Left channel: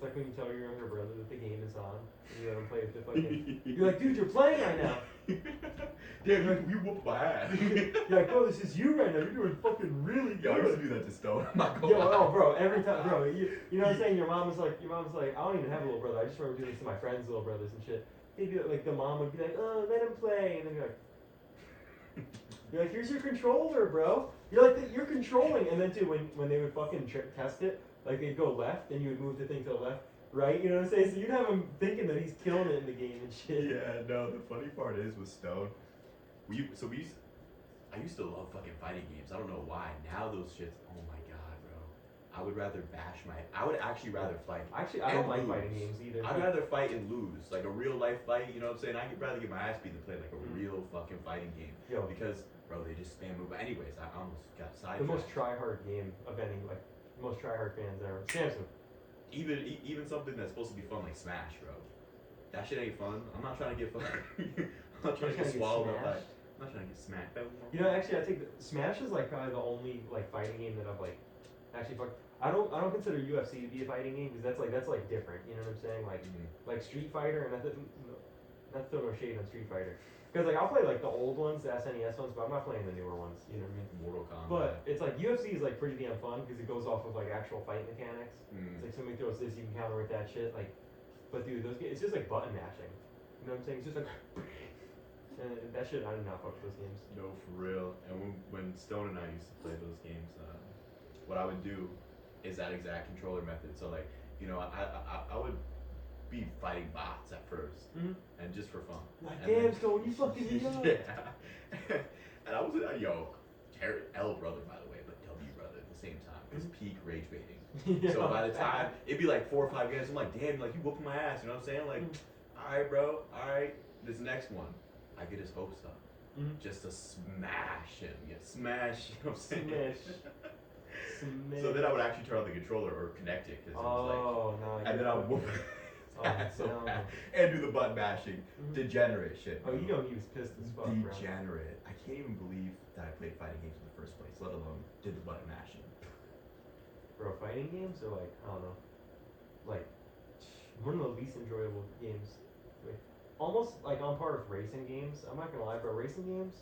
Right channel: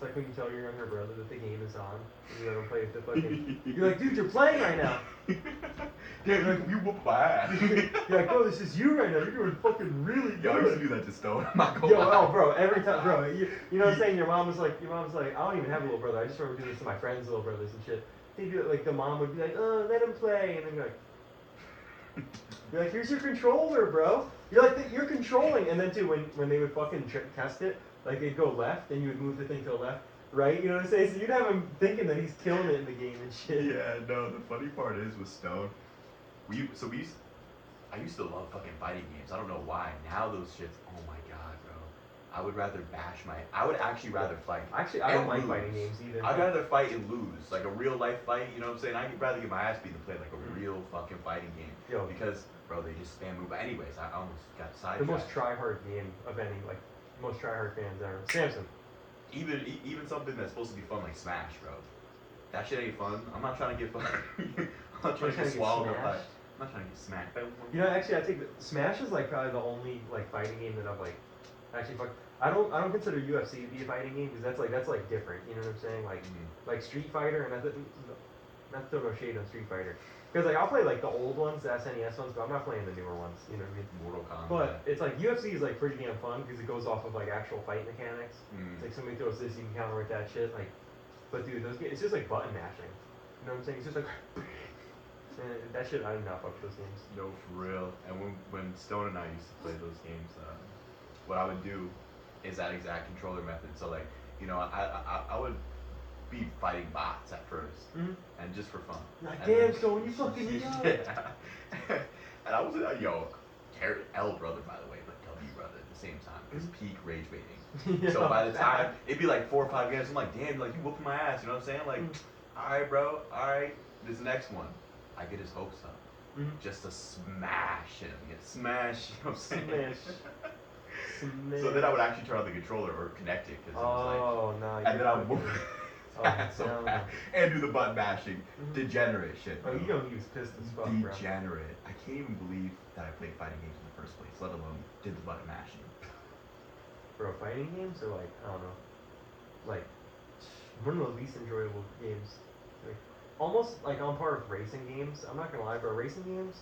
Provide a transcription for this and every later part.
It's like when you tell your younger brother that the game is on, and you let him play with the fucking. You're like, dude, you're playing right now. Damn, you whoop my ass. You're like, bro, this is you right now. You're doing fucking really good. Yo, I used to do that to Stone. I'm not gonna Yo, lie. oh, bro, every time, bro, you know what I'm saying? Your mom was like, I don't even have a little brother. I just remember doing this to my friends' little brothers and shit. They'd do it, like, the mom would be like, oh, let him play. And then you're like, here's your controller, bro. You're like, you're controlling. And then, too, when they would fucking test it, like, they'd go left, and you would move the thing to the left, right? You know what I'm saying? So you'd have him thinking that he's killing it in the game and shit. Yeah, no, the funny part is with Stone, I used to love fucking fighting games. I don't know why. Now those shits, oh my god, bro. I would actually rather fight. Actually, I and don't like lose. fighting games either. I'd rather fight and lose. Like a real life fight, you know what I'm saying? I'd rather get my ass beat than play like a real fucking fighting game. Yo. Because, bro, they just spam move. But anyways, I almost got The sidetracked. most try-hard game of any, like, most try-hard fans ever. Samson. Even something that's supposed to be fun like Smash, bro. That shit ain't fun. I'm not trying to get fucking. I'm not trying to get swallowed up by. I'm not trying to get smacked by one. You know, actually, I think Smash is like probably the only like fighting game that I've like actually fuck. I don't consider UFC to be a fighting game because that's like different. You know what I'm saying? Like Street Fighter and not throw no shade on Street Fighter because like I'll play like the old ones, the SNES ones, but I'm not playing the newer ones. You know what I mean? Mortal Kombat. But it's like UFC is like pretty damn fun because it goes off of like actual fight mechanics. It's like somebody throws this, you can counter with that shit. Like, but dude, those games, it's just like button mashing. You know what I'm saying? It's just like. And that shit, I did not fuck with those games. No, for real. And when Stone and I used to play those games, what I would do is that exact controller method. So like, you know, I would be fighting bots at 1st and just for fun. Like, damn, Stone, you fucking me up. Yeah. And I was L brother by the way, but W brother at the same time because peak rage baiting. Yeah, so by the time it'd be like 4 or 5 games, I'm like, damn, like you whooping my ass. You know what I'm saying? Like, all right, bro, all right. This next one. I get his hopes up just to smash him. Yeah, smash. You know what I'm saying? Smash. So then I would actually turn on the controller or connect it because it was like. No. And then I would move so no. fast and do the button mashing. Degenerate shit. Oh, Bro. you know he was pissed as fuck, bro. Degenerate. I can't even believe that I played fighting games in the first place, let alone did the button mashing. Bro, fighting games are like, I don't know, like one of the least enjoyable games. Like, almost like on par with racing games. I'm not gonna lie, bro. Racing games,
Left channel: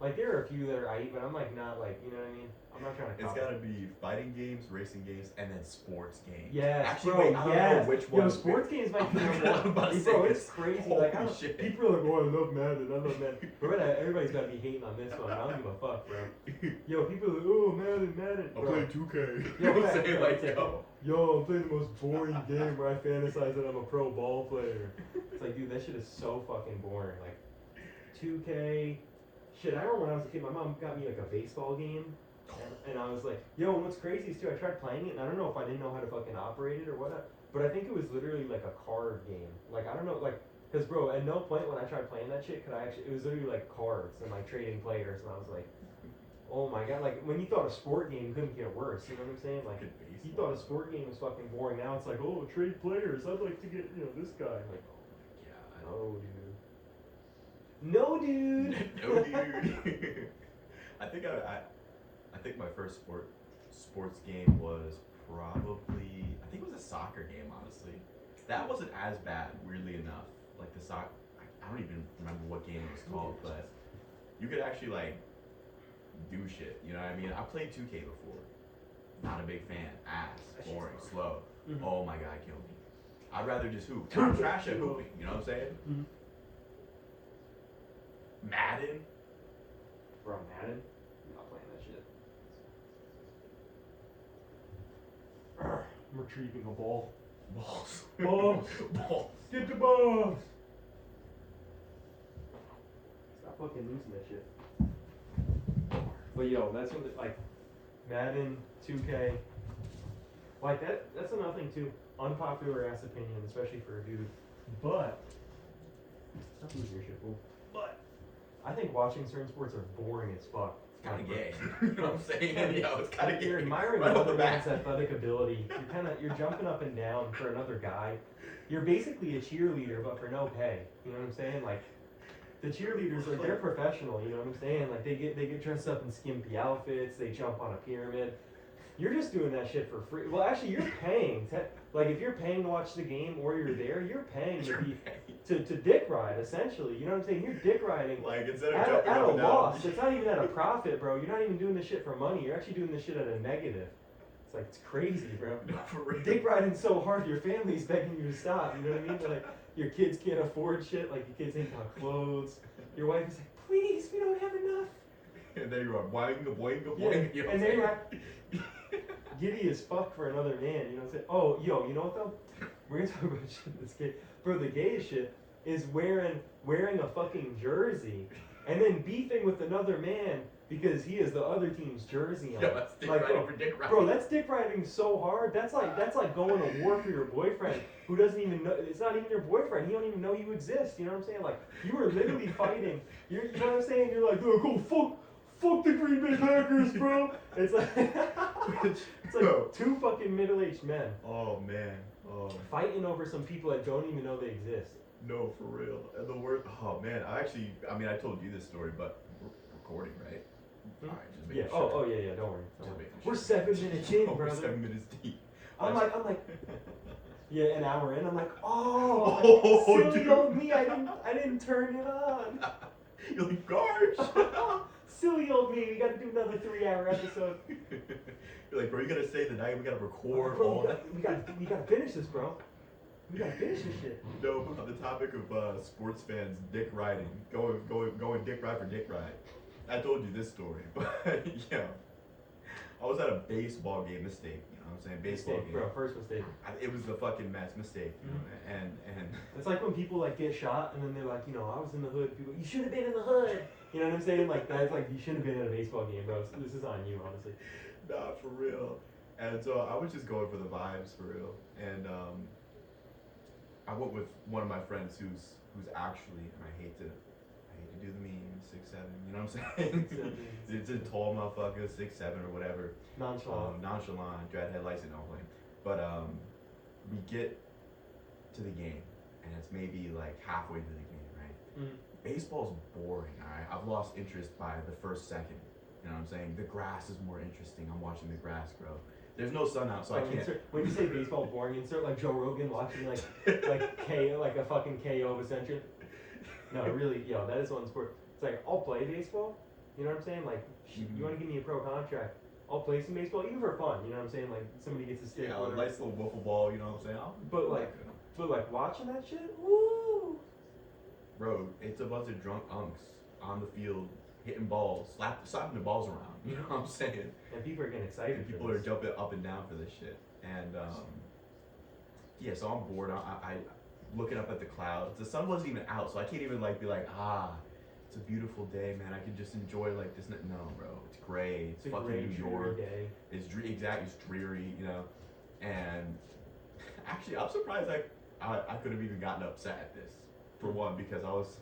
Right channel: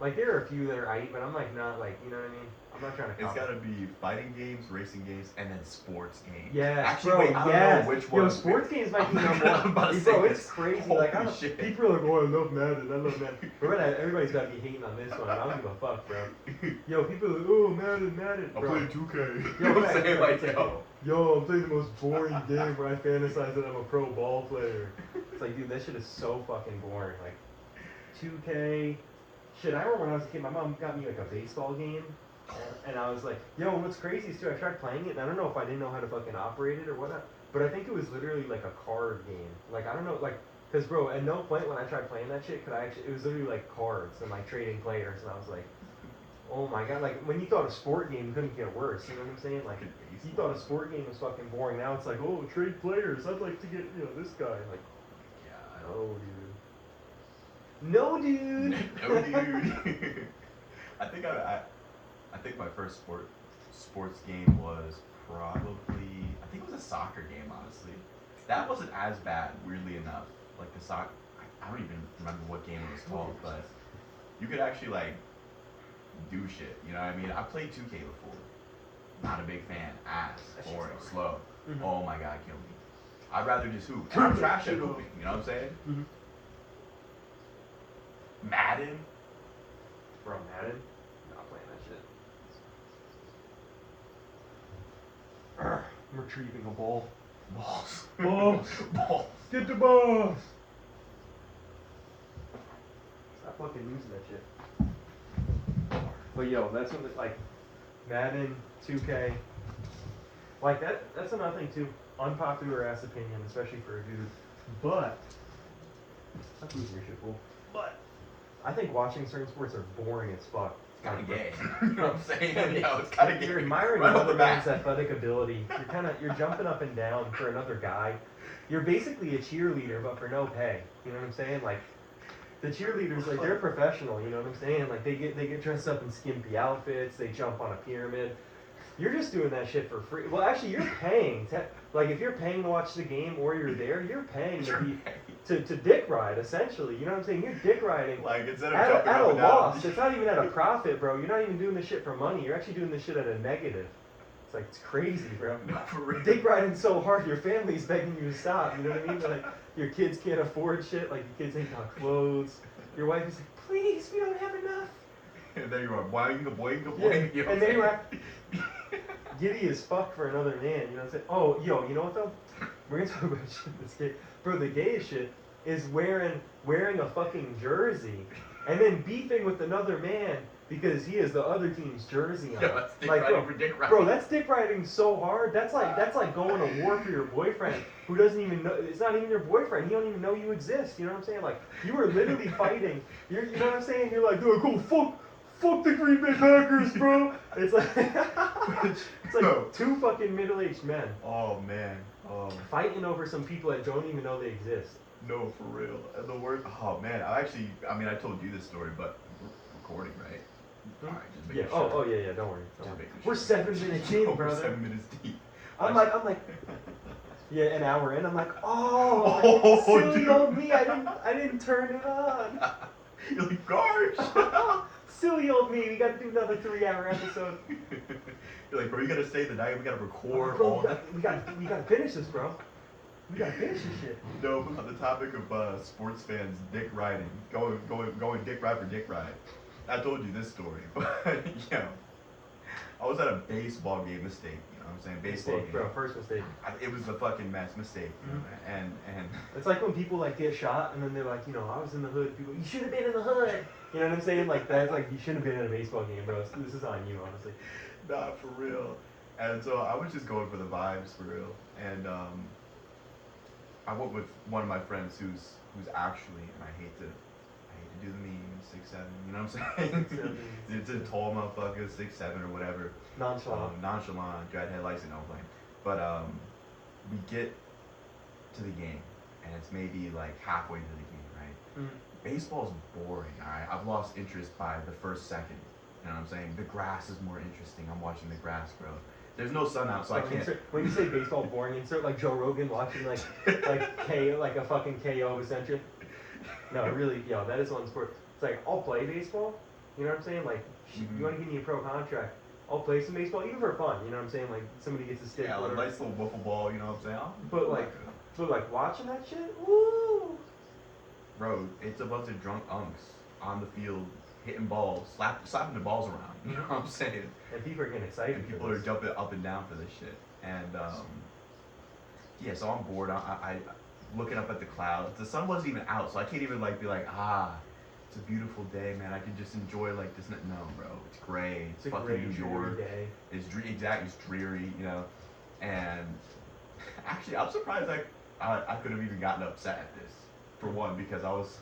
like there are a few that are aight, but I'm like not like, you know what I mean. I'm not trying to. It's gotta be fighting games, racing games, and then sports games. Yeah, actually, bro, wait, I don't know which one. Yo, sports games might be number one. Bro, it's crazy. Like, shit. people are like, oh, I love Madden. Bro, everybody's gotta be hating on this one. I don't give a fuck, bro. Yo, people are like, oh, Madden. I'm bro. playing 2K. Yo, I'm saying like, yo, I'm playing the most boring game where I fantasize that I'm a pro ball player. It's like, dude, that shit is so fucking boring. Like, 2K. Shit, I remember when I was a kid, my mom got me like a baseball game. And I was like, yo, what's crazy is too, I tried playing it, and I don't know if I didn't know how to fucking operate it or whatnot, but I think it was literally like a card game. Like, I don't know, like, because, bro, at no point when I tried playing that shit it was literally like cards and like trading players, and I was like, oh my god, like, when you thought a sport game couldn't get worse, you know what I'm saying? Like, you thought a sport game was fucking boring, now it's like, oh, trade players, I'd like to get, you know, this guy. Like, yeah, oh, dude. No, dude! No, dude. I think my first sports game was probably, I think it was a soccer game, honestly. That wasn't as bad, weirdly enough. Like the soccer, I don't even remember what game it was called, but you could actually like do shit. You know what I mean? I played 2K before. Not a big fan. Ass, boring, slow. Oh my god, kill me. I'd rather just hoop. And I'm trash at hooping. You know what I'm saying? Madden. Bro, Madden? Not playing that shit. I'm retrieving a ball. Balls. Balls. Get the balls. Stop fucking losing that shit. But yo, that's something like Madden, 2K. Like that's another thing too. Unpopular ass opinion, especially for a dude. But stop losing your shit, fool. But I think watching certain sports are boring as fuck. It's kind of gay. You know what I'm saying? Yeah, it's kind of gay. You're admiring right another man's athletic ability. You're jumping up and down for another guy. You're basically a cheerleader, but for no pay. You know what I'm saying? Like the cheerleaders, like they're professional. You know what I'm saying? Like they get dressed up in skimpy outfits. They jump on a pyramid. You're just doing that shit for free. Well, actually, you're paying. Like, if you're paying to watch the game or you're there, you're paying to be to dick ride, essentially. You know what I'm saying? You're dick riding Like, instead of at jumping a up and down. loss. It's not even at a profit, bro. You're not even doing this shit for money. You're actually doing this shit at a negative. It's like, it's crazy, bro. No, for real. Dick riding so hard, your family's begging you to stop. You know what I mean? Like, your kids can't afford shit. Like, your kids ain't got clothes. Your wife is like, please, we don't have enough. And there you are, boing, boing, Yeah, boing. You know and what then I'm like, giddy as fuck for another man. You know what I'm saying? Oh, yo, you know what though? We're gonna talk about shit that's gay. Bro, the gayest shit is wearing a fucking jersey and then beefing with another man because he has the other team's jersey on. Yo, that's dick Like, riding for dick riding. Bro, that's dick riding so hard. That's like going to war for your boyfriend who doesn't even know. It's not even your boyfriend. He don't even know you exist. You know what I'm saying? Like, you were literally fighting. You know what I'm saying? You're like, dude, cool, fuck the Green Bay Packers, bro. It's like it's like two fucking middle-aged men Oh man. Oh fighting over some people that don't even know they exist. no, for real. And the word. Oh man. I mean, I told you this story, but we're recording, right? All right, just Yeah. making sure. Oh yeah. Don't worry. Just making We're sure. 7 minutes in, We're brother. 7 minutes deep. I'm like, yeah, an hour in. I'm like, Oh, silly dude. old me. I didn't turn it on. You're like, gosh. Silly old me. We got to do another 3-hour episode. You're like, bro, you gotta stay the night. We gotta record Bro, all that. we gotta finish this, bro. We gotta finish this shit. No, but on the topic of sports fans dick riding, going dick ride for dick ride. I told you this story, but I was at a baseball game. Mistake, you know what I'm saying? Baseball Mistake, game. bro. First mistake. It was the fucking mess mistake, you know, and It's like when people like get shot and then they're like, I was in the hood. People, you should have been in the hood. You know what I'm saying? Like that's like you should have been at a baseball game, bro. This is on you, honestly. not for real. And so I was just going for the vibes for real, and I went with one of my friends who's actually, and I hate to do the meme, 6'7", you know what I'm saying? It's a tall motherfucker, 6'7" or whatever. Nonchalant, dreadhead license, no blame. But we get to the game, and it's maybe like halfway to the game, right? Mm. Baseball's boring, alright? I've lost interest by the first second. You know what I'm saying? The grass is more interesting. I'm watching the grass grow. There's no sun out, so I can't. When you say baseball boring, insert like Joe Rogan watching like a fucking KO Ascension. No, really, that is one sport. It's like I'll play baseball. You know what I'm saying? Like, you want to give me a pro contract? I'll play some baseball, even for fun. You know what I'm saying? Like somebody gets a stick. Yeah, like a nice little wiffle ball. You know what I'm saying? But like watching that shit, woo! Bro, it's a bunch of drunk unks on the field hitting balls, slapping the balls around. You know what I'm saying? And people are getting excited. And people are jumping up and down for this shit. And so I'm bored. I looking up at the clouds. The sun wasn't even out, so I can't even be like, it's a beautiful day, man. I can just enjoy like this. No, bro, it's gray. It's fucking gray, New York. Day. It's it's dreary, you know. And actually, I'm surprised I could have even gotten upset at this. For one, because I was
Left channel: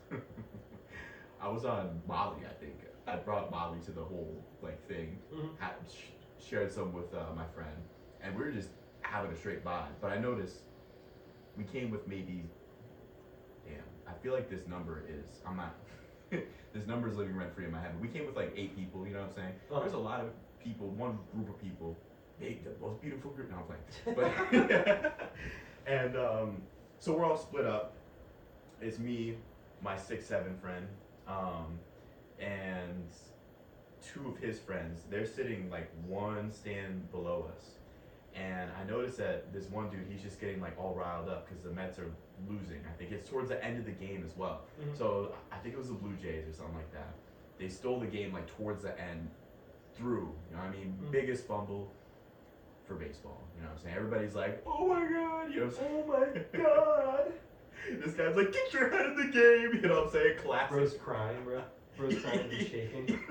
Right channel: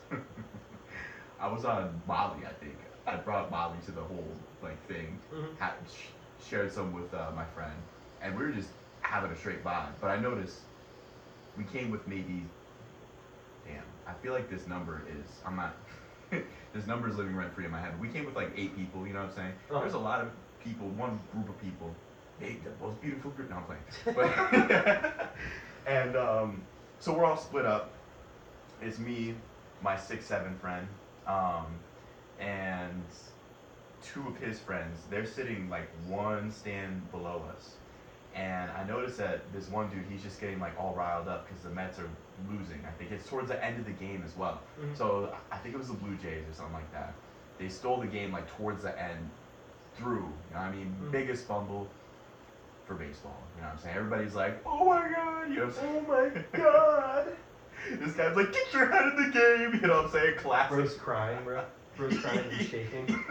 I was on Molly, I think. I brought Molly to the whole thing. Mm-hmm. Shared some with my friend, and we were just having a straight vibe. But I noticed we came with maybe, I feel like this number is this number is living rent free in my head. We came with like 8 people. You know what I'm saying? Uh-huh. There's a lot of people, one group of people, the most beautiful group. No, I'm playing. But and so we're all split up. It's me, my 6'7" friend, and 2 of his friends. They're sitting like one stand below us, and I noticed that this one dude, he's just getting like all riled up because the Mets are losing. I think it's towards the end of the game as well. Mm-hmm. So I think it was the Blue Jays or something like that. They stole the game like towards the end, through. You know what I mean? Mm-hmm. Biggest fumble for baseball. You know what I'm saying? Everybody's like, oh my god, you know what I'm saying? Oh my god. This guy's like, get your head in the game, you know what I'm saying? Classic. Bro's crying, bro. Bro's crying and shaking.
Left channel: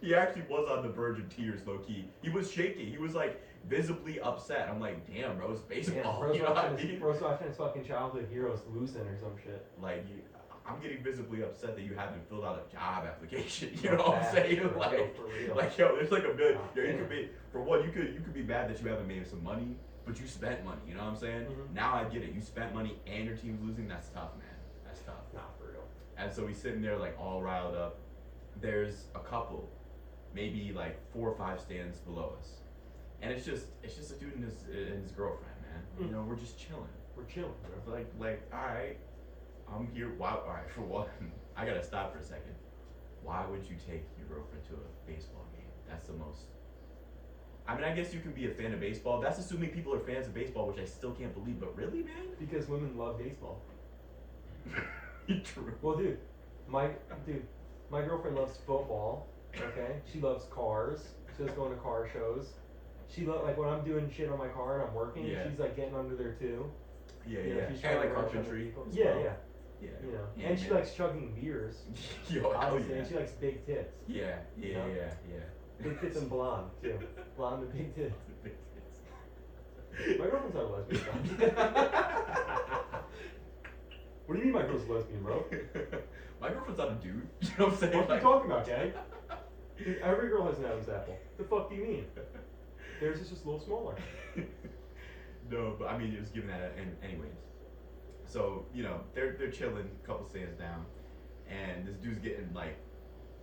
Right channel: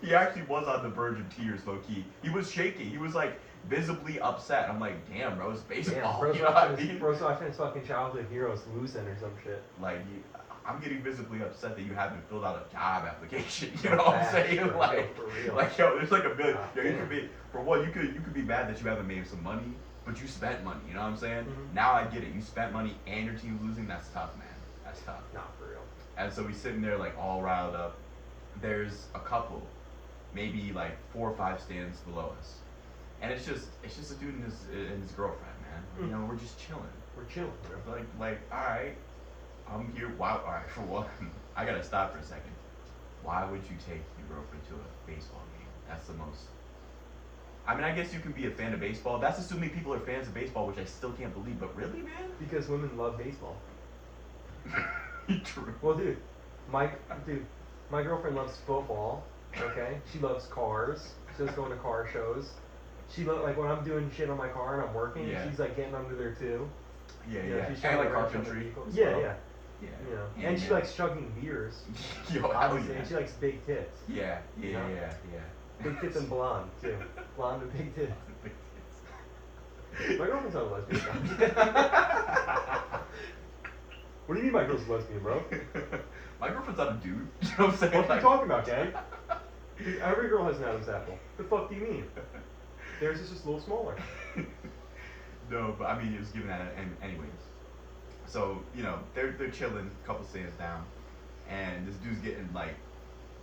He actually was on the verge of tears, low key. He was shaking. He was like visibly upset. I'm like, damn, bro, it's baseball. Bro's You know what I watching, mean? Bro's watching his fucking childhood heroes losing or some shit. Like, I'm getting visibly upset that you haven't filled out a job application. You know what I'm saying? For real. Like, yo, there's like a million. Ah, Yo, you damn. could be, for one, you could be mad that you haven't made some money, but you spent money. You know what I'm saying? Mhm. Now I get it. You spent money and your team's losing. That's tough, man. That's tough. Not for real. And so he's sitting there like all riled up. There's a couple, maybe like 4 or 5 stands below us. And it's just a dude and his girlfriend, man. You know, we're just chilling. We're chilling, bro. Like, all right, I'm here. Wow, all right. For one, I gotta stop for a second. Why would you take your girlfriend to a baseball game? That's the most. I mean, I guess you can be a fan of baseball. That's assuming people are fans of baseball, which I still can't believe. But really, man? Because women love baseball. True. Well, my girlfriend loves football. Okay, she loves cars. She loves going to car shows. She like when I'm doing shit on my car and I'm working. Yeah. She's like getting under there too. Yeah, You know, yeah. she's And trying like to wrench on the carpentry. vehicle. as Yeah, well. yeah. Yeah. You know, Yeah, and she man. likes chugging beers. Yo, hell Obviously, yeah. and she likes big tits. Yeah, yeah, Yeah. yeah. Big tits and blonde too. Blonde and big tits. Big My girlfriend's not a lesbian. What do you mean my girl's a lesbian, bro? My girlfriend's not a dude. You know what I'm saying? What are you talking about, gang? Dude, every girl has an Adam's apple. The fuck do you mean? Theirs is just a little smaller. No, but I mean, it was given that, and anyways. So you know, they're chilling, couple stands down, and this dude's getting like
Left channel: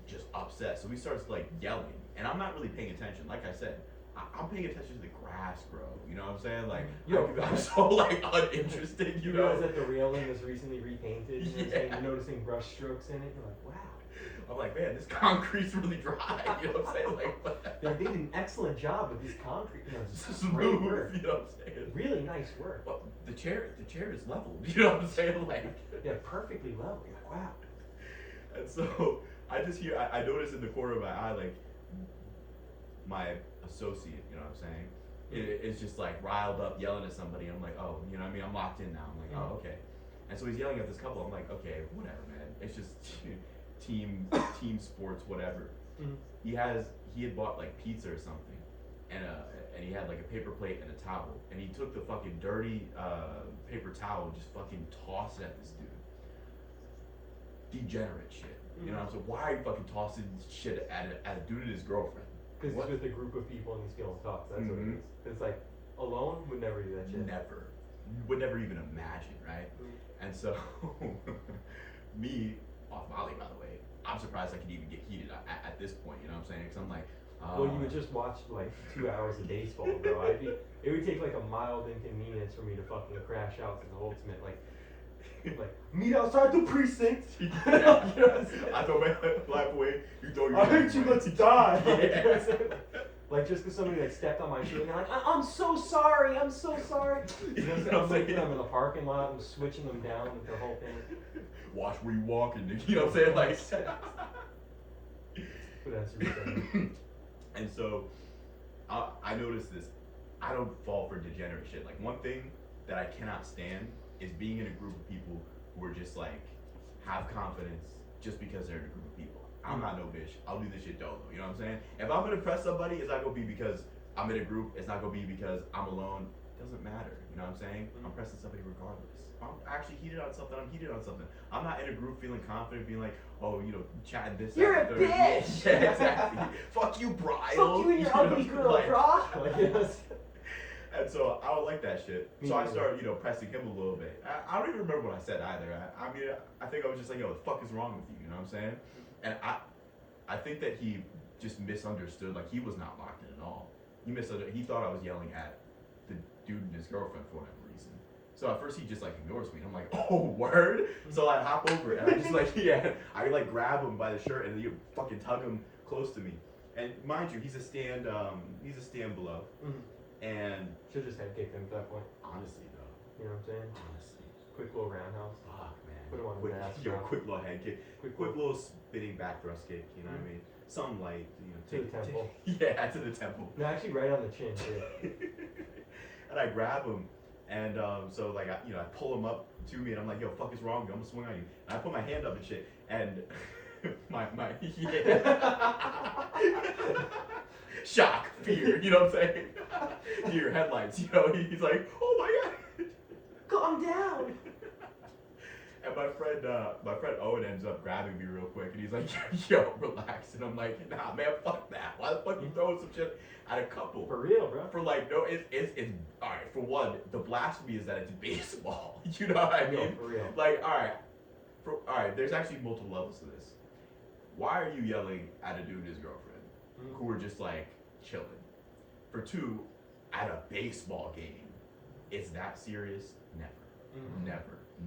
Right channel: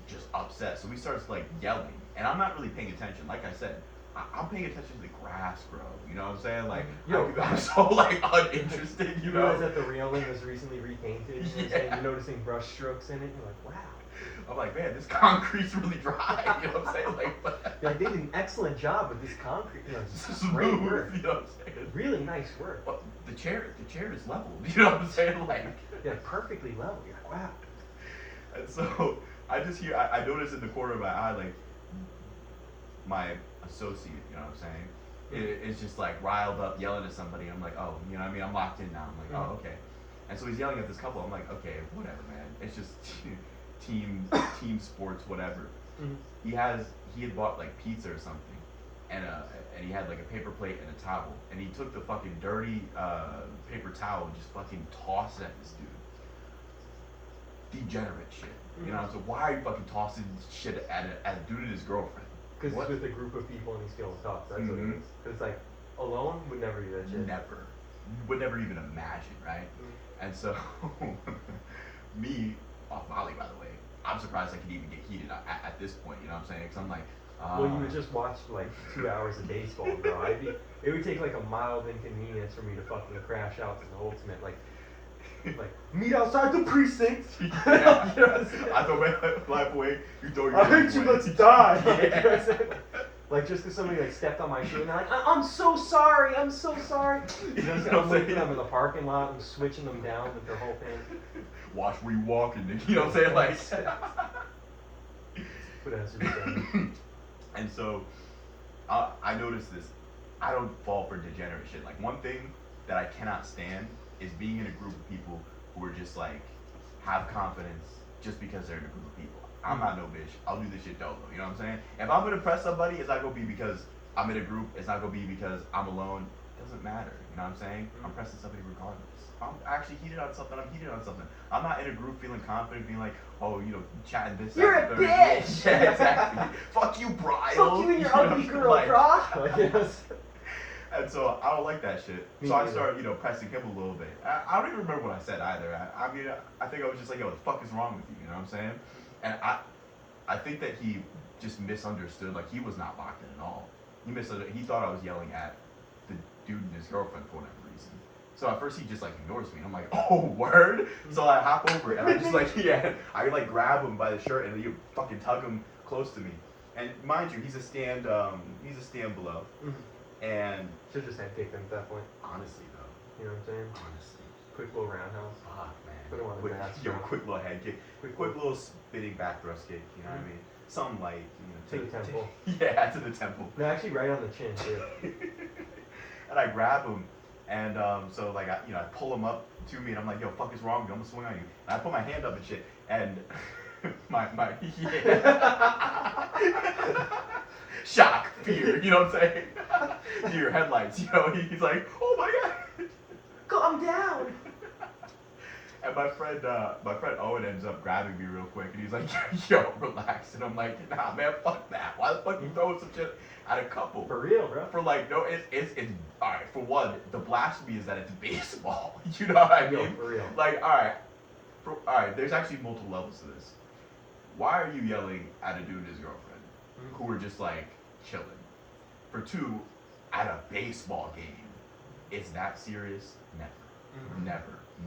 just upset. So he starts like yelling, and I'm not really paying attention. Like I said, I'm paying attention to the grass grow. You know what I'm saying? Like Yo, I'm so like uninterested. You You realize know? that the railing was recently repainted? You know what I'm saying? Yeah. You're noticing brush strokes in it. You're like, wow. I'm like, man, this concrete's really dry. You know what I'm saying? Like, You're like, they did an excellent job with this concrete. You know, this this is is great smooth. work. You know what I'm saying? Really nice work. Well, the chair is leveled. You know what I'm saying? Like, Yeah, perfectly level. You're like, wow. and so I just hear, I notice in the corner of my eye, like, my associate, you know what I'm saying? Is just like riled up, yelling at somebody. I'm like, oh, you know what I mean? I'm locked in now. I'm like, oh, okay. And so he's yelling at this couple. I'm like, okay, whatever, man. It's just team sports, whatever. Mhm. He had bought like pizza or something, and he had like a paper plate and a towel, and he took the fucking dirty paper towel and just fucking tossed it at this dude. Degenerate shit. You know, so why are you fucking tossing shit at a dude and his girlfriend? Because What? it's with a group of people and he's feeling tough. That's what it Mhm. is. 'Cause it's like, alone would never do that shit. Never. Would never even imagine, right? And so, me, off Molly, by the way, I'm surprised I could even get heated at this point, you know what I'm saying? Because I'm like, Well, you would just watch like 2 hours of baseball, bro. It would take like a mild inconvenience for me to fucking crash out to the ultimate, like meet outside the precinct. Yeah. You know what I'm saying? I throw my life away, you throw your I life hate you, away. let's die. Like, you know what I'm Yeah. saying? Like just because somebody like stepped on my shoe and they're like, I'm so sorry, I'm so sorry. You know what I'm saying? I'm waiting them in the parking lot, I'm switching them down with their whole thing. Watch where you walking, nigga. You know what I'm saying? Like, What else are you saying? and so, I noticed this. I don't fall for degenerate shit. Like, one thing that I cannot stand is being in a group of people who are just like, have confidence just because they're in a group of people. I'm not no bitch. I'll do this shit dolo. You know what I'm saying? If I'm gonna press somebody, it's not gonna be because I'm in a group. It's not gonna be because I'm alone. It doesn't matter. You know what I'm saying? I'm pressing somebody regardless. I'm actually heated on something. I'm heated on something. I'm not in a group feeling confident, being like, oh, you know, chatting this. You're that, a and the third. bitch! Yeah, exactly. Fuck you, Brian. Fuck you and your ugly girl, like, bro. Like, you know, And so I don't like that shit. Me So I neither. started, you know, pressing him a little bit. I don't even remember what I said either. I mean, I think I was just like, yo, what the fuck is wrong with you? You know what I'm saying? And I think that he just misunderstood. Like, he was not locked in at all. He misunderstood. He thought I was yelling at the dude and his girlfriend for whatever reason. So at first he just like ignores me. And I'm like, oh, word? So I hop over and I just like, yeah, I like grab him by the shirt and then you fucking tug him close to me. And mind you, he's a stand below. And should just have kicked him at that point. honestly though, You know what I'm saying? honestly, Quick little roundhouse. fuck man. Put him on his quick, ass, yo, bro. quick little head kick, Quick quick little spinning back thrust kick. You know what I mean? Something light, you know. To the temple. Yeah, to the temple. No, actually, right on the chin too. And I grab him, and so like I pull him up to me, and I'm like, yo, fuck is wrong with you? I'm gonna swing on you. And I put my hand up and shit, and my yeah. Shock, fear, you know what I'm saying? Your headlights, you know. He's like, oh my god. Calm down. And my friend Owen ends up grabbing me real quick, and he's like, yo, relax. And I'm like, nah, man, fuck that. Why the fuck you throwing some shit at a couple? For real, bro. For like, no, it's all right. For one, the blasphemy is that it's baseball. You know what I mean? Yo, for real. Like, all right. There's actually multiple levels to this. Why are you yelling at a dude and his girlfriend who are just like chilling? for two, at a baseball game, is that serious? Never. Mhm.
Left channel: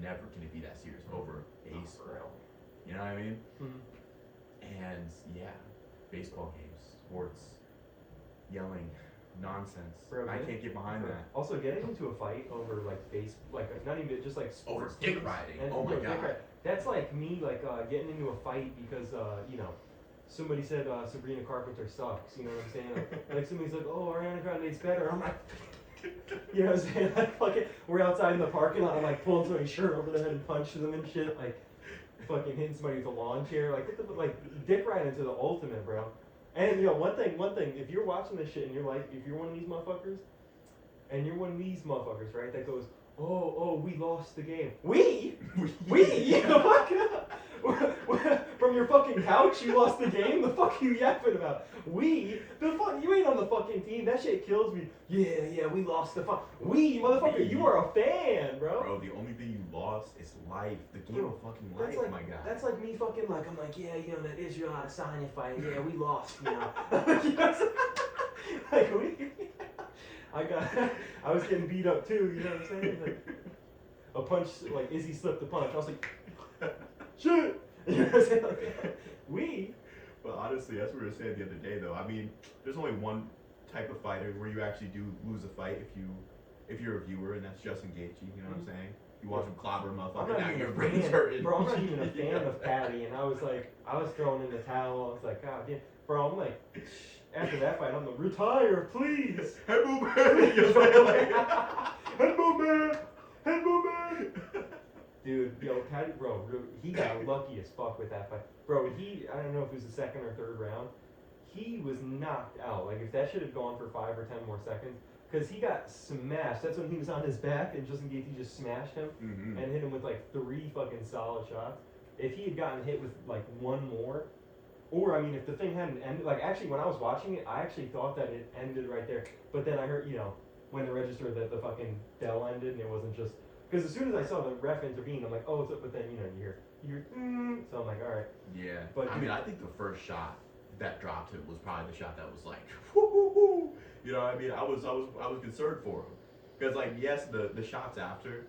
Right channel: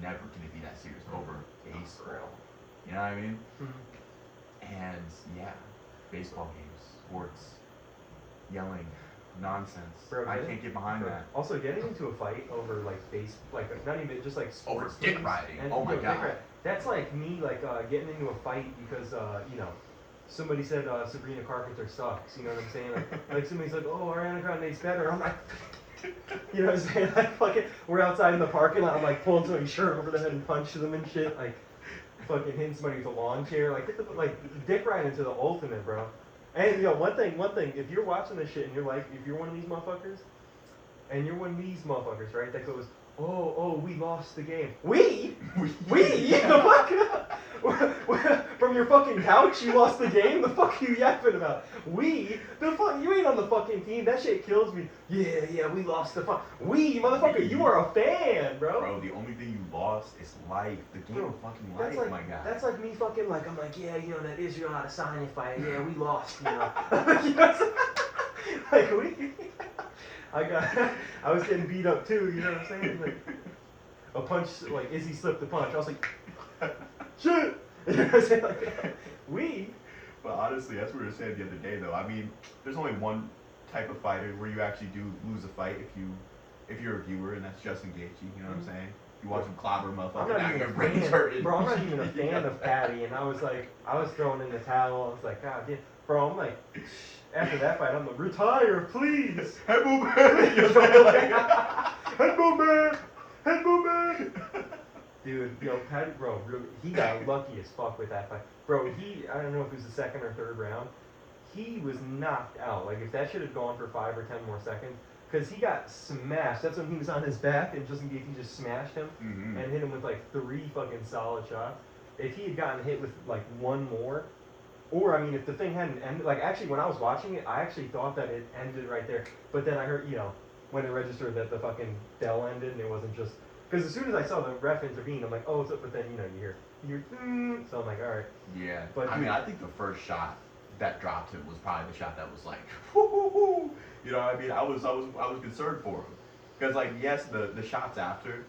Never can it be that serious over baseball. You know what I mean? Mhm. And yeah, baseball games, sports, yelling, nonsense. Bro, I can't get behind Bro, that. Also, getting into a fight over like like not even just like Over sports dick teams riding. and Oh my dick God. riding. That's like me like getting into a fight because you know somebody said Sabrina Carpenter sucks. You know what I'm saying? Like somebody's like, oh, Ariana Grande's better. I'm like. You know what I'm saying? Like fucking, we're outside in the parking lot. I'm like pulling somebody's shirt over the head and punching them and shit. Like fucking hitting somebody with a lawn chair. Like get the like dick riding to the ultimate, bro. And you know one thing. If you're watching this shit and you're like, if you're one of these motherfuckers, and you're one of these motherfuckers, right? That goes, oh, we lost the game. We? From your fucking couch, you lost the game? The fuck are you yapping about? We? The fuck? You ain't on the fucking team. That shit kills me. Yeah, we lost the fuck. We, motherfucker, you are a fan, bro. Bro, the only thing you lost is life. The game of fucking life, like, my guy. That's like me fucking like, I'm like, yeah, you know, that Israel Adesanya fight. Yeah, we lost, you know. You know what I'm saying? Like, we... I was getting beat up too, you know what I'm saying? Like, a punch, like Izzy slipped the punch. I was like, shit! You know what I'm saying? Like, we? But honestly, that's what we were saying the other day, though. I mean, there's only one type of fighter where you actually do lose a fight if you're a viewer, and that's Justin Gaethje. You know what I'm saying? You watch him clobber a I'm motherfucker, not now even your a brain's fan, hurting. bro. I'm not even a fan of Patty, and I was throwing in the towel. I was like, God damn, bro. I'm like, after that fight, I'm like, retire, please. Hey, boo, man. You're saying like, Hey, boo, man. Dude, yo, Patty, bro, he got lucky as fuck with that fight. Bro, I don't know if it was the second or third round, he was knocked out. Like, if that shit had gone for 5 or 10 more seconds, because he got smashed. That's when he was on his back, and Justin Gaethje just smashed him and hit him with, like, 3 fucking solid shots. If he had gotten hit with, like, one more, or, I mean, if the thing hadn't ended, like, actually, when I was watching it, I actually thought that it ended right there. But then I heard, you know, when it registered that the fucking bell ended, and it wasn't just... Because as soon as I saw the ref intervene, I'm like, oh, what's up? But then, you know, you hear, so I'm like, all right. yeah. But I mean, I think the first shot that dropped him was probably the shot that was like, whoo. You know what I mean? I was concerned for him. Because, like, yes, the shots after.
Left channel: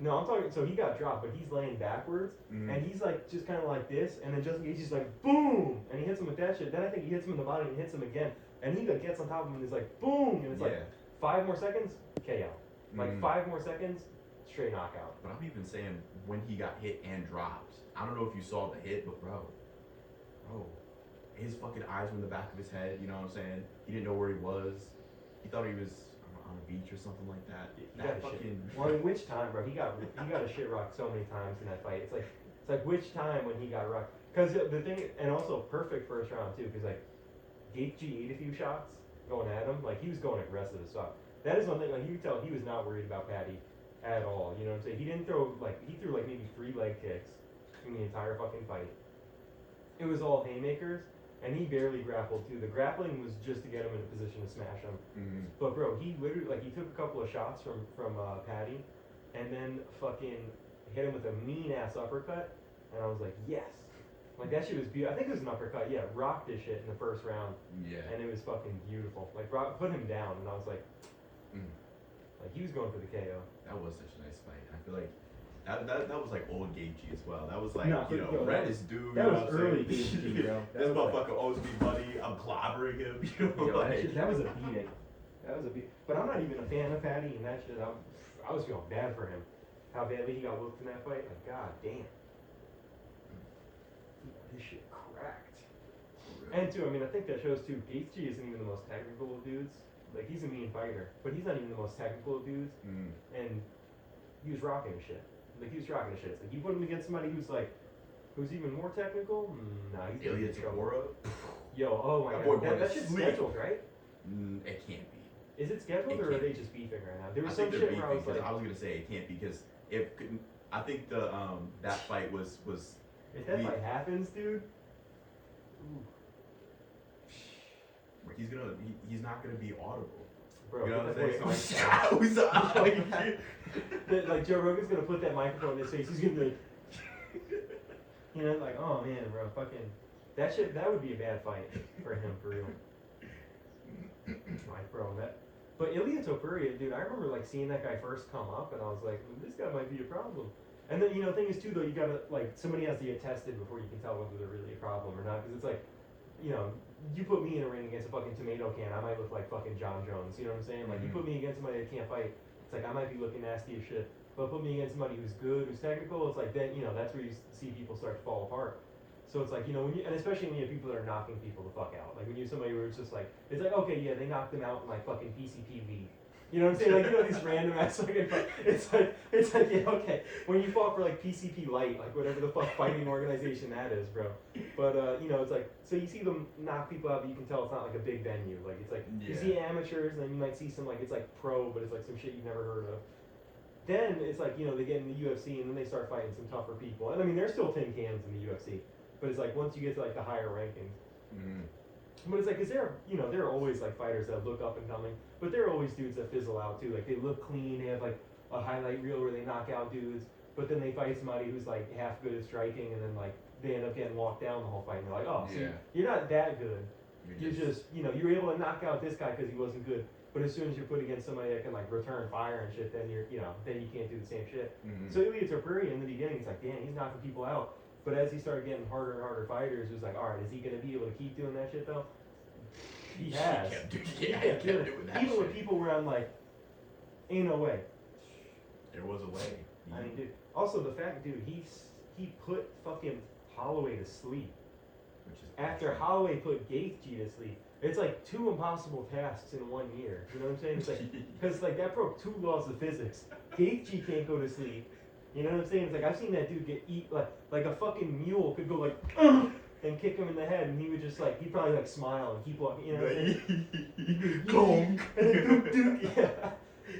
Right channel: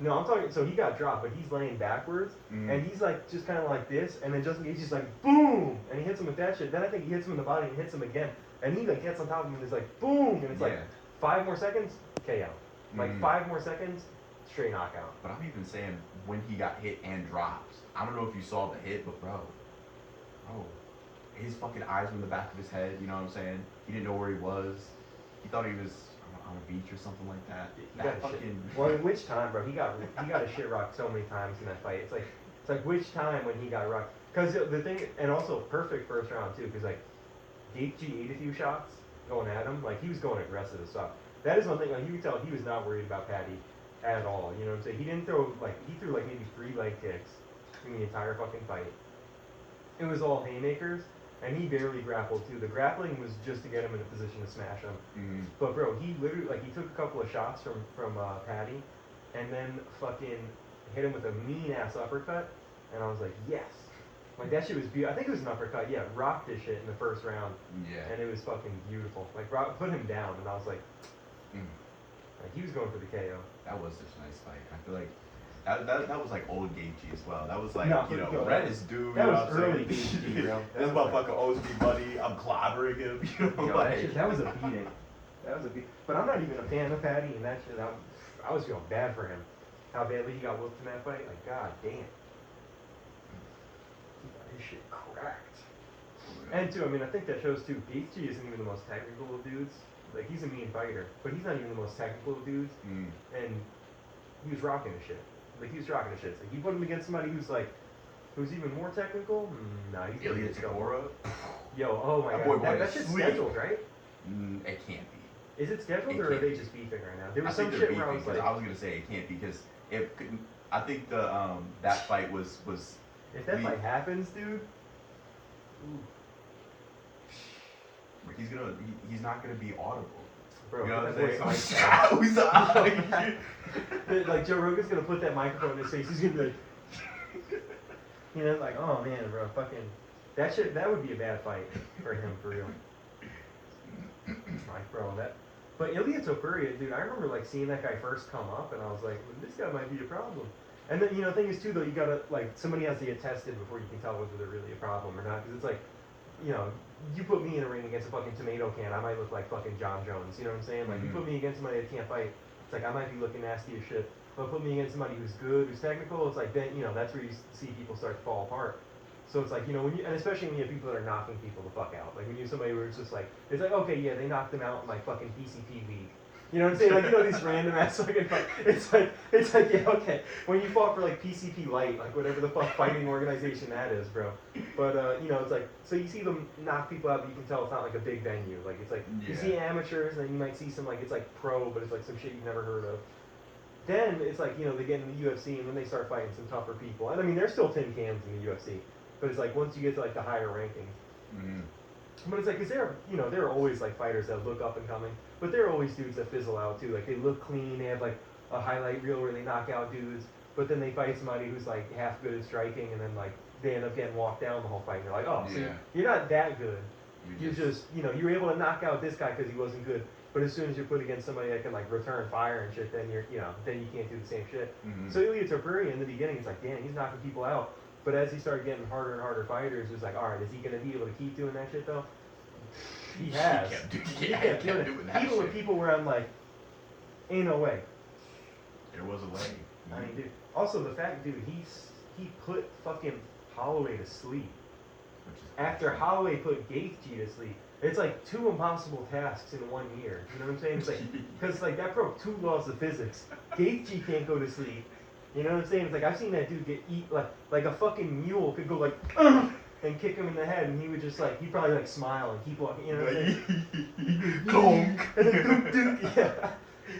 No, I'm talking, so he got dropped, but he's laying backwards, and he's like, just kind of like this, and then Justin Gaethje's like, boom, and he hits him with that shit. Then I think he hits him in the body and hits him again, and he like gets on top of him and is like, boom, and it's like, 5 more seconds, KO. Like 5 more seconds, straight knockout. But I'm even saying when he got hit and dropped. I don't know if you saw the hit, but bro, his fucking eyes were in the back of his head. You know what I'm saying? He didn't know where he was. He thought he was on a beach or something like that. That fucking. Well, in which time, bro? He got his shit rocked so many times in that fight. It's like which time when he got rocked? Because the thing, and also perfect first round too. Because like Gaethje ate a few shots going at him. Like he was going aggressive as fuck. That is one thing. Like you could tell he was not worried about Patty at all. You know what I'm saying? He didn't throw he threw like maybe 3 leg kicks in the entire fucking fight. It was all haymakers, and he barely grappled too. The grappling was just to get him in a position to smash him. But bro, he literally he took a couple of shots from Patty, and then fucking hit him with a mean ass uppercut, and I was like, yes. Like that shit was beautiful. I think it was an uppercut. Yeah, rocked this shit in the first round. Yeah. And it was fucking beautiful. Like put him down, and I was like, like he was going for the KO. That was such a nice fight. I feel like that was like old Gaethje as well. That was like, reddest dude. That you know was what I'm early saying? Gaethje, bro. This motherfucker owes me money. I'm clobbering him. You know, Yo, like, that was a beating. That was a beat. But I'm not even a fan of Patty, and that shit. I was feeling bad for him. How badly he got whooped in that fight. Like, god damn. He got his shit cracked. And too, I mean, I think that shows too. Gaethje isn't even the most technical of dudes. Like, he's a mean fighter, but he's not even the most technical of dudes. And he was rocking his shit. Like, he was rocking his shit. Like, you put him against somebody who's even more technical. Nah, he's Ilya Takura. Yo, oh my god, that shit's scheduled, right? It can't be. Is it scheduled, or are they just beefing right now? There was some they're shit beefing, where I was like, I was gonna say it can't be because I think that fight was. If that fight happens, dude. He's not gonna be audible. Bro, you know what I'm saying? Like Joe Rogan's gonna put that microphone in his face. He's gonna be like, you know, like, oh man, bro, fucking, that would be a bad fight for him, for real. Like, bro, that. But Ilya Topuria, dude, I remember like seeing that guy first come up, and I was like, this guy might be a problem. And then the thing is too, though, you gotta like somebody has to get tested before you can tell whether they're really a problem or not, because it's like, you put me in a ring against a fucking tomato can, I might look like fucking John Jones. You know what I'm saying? Like, you put me against somebody that can't fight, it's like I might be looking nasty as shit. But put me against somebody who's good, who's technical, it's like then that's where you see people start to fall apart. So it's like, and especially when you have people that are knocking people the fuck out. Like when you have somebody where it's just like, it's like, okay, yeah, they knocked them out in like fucking PCP league. You know what I'm saying? Like, these random ass fucking fight. It's like, yeah, okay. When you fought for like PCP Light, like whatever the fuck fighting organization that is, bro. But, it's like, so you see them knock people out, but you can tell it's not like a big venue. Like, it's like, you see amateurs, and then you might see some, like, it's like pro, but it's like some shit you've never heard of. Then it's like, they get in the UFC, and then they start fighting some tougher people. And I mean, there's still tin cans in the UFC. But it's like, once you get to like the higher rankings. Mm-hmm. But it's like, cause there are always like fighters that look up and coming, but there are always dudes that fizzle out too. Like they look clean, they have like a highlight reel where they knock out dudes, but then they fight somebody who's like half good at striking, and then like they end up getting walked down the whole fight. And they're like, oh, so you're not that good. You just you're able to knock out this guy because he wasn't good. But as soon as you're put against somebody that can like return fire and shit, then then you can't do the same shit. Mm-hmm. So Ilya Topuria in the beginning, it's like, damn, he's knocking people out. But as he started getting harder and harder fighters, it was like, all right, is he gonna be able to keep doing that shit though? He has. He kept doing that even shit. with people where I'm like, ain't no way. There was a way. I mean, dude. Also, the fact, dude, he put fucking Holloway to sleep. After Holloway put Gaethje to sleep. It's like 2 impossible tasks in 1 year. You know what I'm saying? It's like, because like that broke 2 laws of physics. Gaethje can't go to sleep. You know what I'm saying? It's like I've seen that dude get like a fucking mule could go like and kick him in the head, and he would just like he'd probably like smile and keep walking. You know what I'm saying? And then dunk, yeah.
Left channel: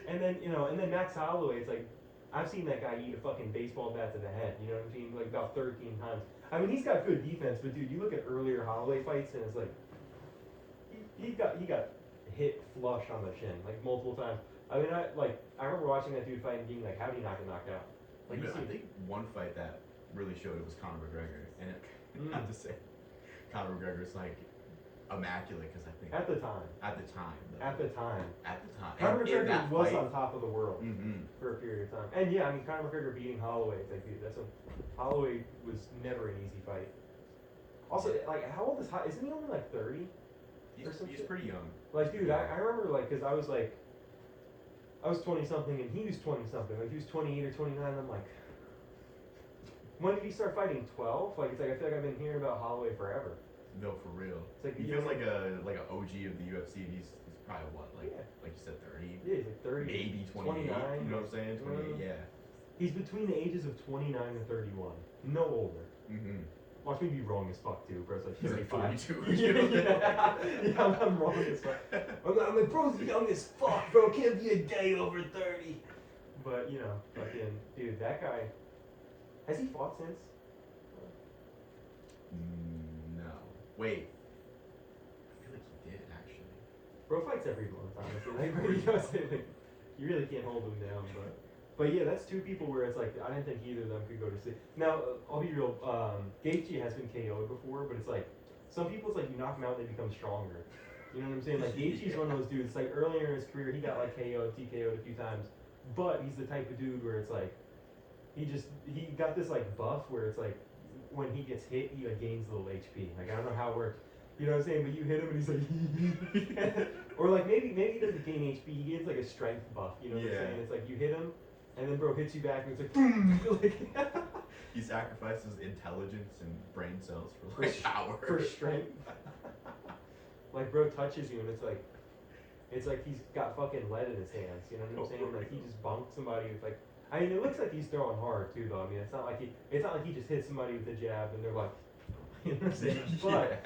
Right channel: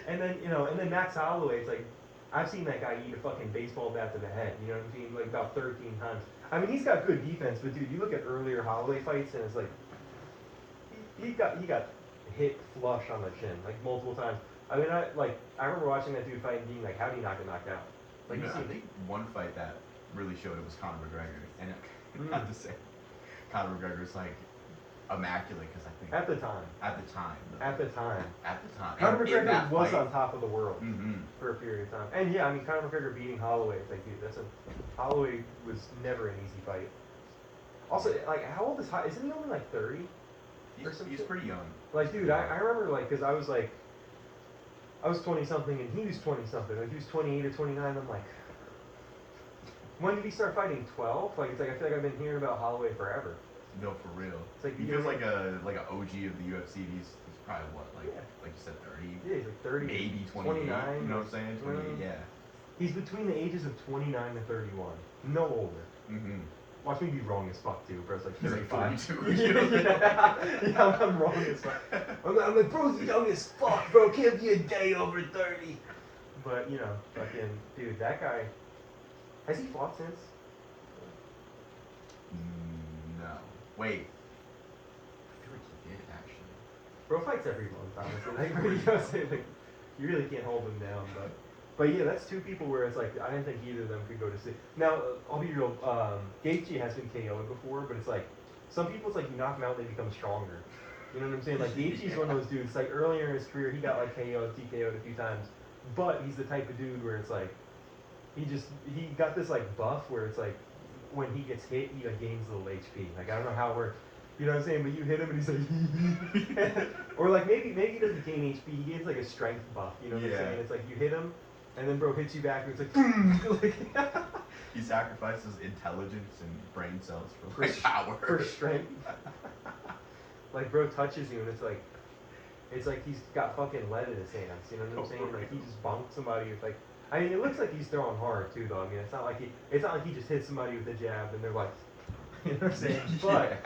And then Max Holloway. It's like I've seen that guy eat a fucking baseball bat to the head. You know what I'm saying? Like about 13 times. I mean, he's got good defense, but dude, you look at earlier Holloway fights, and it's like he got hit flush on the chin like multiple times. I mean, I remember watching that dude fight and being like, how do you not get knocked out? Like, I think one fight that really showed it was Conor McGregor, and not to say Conor McGregor's like immaculate because I think at the time, Conor McGregor was on top of the world for a period of time, and yeah, I mean Conor McGregor beating Holloway, it's like, dude, Holloway was never an easy fight. Also, like, how old isn't he only like 30? He's pretty young. Like, dude, I remember like because I was 20 something and he was 20 something. Like he was 28 or 29. I'm like, when did he start fighting? 12? Like it's like I feel like I've been hearing about Holloway forever. No, for real. It's like he feels like an OG of the UFC. And he's probably what, like you said, 30. Yeah, he's like 30. Maybe 28. 29. You know what I'm saying? 28. Yeah. He's between the ages of 29 to 31. No older. Mm-hmm. Watch me be wrong as fuck too, bro. It's like he's like 42. yeah, I'm wrong as fuck. I'm like, bro's young as fuck, bro. Can't be a day over 30. But fucking dude, that guy. Has he fought since? No. Wait. I feel like he did actually. Bro fights every month, honestly. Like, you really can't hold him down, But yeah, that's 2 people where it's like I didn't think either of them could go to sleep. Now I'll be real. Gaethje has been KO'd before, but it's like some people, it's like you knock them out, they become stronger. You know what I'm saying? Like Gaethje's one of those dudes. Like earlier in his career, he got like KO'd, TKO'd a few times, but he's the type of dude where it's like he got this like buff where it's like when he gets hit, he like, gains a little HP. Like I don't know how it works. You know what I'm saying? But you hit him and he's like, or like maybe he doesn't gain HP. He gains like a strength buff. You know what I'm saying? It's like you hit him. And then bro hits you back and it's like boom. He sacrifices intelligence and brain cells for like power. For strength. Like bro touches you and it's like he's got fucking lead in his hands, you know what I'm saying? Like he just bunked somebody with like I mean it looks like he's throwing hard too though. I mean it's not like he just hit somebody with a jab and they're like you know what I'm saying?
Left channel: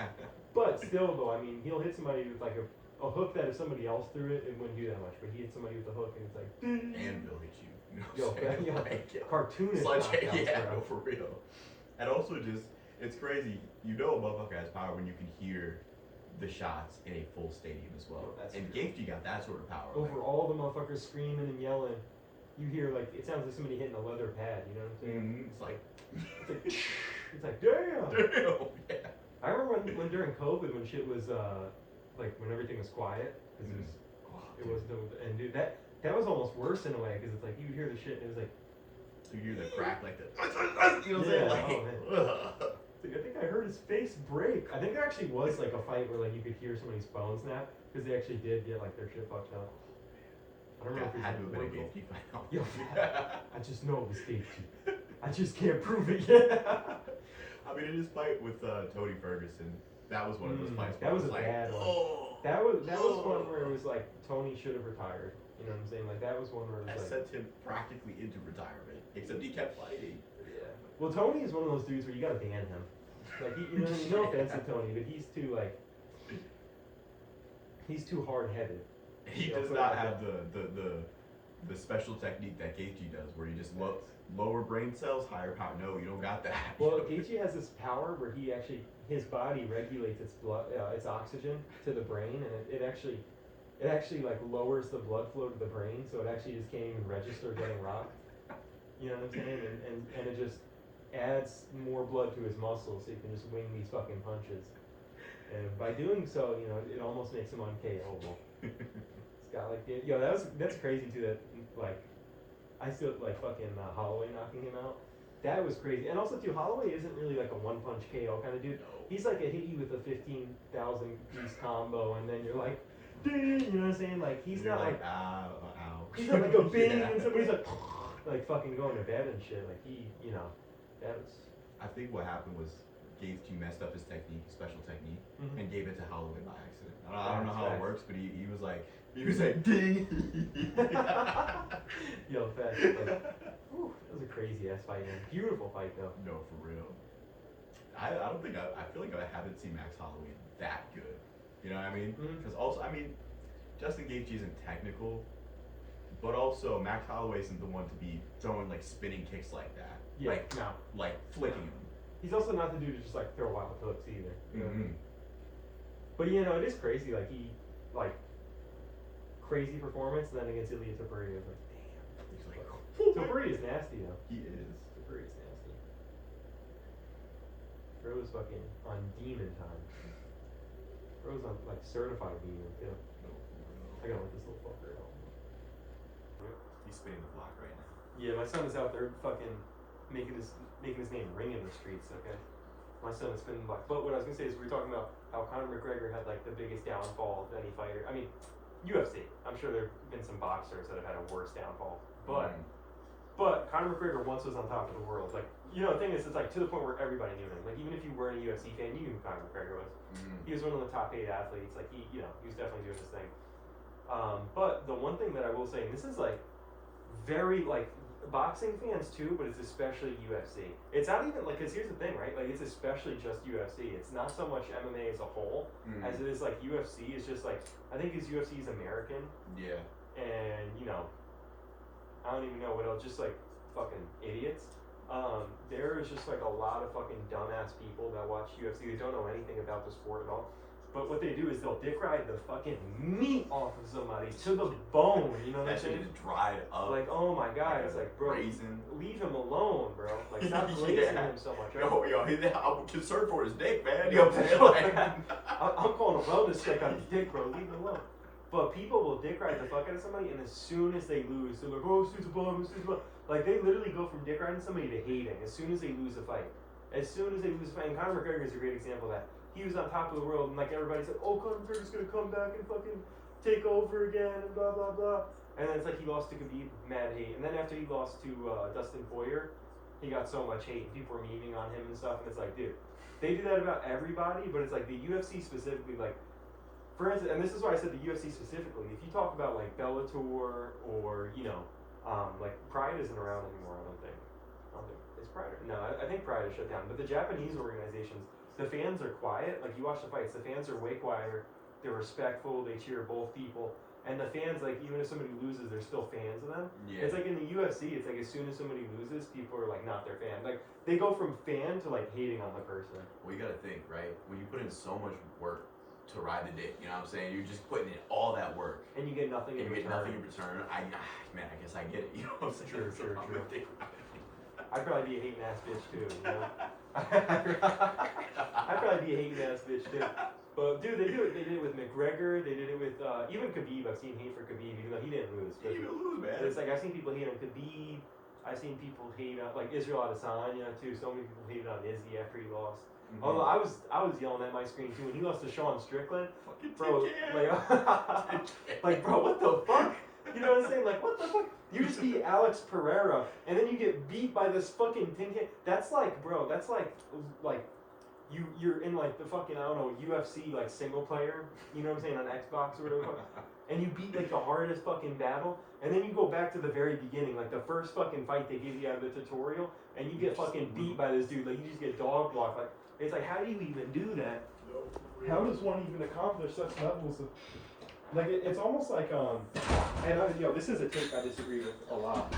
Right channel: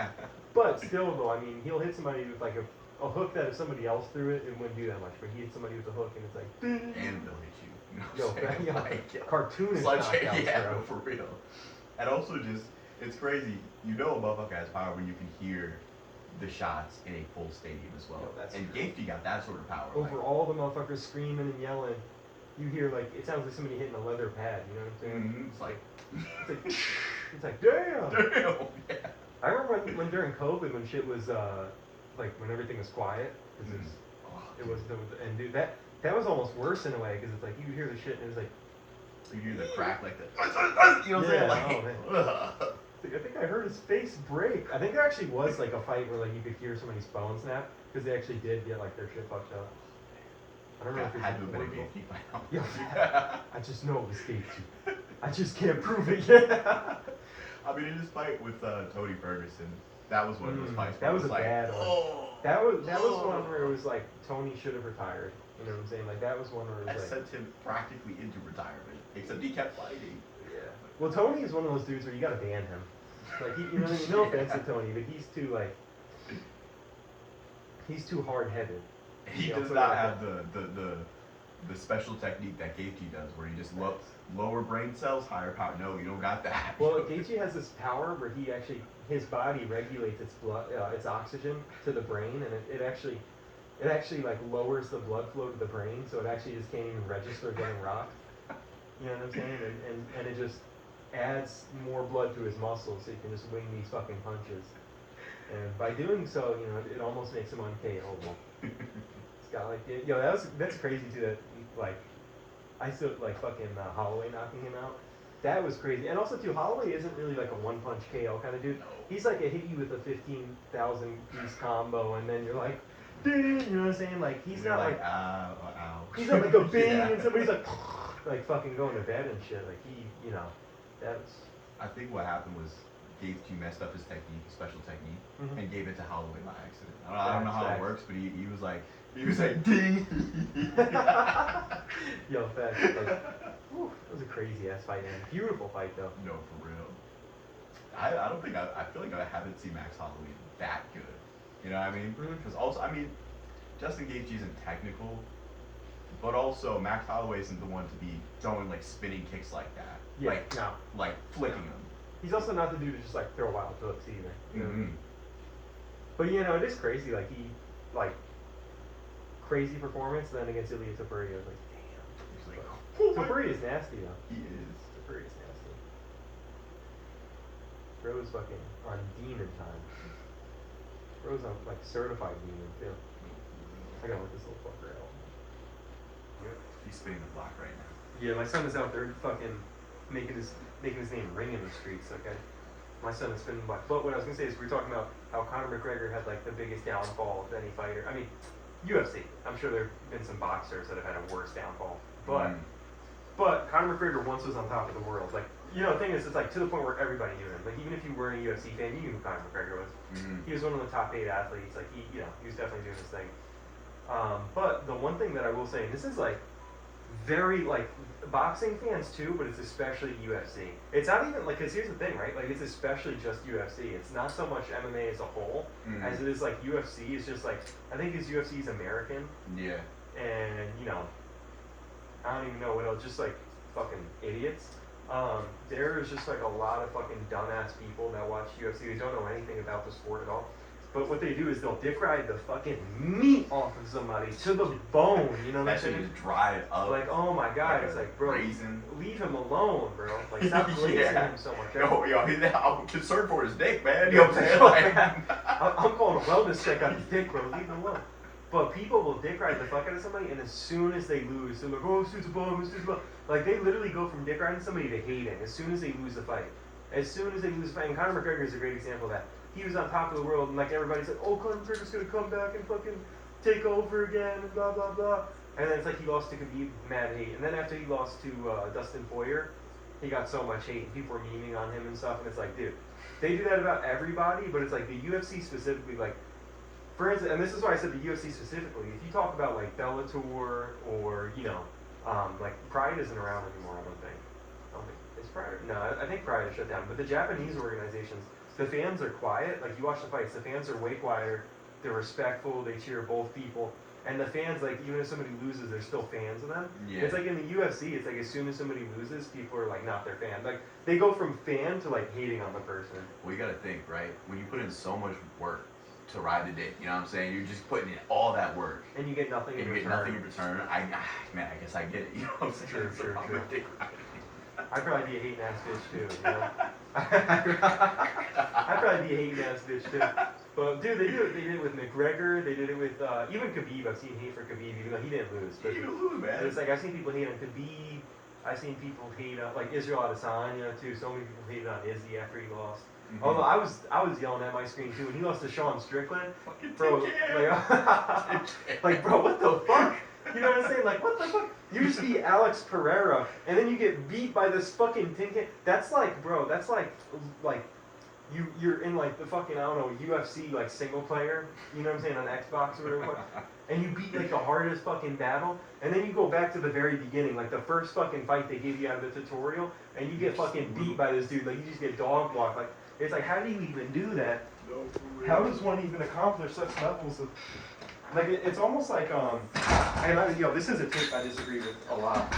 But still though, I mean he'll hit somebody with like a hook that if somebody else threw it wouldn't do that much. But he hit somebody with a hook and it's like and they'll hit you. Cartoonish knockouts, no, for real. And also just, it's crazy. You know a motherfucker has power when you can hear the shots in a full stadium as well. And Gaethje got that sort of power. Over all the motherfuckers screaming and yelling, you hear like, it sounds like somebody hitting a leather pad, you know what I'm saying? Mm-hmm. It's like damn! Damn, yeah. I remember when during COVID when shit was, like when everything was quiet, because Oh, it was and dude, that was almost worse in a way, because it's like you hear the shit and it was like, you hear the crack like that. You know what I'm Yeah, saying? Like, oh, I think I heard his face break. I think there actually was like a fight where like you could hear somebody's phone snap, because they actually did get like their shit fucked up. I don't know if it had to have been a was Gaethje fight. Yeah, I just know it was Gaethje. I just can't prove it yet. I mean, in his fight with Tony Ferguson, that was one of those fights. That where was it a like, bad one. oh, That was one where it was like Tony should have retired. You know what I'm saying? Like that was one where it that was like, sent him practically into retirement. Except he kept fighting. yeah. Well, Tony is one of those dudes where you gotta ban him. Like he, you know, no offense to Tony, but he's too like, he's too hard headed. He Yeah, does put it not like have the special technique that Gaethje does, where he just lower brain cells, higher power. No, you don't got that. Well, Gaethje has this power where he actually, his body regulates its blood, its oxygen to the brain, and it actually like lowers the blood flow to the brain, so it actually just can't even register getting rocked. You know what I'm saying? And it just adds more blood to his muscles, so he can just wing these fucking punches. And by doing so, you know, it almost makes him unKO'able. It's got like, yo, that's crazy too. That like, I still like fucking Holloway knocking him out. That was crazy. And also too, Holloway isn't really like a one punch KO kind of dude. He's like a hit you with a 15,000 piece combo, and then you're like, dude, you know what I'm saying? Like he's not like, ow, ow. he's not like a bing, Yeah. and somebody's like fucking going to bed and shit. Like he, you know, that was. I think what happened was Gaethje messed up his technique, his special technique, Mhm. and gave it to Holloway by accident. I don't know how it Facts. works, but he was like ding. Yo, facts. Like, whew, that was a crazy ass fight, man. Beautiful fight though. No, for real. I don't think I feel like I haven't seen Max Holloway that good. You know what I mean? Mhm. Because also, I mean, Justin Gaethje isn't technical, but also Max Holloway isn't the one to be throwing like spinning kicks like that. Yeah, Like, no. like flicking them. He's also not the dude to just like throw wild hooks either. You know? Mm-hmm. But you know, it is crazy. Like he, like, crazy performance. And then against Ilya Topuria, I was like, He's like, damn. Topuria is nasty though. he is. Topuria is nasty. Bro's fucking on demon time. Bro's on like certified demon too. I gotta let this little fucker out. He's spinning the block right now. Yeah, my son is out there fucking making his name ring in the streets. Okay, my son is spinning black. But what I was gonna say is we were talking about how Conor McGregor had like the biggest downfall of any fighter. I mean, UFC. I'm sure there've been some boxers that have had a worse downfall, but but Conor McGregor once was on top of the world. Like, you know, the thing is, it's like to the point where everybody knew him. Like even if you weren't a UFC fan, you knew who Conor McGregor was. He was one of the top 8 athletes. Like he, you know, he was definitely doing his thing. But the one thing that I will say, and this is like very like boxing fans too, but it's especially UFC. It's not even like, cause here's the thing, right? Like it's especially just UFC. It's not so much MMA as a whole as it is like UFC. It's just like, I think his UFC is American, Yeah. and you know, I don't even know what else. Just like fucking idiots. There is just like a lot of fucking dumbass people that watch UFC. They don't know anything about the sport at all. But what they do is they'll dick ride the fucking meat off of somebody to the bone. You know what I'm That shit saying? just dried up. Like, oh my god, it's like, bro, raisin. leave him alone, bro. Like, stop raising Yeah. him so much. I'm concerned for his dick, man. You know what I'm saying? Like, I'm calling a wellness check on his dick, bro. Leave him alone. But people will dick ride the fuck out of somebody, and as soon as they lose, they're like, oh, this dude's a bum, this dude's a bum. Like, they literally go from dick riding somebody to hating as soon as they lose a fight. As soon as they lose a fight, and Conor McGregor is a great example of that. He was on top of the world, and like everybody said, oh, Conor McGregor's gonna come back and fucking take over again, and blah, blah, blah. And then it's like he lost to Khabib, mad hate. And then after he lost to Dustin Poirier, he got so much hate, and people were memeing on him and stuff, and it's like, dude, they do that about everybody, but it's like the UFC specifically, like, for instance, and this is why I said the UFC specifically, if you talk about like Bellator or, you know, like Pride isn't around anymore, I don't think. Is Pride? No, I think Pride is shut down. But the Japanese organizations, the fans are quiet. Like you watch the fights, the fans are way quieter. They're respectful. They cheer both people. And the fans, like even if somebody loses, they're still fans of them. Yeah. It's like in the UFC, it's like as soon as somebody loses, people are like not their fan. Like they go from fan to like hating on the person. Well, you gotta think, right? When you put in so much work to ride the dick, you know what I'm saying? You're just putting in all that work. And you get nothing And in you return. get nothing in return. Man, I guess I get it. You know what I'm saying? True, That's the true, problem true. with dick riding. I'd probably be a hating ass bitch too, you know? I'd probably be a hating ass bitch too. But dude, they did it with McGregor. They did it with even Khabib. I've seen hate for Khabib, even though he didn't lose. You're gonna lose, man. It's like I've seen people hate on Khabib. I've seen people hate on like Israel Adesanya too. So many people hated on Izzy after he lost. Mhm. Although I was yelling at my screen too, and he lost to Sean Strickland. Fucking Bro, like bro, what the fuck? You know what I'm saying? Like, what the fuck? You just beat Alex Pereira, and then you get beat by this fucking tin can. That's like, bro, that's like you're in like the fucking, I don't know, UFC like single player, you know what I'm saying, on Xbox or whatever, and you beat like the hardest fucking battle, and then you go back to the very beginning, like the first fucking fight they gave you out of the tutorial, and you get fucking beat by this dude, like you just get dog blocked. Like, it's like, how do you even do that? How does one even accomplish such levels of, like, it's almost like, this is a take I disagree with a lot.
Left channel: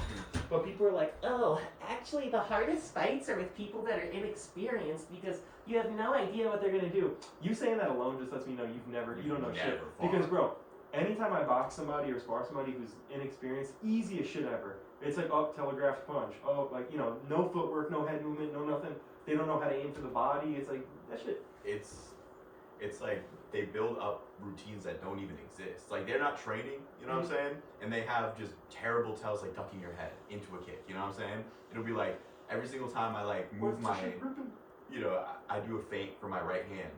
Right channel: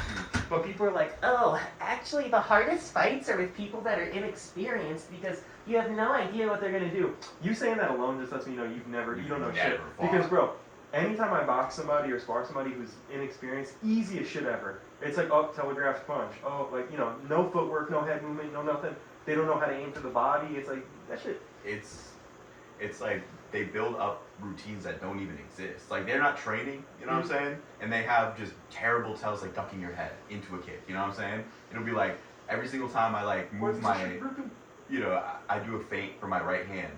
But people are like, Oh, actually, the hardest fights are with people that are inexperienced because you have no idea what they're gonna do. you saying that alone just lets me know you don't know shit. Never fought. Because, bro, anytime I box somebody or spar somebody who's inexperienced, easiest shit ever. It's like, oh, telegraphed punch. Oh, like, you know, no footwork, no head movement, no nothing. They don't know how to aim for the body. It's like, that shit. It's like they build up routines that don't even exist. Like they're not training, you know what I'm saying? And they have just terrible tells like ducking your head into a kick, you know what I'm saying? It'll be like every single time I like move my, you know, I do a feint for my right hand,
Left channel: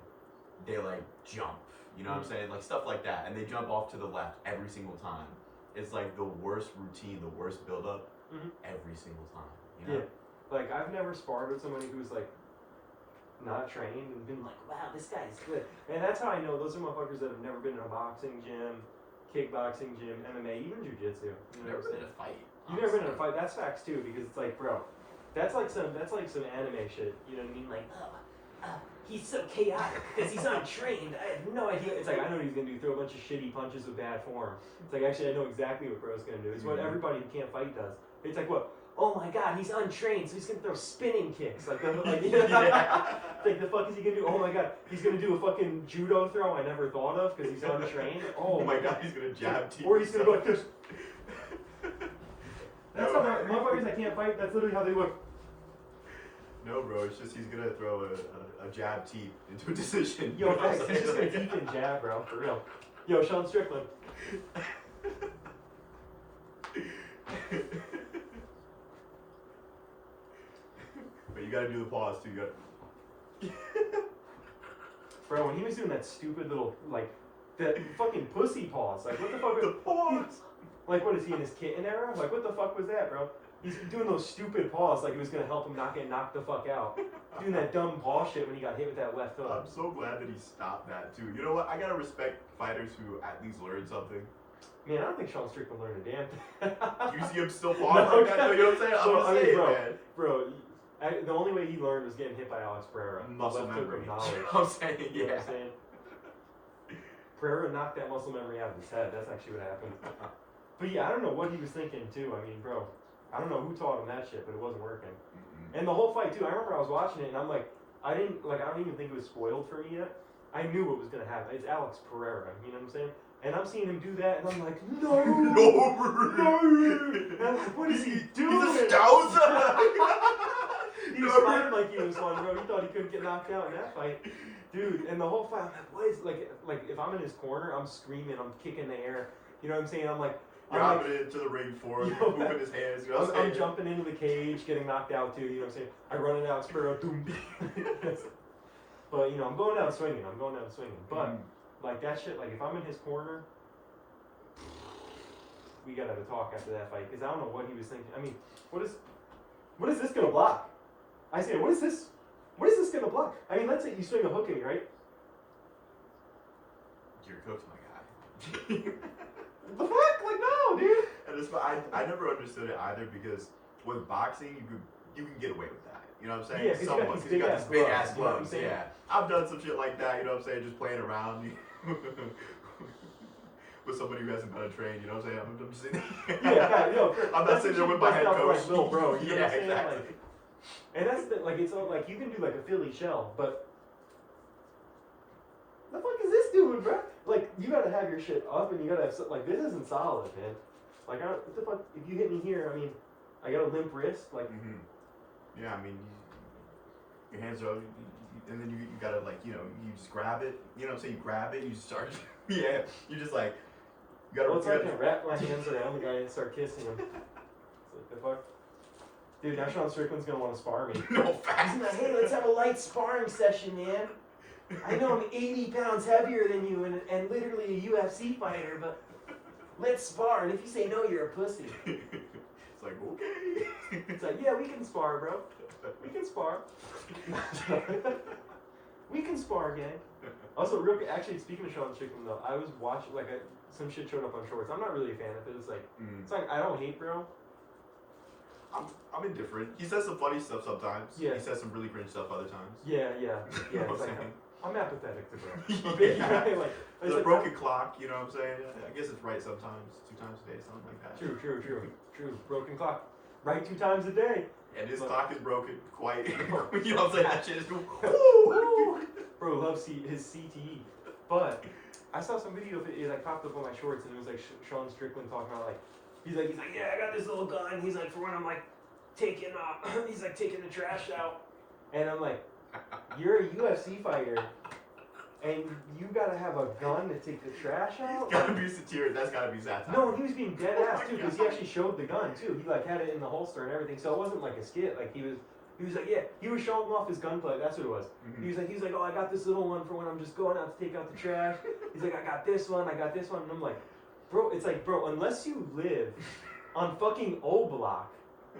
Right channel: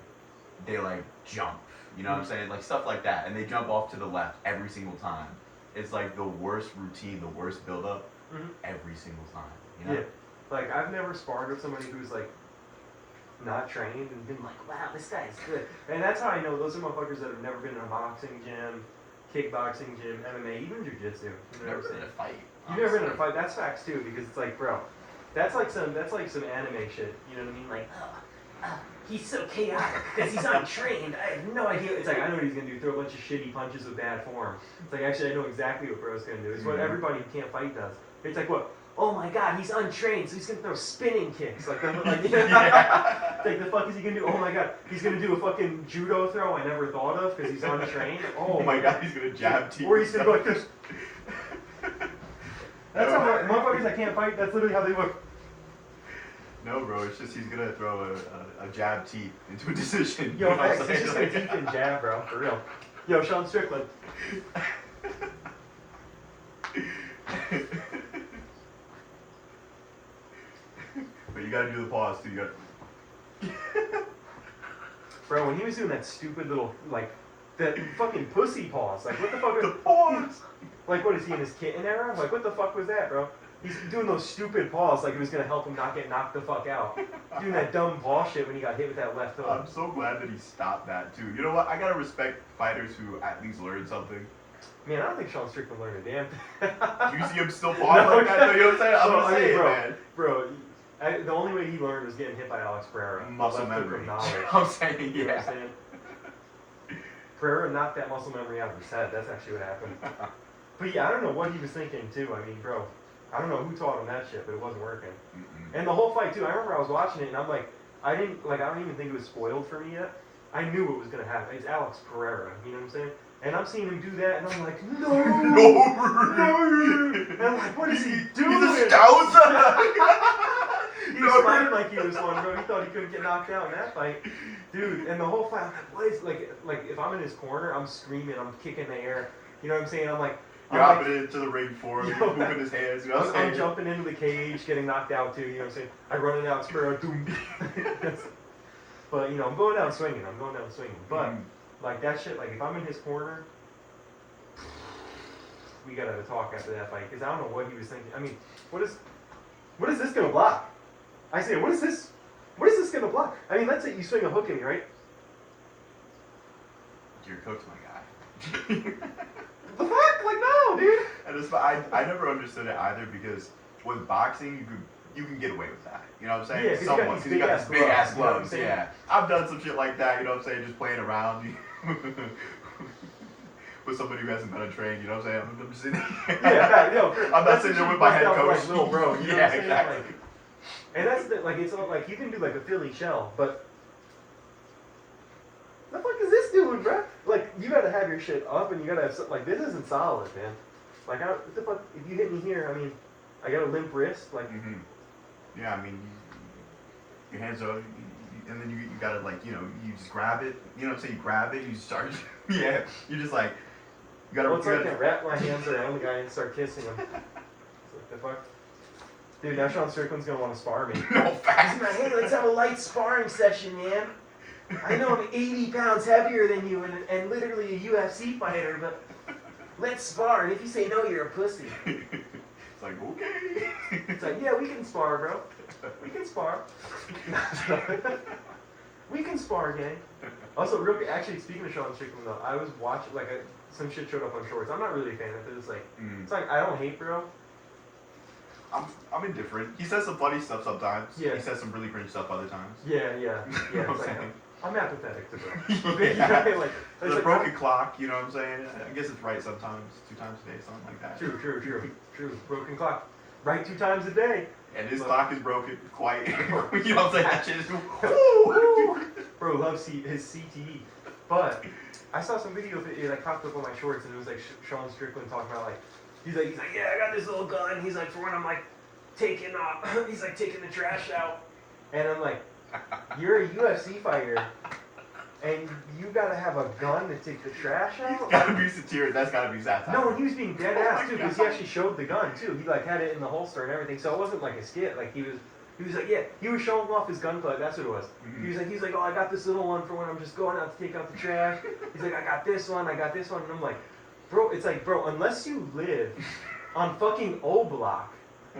they like jump, you know what I'm saying? Like stuff like that, and they jump off to the left every single time. It's like the worst routine, the worst build up every single time, you know? Yeah. Like, I've never sparred with somebody who's like not trained and been like, Wow, this guy's good. and that's how I know those are motherfuckers that have never been in a boxing gym, kickboxing gym, MMA, even jujitsu. You know Never what I'm been in saying? a fight. You've never been in a honestly. fight. That's facts too, because it's like, bro, that's like some anime shit. You know what I mean? Like, He's so chaotic because he's untrained. I have no idea. it's like, I know what he's gonna do. Throw a bunch of shitty punches with bad form. It's like, actually, I know exactly what bro's gonna do. It's what Mhm. everybody who can't fight does. It's like, what? Oh my god, he's untrained, so he's gonna throw spinning kicks. Like, like Yeah. like, the fuck is he gonna do? Oh my god, he's gonna do a fucking judo throw I never thought of because he's untrained. Oh my god, he's gonna jab team. Or he's gonna go like this. That's how motherfuckers that can't fight. That's literally how they look. No, bro, it's just he's gonna throw a jab teep into a decision. Yo, You know what I'm facts, he's just gonna saying? deep and jab, bro, for real. Yo, Sean Strickland. But you gotta do the pause too. You gotta. Bro, when he was doing that stupid little, like, that fucking pussy pause, like, what the fuck? The pause. Like, what is he in his kitten era? Like, what the fuck was that, bro? He's doing those stupid paws like it was gonna help him not get knocked the fuck out. Doing that dumb paw shit when he got hit with that left hook. I'm so glad that he stopped that too. You know what? I gotta respect fighters who at least learn something. Man, I don't think Sean Strickland learned a damn thing. Do you see him still pause like that? You know what I'm saying? I'm Well, gonna I mean, say it, bro, man. Bro, the only way he learned was getting hit by Alex Pereira. Muscle Left hook memory. of knowledge. I'm saying, You know what yeah. I'm saying? Pereira knocked that muscle memory out of his head. That's actually what happened. But yeah, I don't know what he was thinking too. I mean, bro, I don't know who taught him that shit, but it wasn't working. Mm-mm. And the whole fight too. I remember I was watching it and I'm like, I don't even think it was spoiled for me yet. I knew what was gonna happen. It's Alex Pereira. You know what I'm saying? And I'm seeing him do that, and I'm like, no, No. And I'm like, what is he doing? He's a scouser. He was fighting like he was one, bro. He thought he couldn't get knocked out in that fight, dude. And the whole fight, I'm like, what is like if I'm in his corner, I'm screaming, I'm kicking the air. You know what I'm saying? I'm like, Dropping it into the ring for him, Yo, moving his hands. You know what I'm I'm saying? jumping into the cage, getting knocked out too. You know what I'm saying? I run it out, Sparrow, doom. But you know, I'm going down swinging. But like that shit, like if I'm in his corner, we gotta have a talk after that fight because I don't know what he was thinking. I mean, what is this gonna block? I say, what is this gonna block? I mean, let's say you swing a hook at me, right? You're cooked, my guy. The fuck? Like no, dude. And it's, I never understood it either because with boxing you can get away with that. You know what I'm saying? Yeah, 'cause you got Somewhat, these 'cause you got big-ass these big ass gloves, you know what I'm gloves. saying? Yeah, I've done some shit like that. You know what I'm saying? Just playing around with somebody who hasn't been trained. You know what I'm saying? I'm just sitting. Yeah, yo, I'm not sitting there with my head coach. Like, little bro, you know Yeah, what I'm saying? exactly. Like, and that's the, like, it's all, like you can do like a Philly shell, but the fuck is this doing, bro? Like you gotta have your shit up, and you gotta have like this isn't solid, man. Like what the fuck? If you hit me here, I mean, I got a limp wrist, like. Yeah, I mean, your hands are and then you gotta like you just grab it. You know what I'm saying? You grab it, you start. Yeah, you just like you gotta. Well, it's you like I gotta wrap my hands around the guy and start kissing him. It's like the fuck. Dude, now Sean Strickland's gonna want to spar me. no He's facts. like, hey, let's have a light sparring session, man. I know I'm 80 pounds heavier than you and literally a UFC fighter, but let's spar. And if you say no, you're a pussy. It's like okay. It's like, yeah, we can spar, bro. We can spar. We can spar, gang. Also, real quick, actually, speaking of Sean Strickland, though, I was watching, like, some shit showed up on Shorts. I'm not really a fan of it. It's like I don't hate, bro. I'm indifferent. He says some funny stuff sometimes. Yeah. He says some really cringe stuff other times. Yeah. You know It's what I'm like, saying? I'm apathetic to bro. Yeah. Like, it's The like, broken clock, you know what I'm saying? I guess it's right sometimes, 2 times a day, something like that. True. Broken clock. Right 2 times a day. And his But- clock is broken quite. You know what I'm saying? That shit is. Woo! Bro loves his CTE. But I saw some video of it like popped up on my Shorts, and it was like Sean Strickland talking about like he's like yeah, I got this little gun. He's like, for when I'm like taking he's like taking the trash out, and I'm like, you're a UFC fighter, and you gotta have a gun to take the trash out. Gotta be satiric. That's gotta be satire. No, and he was being dead Oh ass my too, because God. he actually showed the gun too. He like had it in the holster and everything, so it wasn't like a skit. Like he was like, yeah, he was showing off his gun club. That's what it was. Mhm. He's like, oh, I got this little one for when I'm just going out to take out the trash. He's like, I got this one, and I'm like, bro, it's like, bro, unless you live on fucking O Block,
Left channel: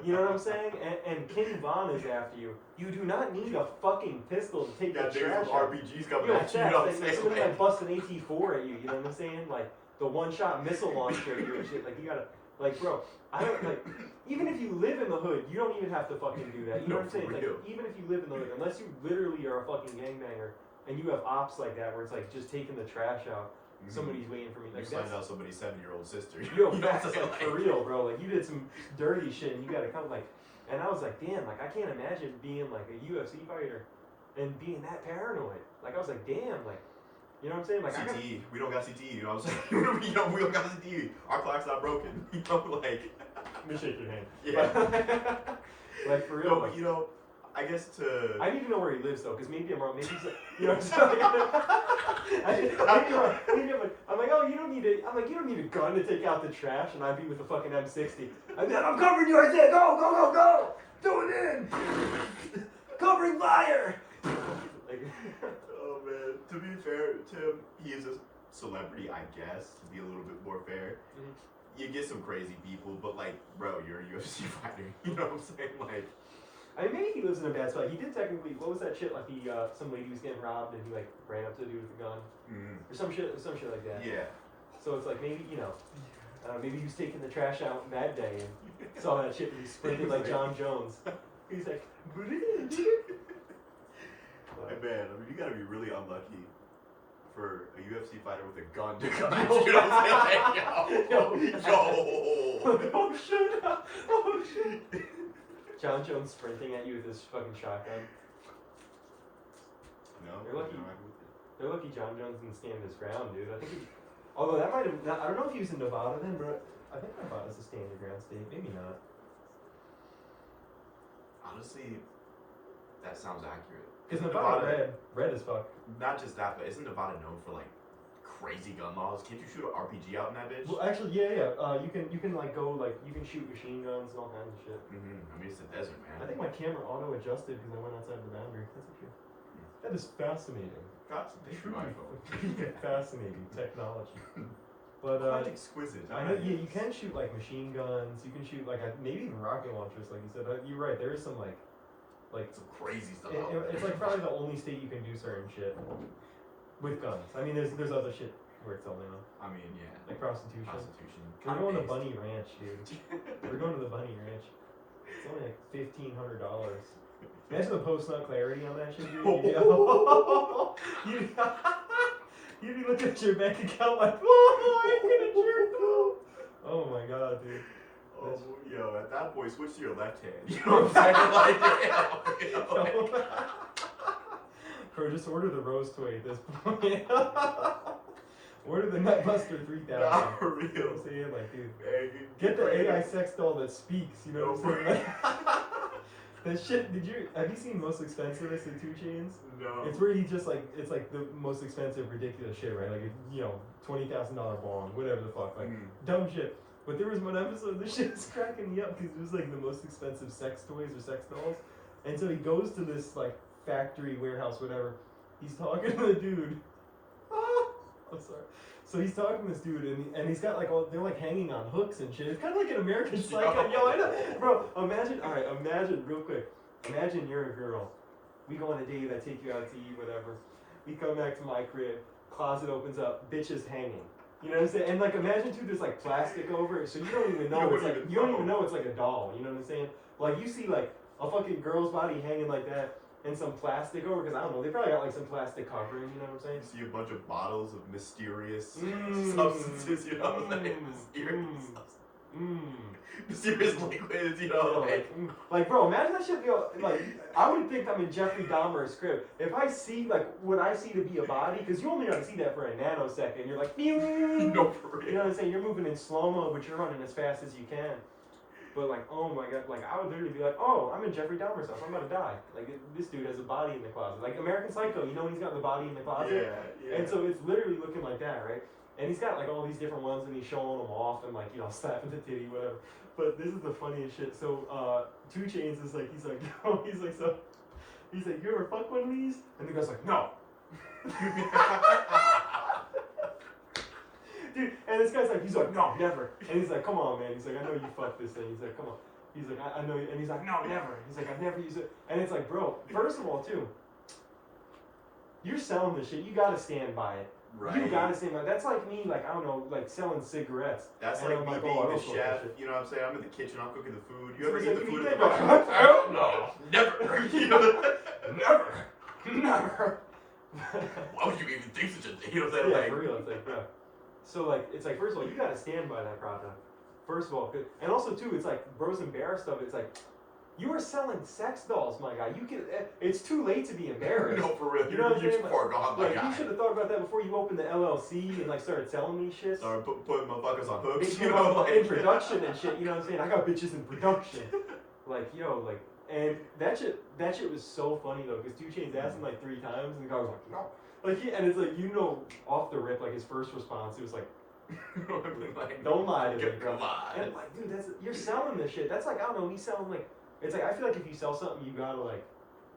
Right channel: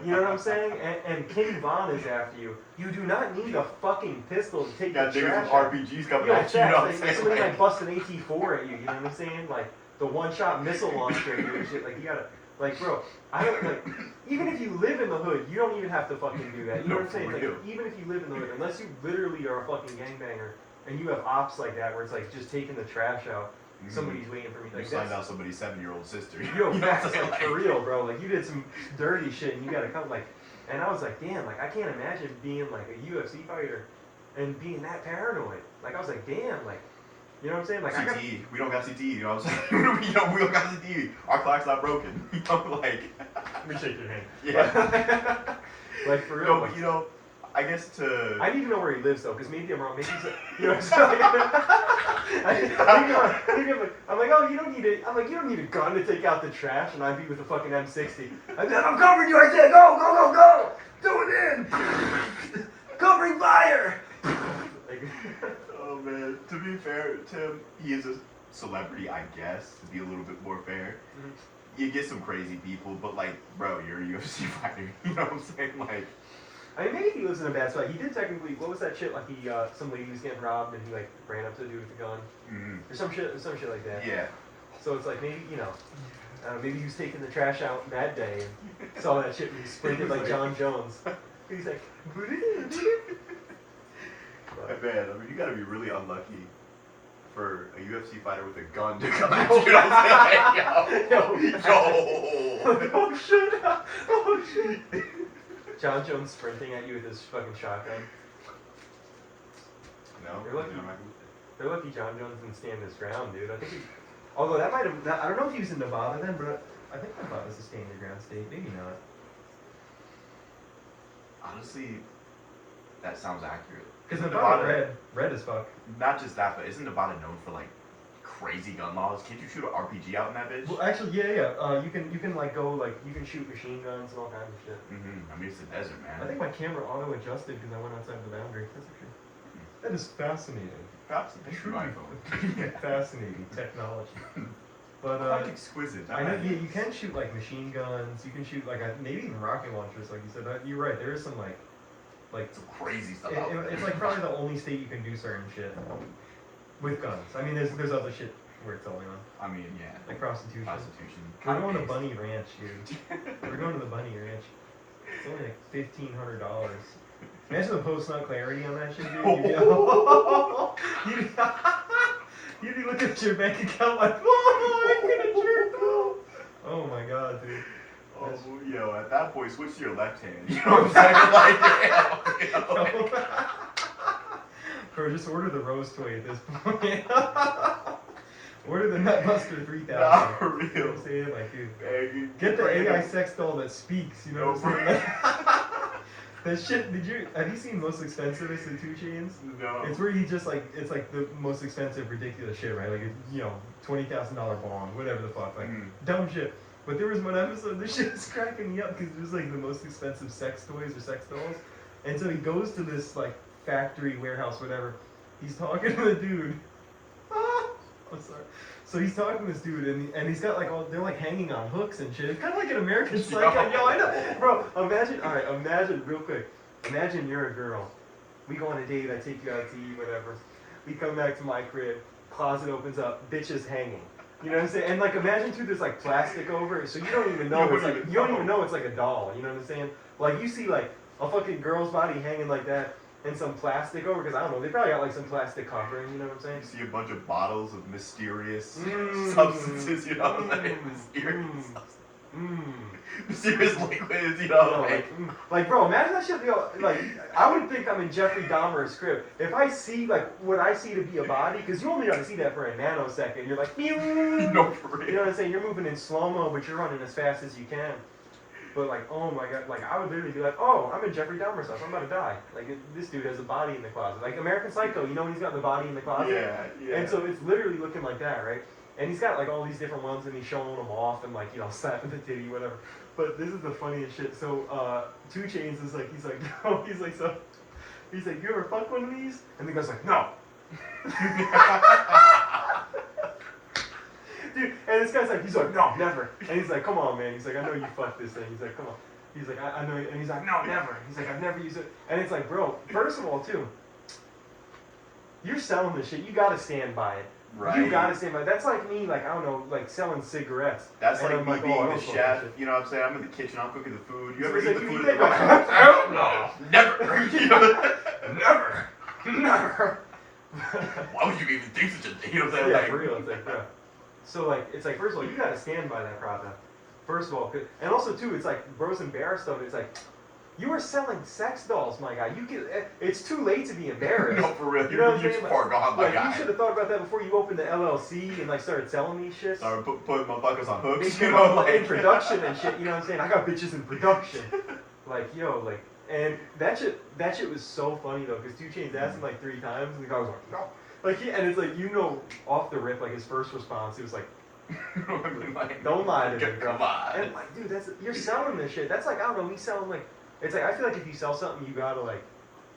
you know what I'm saying? And King Von is after you. You do not need a fucking pistol to take You got the niggas trash with out. RPGs coming Yo, at you, you know what I'm like, saying? somebody like bust an AT-4 at you, you know what I'm saying? Like the one-shot missile launcher at you and shit. Like you gotta, like, bro, I don't like. Even if you live in the hood, you don't even have to fucking do that. You know No, what I'm saying? for It's real. like even if you live in the hood, unless you literally are a fucking gangbanger and you have ops like that where it's like just taking the trash out, Mhm. somebody's waiting for me. You Like signed that's, out somebody's 7-year-old sister. yo, You know what I'm facts, saying? like, for real, bro. Like you did some dirty shit and you gotta come like. And I was like, damn, like I can't imagine being like a UFC fighter and being that paranoid. Like I was like, damn, like, you know what I'm saying? Like I got, CTE. We don't got CTE, you know what I'm saying? we don't got CTE. Our clock's not broken. You know, like. let me shake your hand. Yeah. Like for real. No, like, but you know, I guess to. I need to know where he lives though, because maybe I'm wrong. Maybe he's, you know what I'm saying? I'm like, oh, you don't need it. I'm like, you don't need a gun to take out the trash, and I'd be with a fucking M60. I'm covering you. I said, go, do it in, covering fire. Like, Oh man. To be fair, Tim, he is a celebrity, I guess. To be a little bit more fair, Mhm. you get some crazy people, but like, bro, you're a UFC fighter. You know what I'm saying? Like. I mean, maybe he lives in a bad spot. He did technically. What was that shit? Like he, some lady was getting robbed, and he like ran up to the dude with a gun, Mm-hmm. or some shit like that. Yeah. So it's like maybe maybe he was taking the trash out that day and saw that shit and he sprinted like John Jones. He's like, but, Man, I mean, you gotta be really unlucky for a UFC fighter with a gun to come at you. You know what I'm saying? Like, yo. oh shit! John Jones sprinting at you with his fucking shotgun. No, You're lucky. you know, I- They're lucky John Jones didn't stand his ground, dude. I think he, although that might have, I don't know if he was in Nevada then, but I think Nevada's a stand your ground state. Maybe not. honestly, that sounds accurate. Because Isn't Nevada red as fuck. Not just that, but isn't Nevada known for like crazy gun laws? Can't you shoot an RPG out in that bitch? Well, actually, yeah. You can like go like you can shoot machine guns and all kinds of shit. Mm-hmm. I mean, it's the desert, man. I think my camera auto adjusted because I went outside the boundary. That's actually that is fascinating. Perhaps a true iPhone. Fascinating technology. But Quite exquisite. I know you can shoot like machine guns. You can shoot like maybe even rocket launchers, like you said. You're right. There is some like Some crazy stuff out there. it's like probably the only state you can do certain shit with guns. I mean, there's other shit where it's only on, I mean, yeah. like prostitution. Prostitution. We're going to Kinda Bunny Ranch, dude. We're going to the Bunny Ranch. It's only like $1,500. Imagine the post-nut clarity on that shit, dude. You'd be looking at your bank account like, oh, I'm gonna jerk off. Oh my god, dude. Oh, yo, at that point, switch to your left hand. You know what I'm saying? Like, you know, Bro, just order the rose toy at this point. Order the Nutbuster 3000. Nah, for You know real. what I'm saying? Like, dude. Hey, Get the bring AI it. sex doll that speaks, you know No, what I'm saying? That shit. Have you seen Most Expensivest in 2 Chainz? No. It's where he just like it's like the most expensive ridiculous shit, right? Like $20,000 bond, whatever the fuck, like dumb shit. But there was one episode, this shit is cracking me up because it was like the most expensive sex toys or sex dolls, and so he goes to this like factory warehouse, whatever. He's talking to the dude. I'm sorry. So he's talking to this dude, and he's got like they're like hanging on hooks and shit. It's kind of like an American Psycho. Yo, I know, bro. Imagine real quick. Imagine you're a girl. We go on a date. I take you out to eat, whatever. We come back to my crib. Closet opens up. Bitch is hanging. You know what I'm saying? And like imagine too, there's like plastic over it, so you don't even know you don't even know it's like a doll. You know what I'm saying? Like you see like a fucking girl's body hanging like that. And some plastic over, because I don't know, they probably got like some plastic covering, you know what I'm saying? You see a bunch of bottles of mysterious substances, you know what I'm saying? Mysterious mysterious liquids, you know, like bro, imagine that shit, like, I would think I'm in Jeffrey Dahmer's crib. If I see, like, what I see to be a body, because you only got to see that for a nanosecond, you're like, no, for real. You know what I'm saying? You're moving in slow-mo, but you're running as fast as you can. But like, oh my god, like I would literally be like, oh, I'm in Jeffrey Dahmer's house, I'm about to die. Like this dude has a body in the closet. Like American Psycho, you know when he's got the body in the closet? Yeah. And so it's literally looking like that, right? And he's got like all these different ones and he's showing them off and like, slapping the titty, whatever. But this is the funniest shit. So 2 Chainz is like, he's like, you ever fuck one of these? And the guy's like, no. Dude, and this guy's like, he's like, no, never. And he's like, come on, man. He's like, I know you fucked this thing. He's like, come on. He's like, I know. And he's like, no, never. He's like, I've never used it. And it's like, bro, first of all, too, you're selling this shit. You gotta stand by it. Right. You gotta stand by it. That's like me, like, I don't know, like selling cigarettes. That's and like I'm me being I the don't smoke chef. that shit. You know what I'm saying? I'm in the kitchen. I'm cooking the food. You ever He's eat like, the you food? eat that? Hell no. Never. You know? Never. Never. Why would you even think such a thing? You know what I'm saying? Yeah, Like, for real. It's like, yeah. So like, it's like, first of all, you gotta stand by that product. First of all, and also too, it's like Bros and Bear stuff. It's like, you are selling sex dolls, my guy. You can. It's too late to be embarrassed. No, for real. You know what I'm You're saying? far gone, my Like, guy. you should have thought about that before you opened the LLC and like started selling these shits. Started putting motherfuckers on hooks. They You came know, out like in production and shit. You know what I'm saying? I got bitches in production. Like, yo, like, and that shit was so funny though, because 2 Chainz asked him like 3 times, and the guy was like, no. Like, and it's like, off the rip, like his first response, he was like, don't lie to me, bro. Come on. And like, dude, you're selling this shit. That's like, I don't know, me selling like, it's like, I feel like if you sell something, you gotta like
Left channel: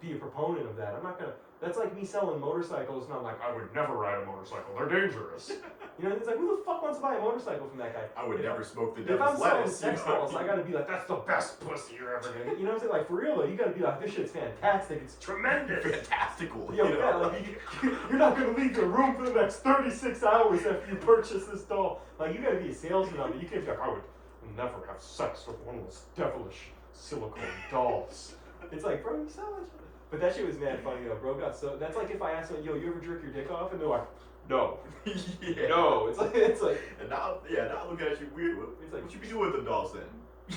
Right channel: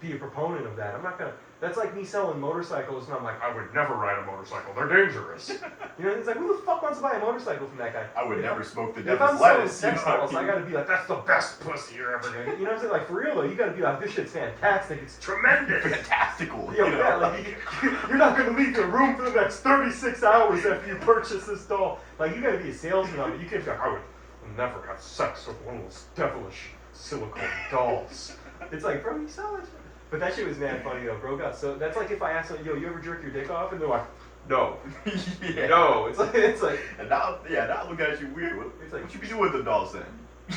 be a proponent of that. I'm not gonna. That's like me selling motorcycles, and I'm like, I would never ride a motorcycle. They're dangerous. You know, it's like, who the fuck wants to buy a motorcycle from that guy? I would never smoke the If I'm devil's selling lettuce. sex dolls, I gotta be like, that's the best pussy you're ever gonna get. You know what I'm saying? Like, for real though, you gotta be like, this shit's fantastic. It's tremendous. Fantastical. Yeah, you know? yeah, like, you're not gonna leave your room for the next 36 hours after you purchase this doll. Like, you gotta be a salesman of it. You can't be like, I would never have sex with one of those devilish silicone dolls. It's like, bro, you sell that shit. But that shit was mad funny though, bro. That's like if I asked them, yo, you ever jerk your dick off? And they're like, no. Yeah. No. It's like. And now look at you weird. It's like, what you be doing with the dolls then?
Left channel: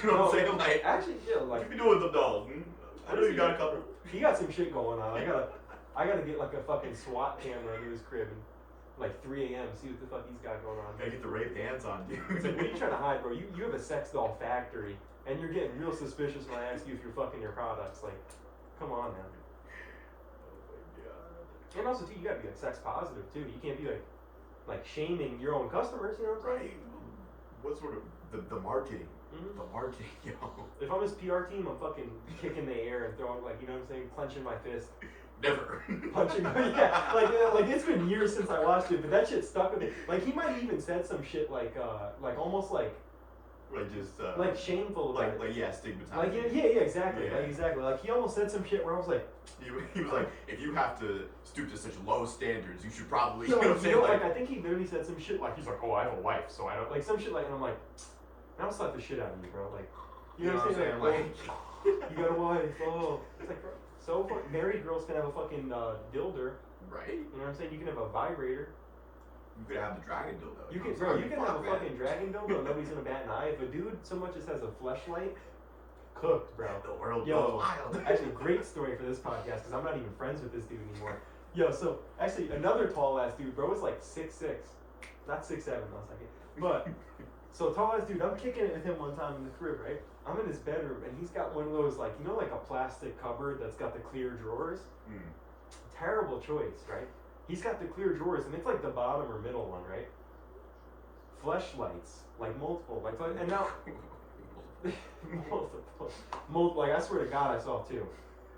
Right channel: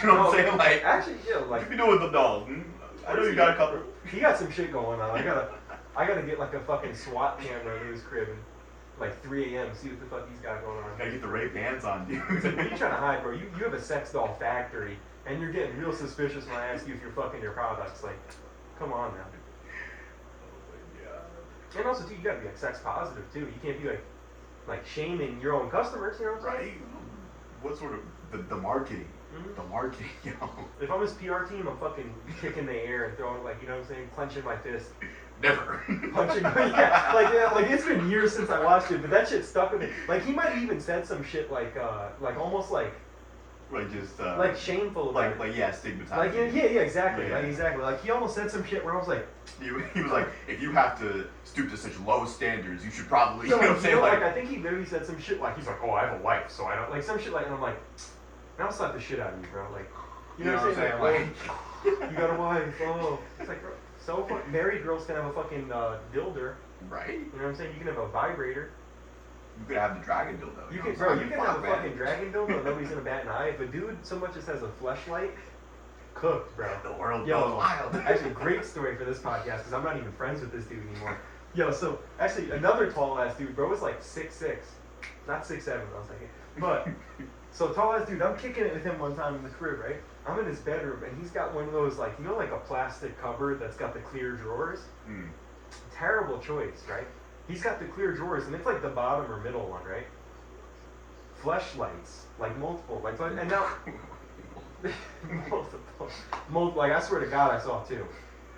You know what I'm saying? Like, actually, yeah, like. what you be doing with the dolls? I know you got a couple. He got some shit going on. I gotta get like a fucking SWAT camera in his crib and like 3 a.m. see what the fuck he's got going on. Gotta get the Ray Bans on, dude. It's like, what are you trying to hide, bro? You have a sex doll factory, and you're getting real suspicious when I ask you if you're fucking your products. Like, come on now. And also, too, you gotta be like sex positive too. You can't be like shaming your own customers. You know what I'm saying? Right. What sort of the marketing? Mm-hmm. The marketing, you know. If I'm his PR team, I'm fucking kicking the air and throwing like, you know what I'm saying, clenching my fist, Never. punching. Yeah, like it's been years since I watched it, but that shit stuck with me. Like he might have even said some shit like almost like just like shameful about it. like yeah, stigmatized. Like yeah, exactly, Yeah. like exactly. Like he almost said some shit where I was like, He was like, if you have to stoop to such low standards, you should probably, yo, you know what I'm saying? like I think he literally said some shit like he's like, oh, I have a wife, so I don't like some shit like, and I'm like, now I'll slap the shit out of you, bro. Like, you know what I'm saying? Like, you got a wife, oh, it's like, bro, so married girls can have a fucking dilder. Right? You know what I'm saying? You can have a vibrator. You could have the dragon dildo. You can, bro. You can have a fucking dragon dildo. And nobody's gonna bat an eye. If a dude so much as has a fleshlight, cooked, bro. The world Yo, goes wild. Actually, great story for this podcast because I'm not even friends with this dude anymore. Yo, so actually another tall ass dude, bro, was like 6'6", not 6'7", I was thinking, but so tall ass dude. I'm kicking it with him one time in the crib, right? I'm in his bedroom, and he's got one of those, like, you know, like a plastic cupboard that's got the clear drawers? Mm. Terrible choice, right? He's got the clear drawers, and it's like the bottom or middle one, right? Fleshlights, like multiple, like, and now, like, I swear to God, I saw two.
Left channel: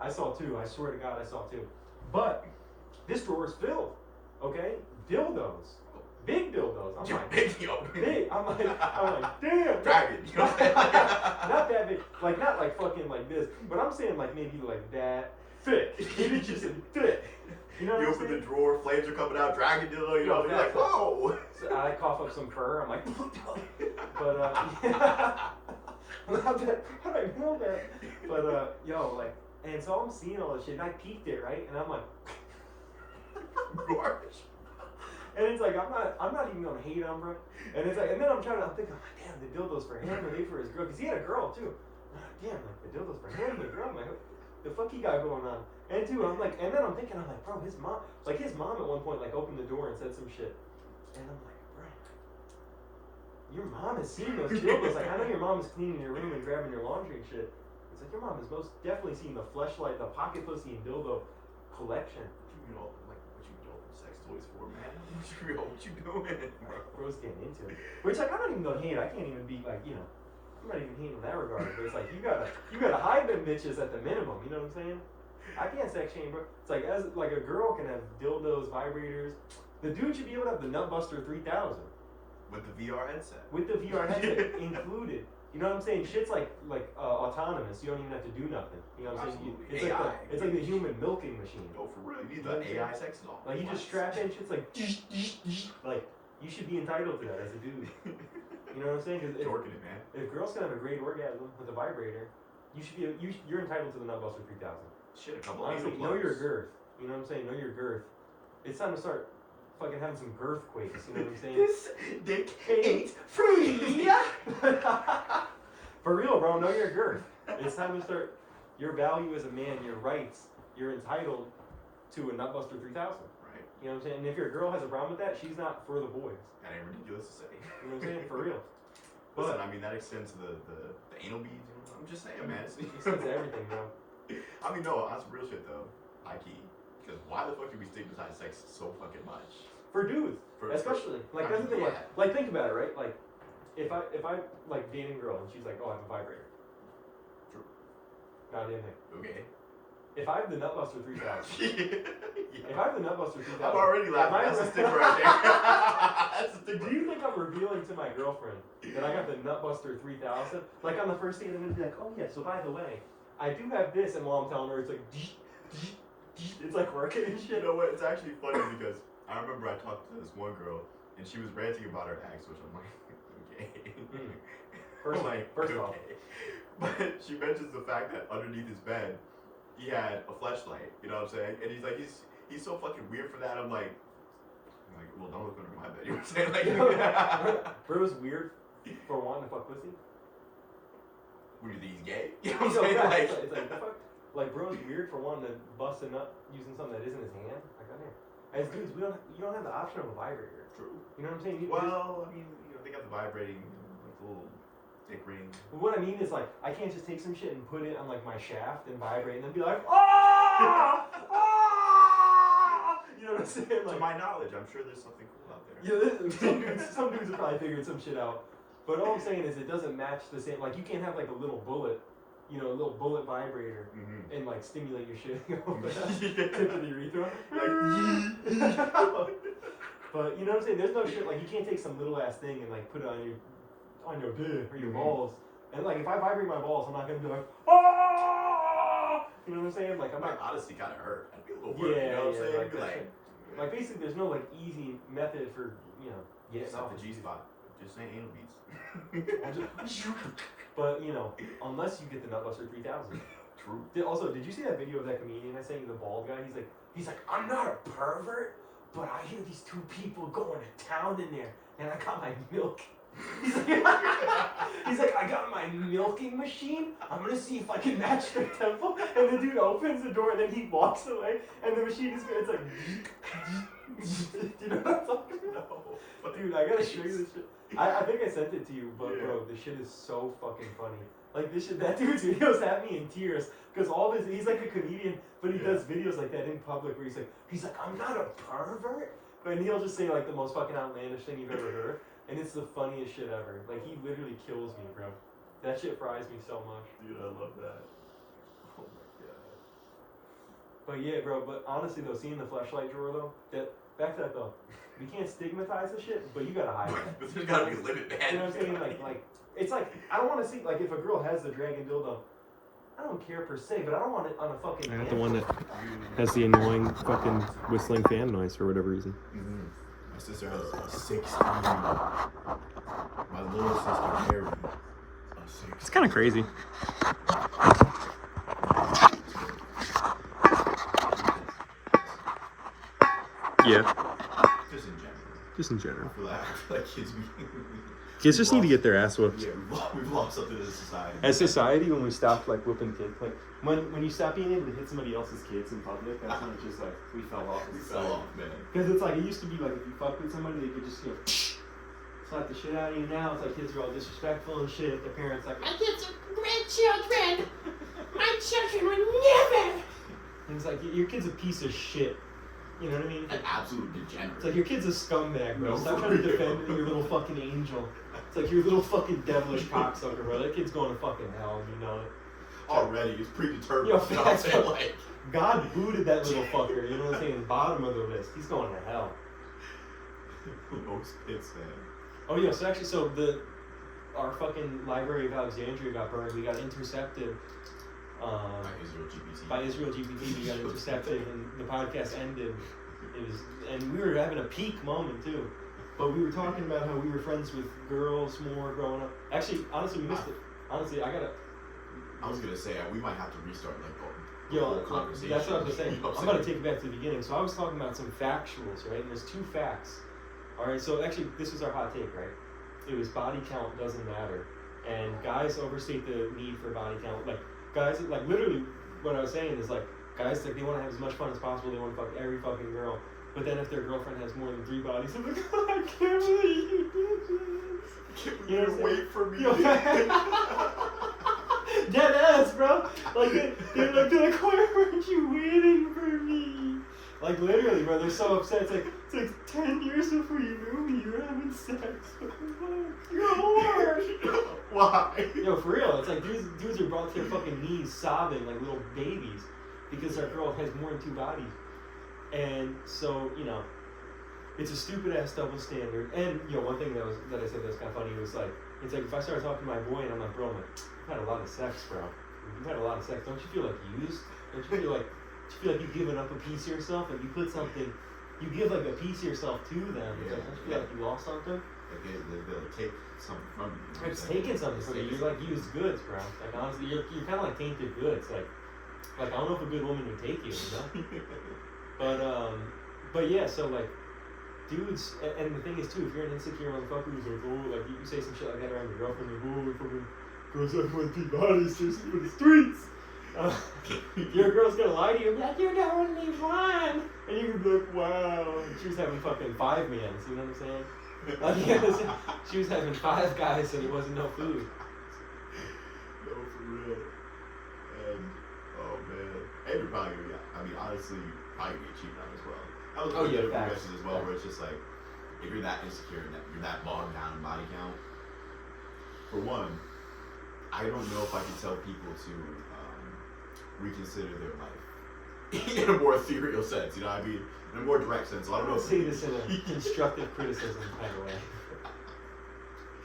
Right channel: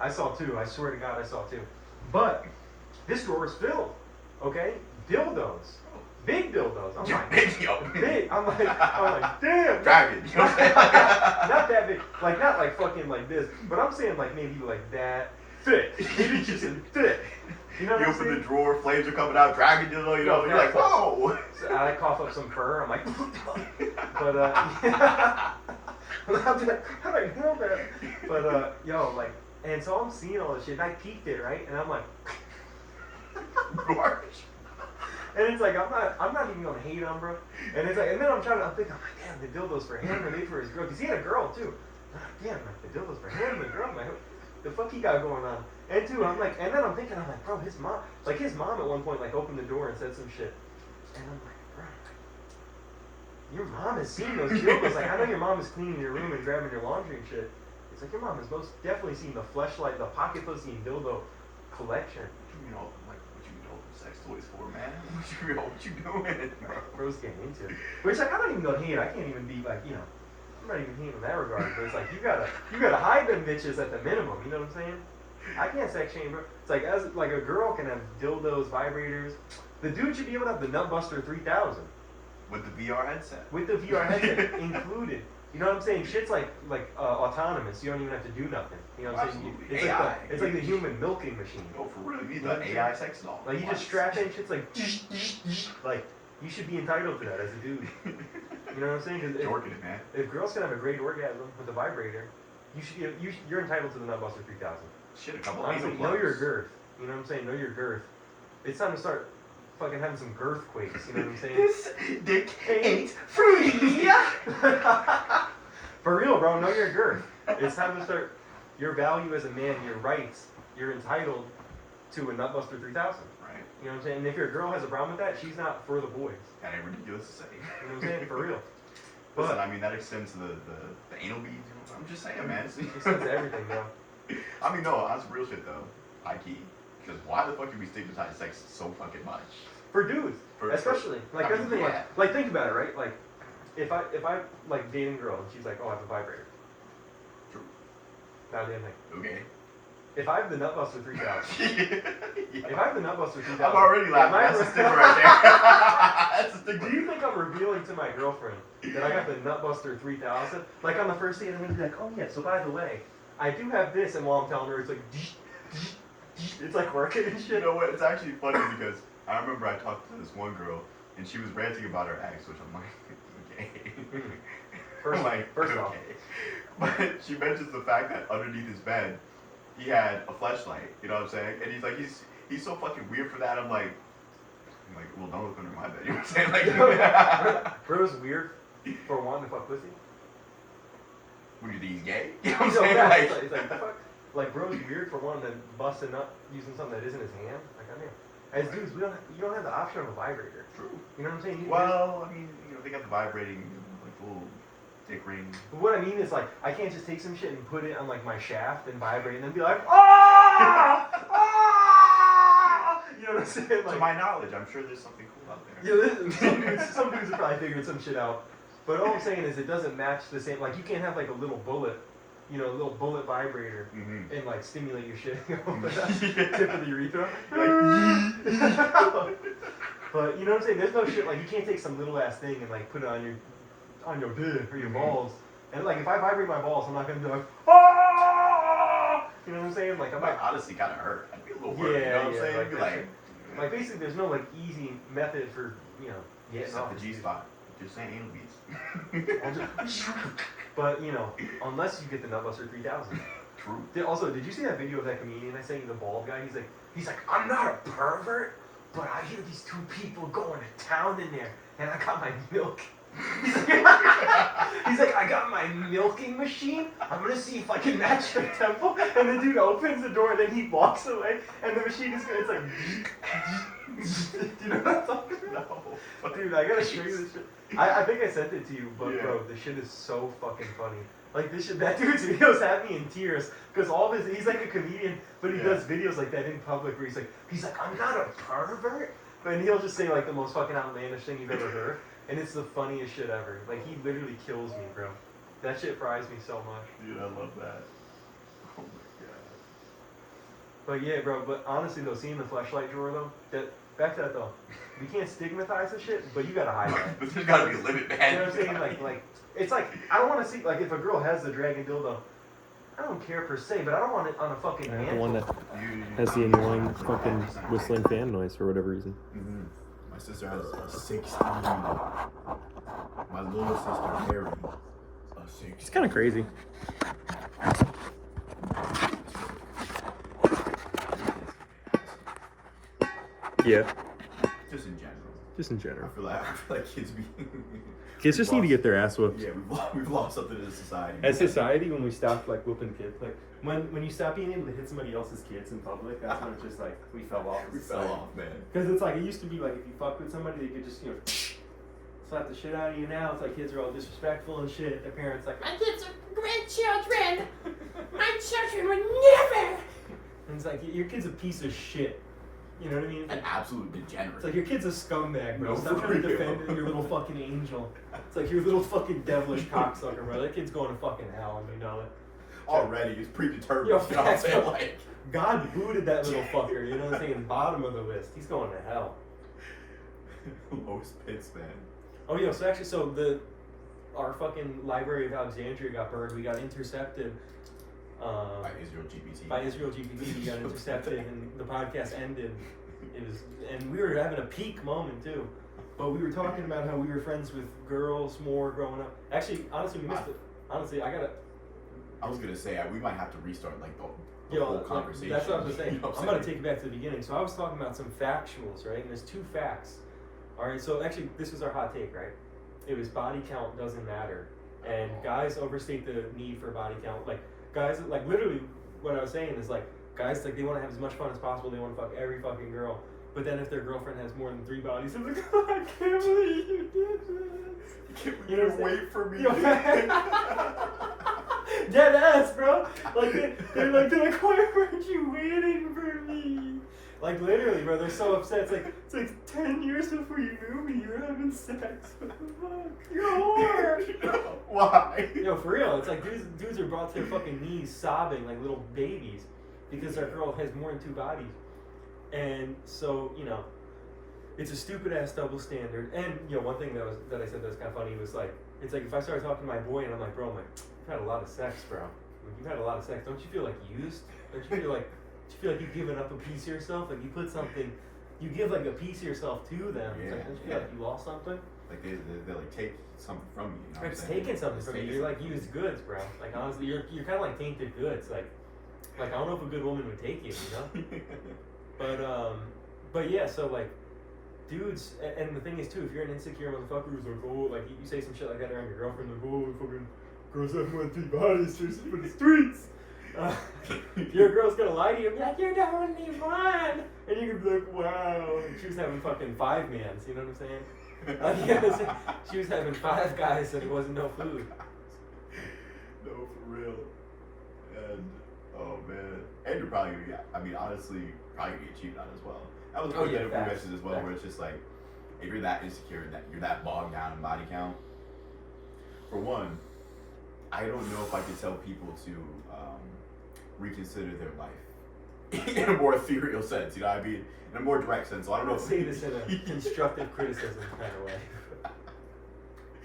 I swear to God, I saw two. But, this drawer is filled, okay? Dildos. Big dildos. I'm like, big. I'm like, damn. Dragon. You know what I'm saying? Not that big. Like, not like fucking like this. But I'm saying like maybe like that thick. Maybe just thick. You know what You I'm open saying? the drawer, flames are coming out, dragon dildo, you know, No, you're like, facts. whoa. So I cough up some fur. I'm like, but yeah. How did I know that? But yo, like, and so I'm seeing all this shit, and I peeked it, right? And I'm like, Gorge. and it's like I'm not even gonna hate on bro. And it's like, and then I'm thinking, like, damn, the dildos for him, and they for his girl, cause he had a girl too. I'm like, damn, like, the dildos for him, the girl, like, the fuck he got going on? And two, I'm like, and then I'm thinking, I'm like, bro, his mom at one point like opened the door and said some shit, and I'm like, bro, your mom has seen those dildos. Like, I know your mom is cleaning your room and grabbing your laundry and shit. It's like your mom has most definitely seen the fleshlight, the pocket pussy and dildo collection. You know, like, what you open sex toys for, man? What you doing? Bro's getting into it. Which, like, I'm not even gonna hate. I can't even be like, you know, I'm not even hating in that regard. But it's like you gotta hide them bitches at the minimum. You know what I'm saying? I can't sex shame, bro. It's like as like a girl can have dildos, vibrators. The dude should be able to have the Nutbuster 3000 With the VR headset. with the VR headset included. You know what I'm saying? Shit's like autonomous. You don't even have to do nothing. You know what I'm saying? Absolutely. It's AI. like it's like the human milking machine. Oh, for real, you need You know the what I'm AI sex doll. Like you just strap in shit's like you should be entitled to that as a dude. You know what I'm saying? 'Cause Jorking it, man. if girls can have a great orgasm with a vibrator, you're entitled to the Nutbuster 3000. Shit, a couple Honestly, anal know plugs. your girth. You know what I'm saying? Know your girth. It's time to start fucking having some girth quakes. You know what I'm saying? This dick ain't free. For real, bro. Know your girth. It's time to start your value as a man, your rights. You're entitled to a Nutbuster 3000. Right. You know what I'm saying? And if your girl has a problem with that, she's not for the boys. That ain't ridiculous to say. You know what I'm saying? For real. Listen, I mean, that extends to the anal beads. You know? I'm just saying, man. It extends to everything, bro. I mean, no, that's real shit, though. High key. Because why the fuck do we stigmatize sex so fucking much? For dudes, especially. Like, that's the thing. Yeah. Like, think about it, right? Like, if I like dating a girl and she's like, oh, I have a vibrator. True. Now, damn thing. Okay. If I have the Nutbuster 3000, Yeah. if I have the Nutbuster 3000, I'm already laughing. am I- That's a sticker right there. That's a sticker. Do you think I'm revealing to my girlfriend that I got the Nutbuster 3000? Like on the first date, I'm gonna be like, oh yeah, so by the way, I do have this, and while I'm telling her, it's like, it's like working and You shit. know what? It's actually funny because I remember I talked to this one girl and she was ranting about her ex, which I'm like, okay. First, I'm like, first okay. off, But she mentions the fact that underneath his bed, he had a fleshlight. You know what I'm saying? And he's like, he's so fucking weird for that. I'm like, well, don't look under my bed. You know what I'm saying? Like, bro's weird for wanting to fuck pussy. when you think he's gay? You know what I'm No, saying? yeah, Like, it's like the fuck. Like bro's weird for wanting to bust a nut using something that isn't his hand. Like I mean, as dudes, you don't have the option of a vibrator. true. You know what I'm saying? Well, I mean, you know, they got the vibrating, like, little dick ring. What I mean is like I can't just take some shit and put it on like my shaft and vibrate and then be like, ah, ah! You know what I'm saying? To Like, my knowledge, I'm sure there's something cool out there. yeah, some dudes have probably figured some shit out. But all I'm saying is it doesn't match the same. Like you can't have like a little bullet, you know, a little bullet vibrator Mm-hmm. and like stimulate your shit over the tip of the urethra. But you know what I'm saying? There's no shit like you can't take some little ass thing and like put it on your dick or your balls. And like if I vibrate my balls, I'm not gonna be like, ah! You know what I'm saying? Like I I'm might not. honestly kind of hurt. I'd be a little worried. You know what I'm saying? like Be that like, shit. Like basically, there's no like easy method for getting except off the G spot. Just saying anal beads. But you know, unless you get the Nutbuster 3000. True. Also, did you see that video of that comedian I sent you, the bald guy? He's like, I'm not a pervert, but I hear these two people going to town in there, and I got my milk He's like, I got my milking machine. I'm gonna see if I can match your temple. And the dude opens the door and then he walks away and the machine is it's like do you know what I'm talking about? No. Dude, I gotta show you this shit. I think I sent it to you, but Yeah. bro, this shit is so fucking funny. Like this shit, that dude's videos have me in tears because all of his, he's like a comedian, but he Yeah. does videos like that in public where he's like, I'm not a pervert, but he'll just say like the most fucking outlandish thing you've ever heard, and it's the funniest shit ever. Like he literally kills me, bro. That shit fries me so much. Dude, I love that. Oh my god. But yeah, bro. But honestly though, seeing the fleshlight drawer though, that back to that though, we can't stigmatize the shit, but you gotta hide that. But there's gotta be a limit, man. You know what I'm saying? Like it's like I don't want to see like if a girl has the dragon dildo, I don't care per se, but I don't want it on a fucking. I got the one that Dude. has the annoying fucking whistling fan noise for whatever reason. Mhm. My sister has a 16. My little sister Harry. A 16. It's kind of crazy. Yeah, Just in general. just in general. I feel like kids be. Kids just need to get their ass whooped. Yeah, we've lost something as a society. As society, when we stop like whooping kids, like when you stop being able to hit somebody else's kids in public, that's when it's just like we fell off. We fell off, man. Because it's like it used to be like if you fucked with somebody, they could just slap the shit out of you. Now it's like kids are all disrespectful and shit. Their parents like, My kids are great children. My children would never. and it's like your kid's a piece of shit. You know what I mean? An absolute degenerate. It's like your kid's a scumbag, bro. No, Stop for trying to real. defend your little fucking angel. It's like your little fucking devilish cocksucker, bro. That kid's going to fucking hell, and you know it. Already, he's predetermined. Yo, You know what I'm facts, saying? bro. Like, God booted that little fucker, you know what I'm saying? Bottom of the list. He's going to hell. most pits, man. Oh yeah, so actually, our fucking Library of Alexandria got burned. We got intercepted. By Israel GPT. By Israel GPT, we got intercepted, and the podcast ended. And we were having a peak moment too. But we were talking about how we were friends with girls more growing up. Actually, honestly, we missed it. Honestly, I was gonna say we might have to restart like the Yo, whole conversation. that's what I was saying. You know what I'm going to take it back to the beginning. So I was talking about some factuals, right? And there's two facts. All right, so actually, this is our hot take, right? It was body count doesn't matter. And guys overstate the need for body count. Like, guys, like, literally, what I was saying is, like, guys, like, they want to have as much fun as possible. They want to fuck every fucking girl. But then if their girlfriend has more than 3 bodies, they're like, I can't believe you did this. Can you wait for me? Dead ass, bro. Like they're like, why weren't you waiting for me? Like literally, bro. They're so upset. It's like 10 years before you knew me, you're having sex. You're a whore. Why? Yo, for real. It's like these dudes are brought to their fucking knees, sobbing like little babies, because their girl has more than 2 bodies. And so it's a stupid ass double standard. And one thing that I said that was kind of funny was like, it's like if I started talking to my boy and I'm like, bro, I've had a lot of sex, bro. You've had a lot of sex. Don't you feel like used? Don't you feel like you've given up a piece of yourself? Like you put something, you give like a piece of yourself to them. It's like, don't you feel like you lost something? Like they like take something from you. You know what I'm It's saying? taking something from you. You're like used goods, bro. Like honestly, you're kind of like tainted goods. Like I don't know if a good woman would take you, But yeah, so like, dudes, and the thing is too, if you're an insecure motherfucker who's like, oh, like you say some shit like that around your girlfriend, like, oh, if fucking girls have more than 3 bodies, they're for the streets. Your girl's gonna lie to you and be like, you're the only one, and you can be like, wow. And she was having fucking 5 mans, you know what I'm saying? Yeah, she was having 5 guys and there wasn't no food. No, for real. And oh man, and you're probably gonna get. I mean, honestly, probably gonna get cheated on as well. That was Oh, one yeah, of the facts. messages as well, where it's just like, if you're that insecure, that you're that bogged down in body count. For one, I don't know if I could tell people to reconsider their life in a more ethereal sense. You know what I mean? In a more direct sense. So I don't know. I'll say this in a constructive criticism kind of way.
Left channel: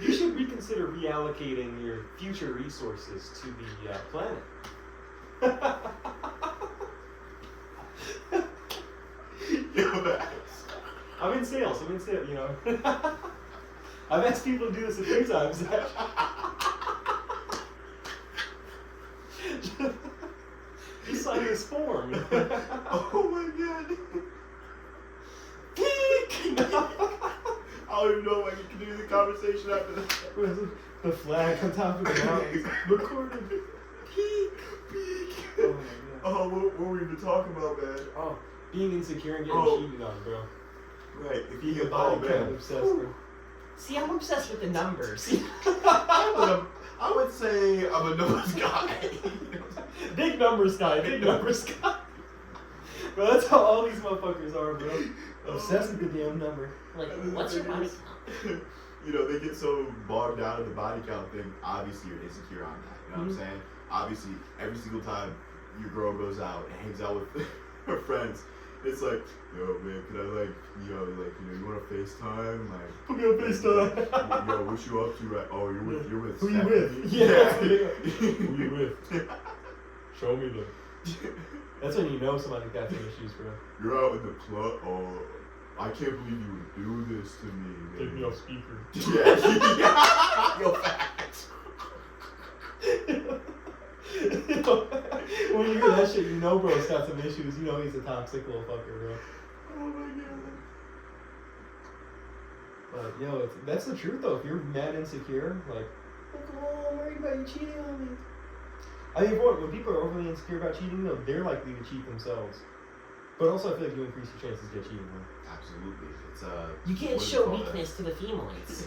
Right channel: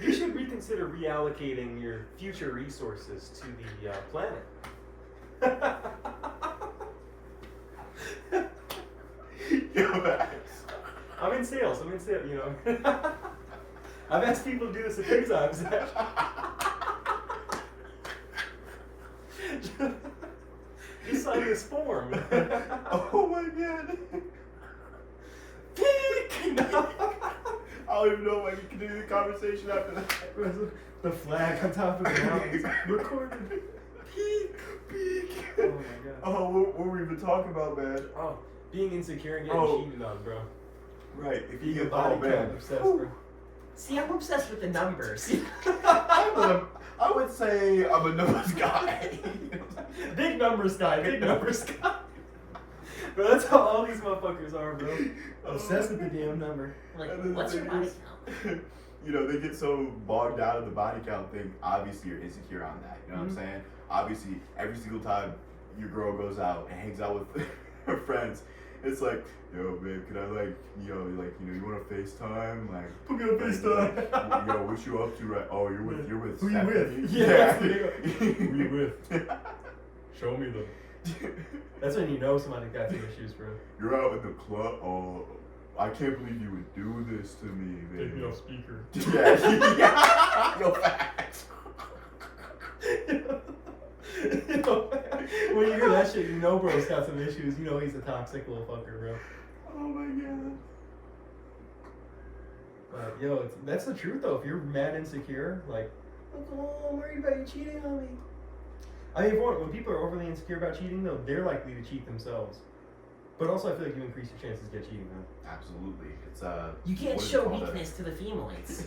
You should reconsider reallocating your future resources to the planet. I'm in sales, I've asked people to do this a few times. Just sign this form. Oh my god. I don't even know if I can continue the conversation after that. The flag on top of the mountains. Recorded. Peak. Oh my god. Oh, what were we even talking about, man? Oh, being insecure and getting Oh. cheated on, bro. Right. If you Being a get body count obsessed, bro. See, I'm obsessed with the numbers. I would say I'm a numbers guy. Big numbers guy, big numbers guy. Bro, that's how all these motherfuckers are, bro. Obsessed with the damn number. Like, what's your body count? You know, they get so bogged down in the body count thing. Obviously, you're insecure on that. You know what I'm saying? Obviously, every single time your girl goes out and hangs out with her friends, it's like, yo, man, can I, like, you want to FaceTime? Like, Put me on FaceTime. Yo, what you up to, right? Oh, you're with Who you Stephanie? with? Yeah. Who you with? Show me the. That's when you know somebody's got some issues, bro. You're out in the club. Oh, I can't believe you would do this to me, Take me man. off speaker. Yeah. Yo, facts. When you hear that shit, you know bro's got some issues. You know he's a toxic little fucker, bro. Oh my god. But yo, that's the truth though. If you're mad insecure, like, oh, I'm worried about you cheating on me. I mean, when people are overly insecure about cheating, though, they're likely to cheat themselves. But also, I feel like you increase your chances to get cheated on. Absolutely. It's You can't what is it show called? weakness to the females.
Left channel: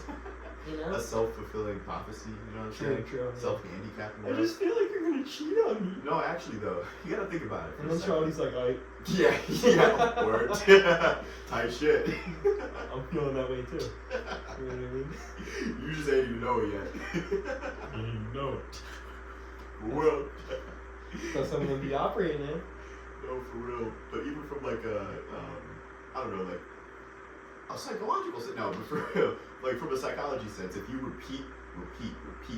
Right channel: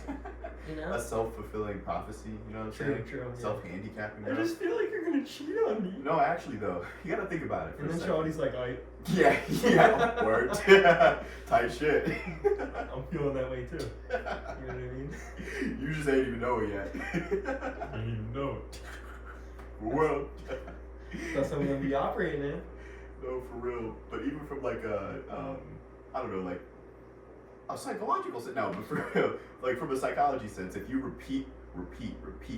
You know? A self-fulfilling prophecy. You know what I'm True, saying? true. Self-handicapping. I bro. just feel like you're gonna cheat on me. No, actually though, you gotta think about it. For And a then second. Charlie's like, alright, Yeah, word. Tight shit. I'm feeling that way too. You know what I mean? You just ain't even know it yet. You know it. Well, That's something to be operating in. no, for real. But even from like I don't know, like a psychological sense. No, but for real, like from a psychology sense, if you repeat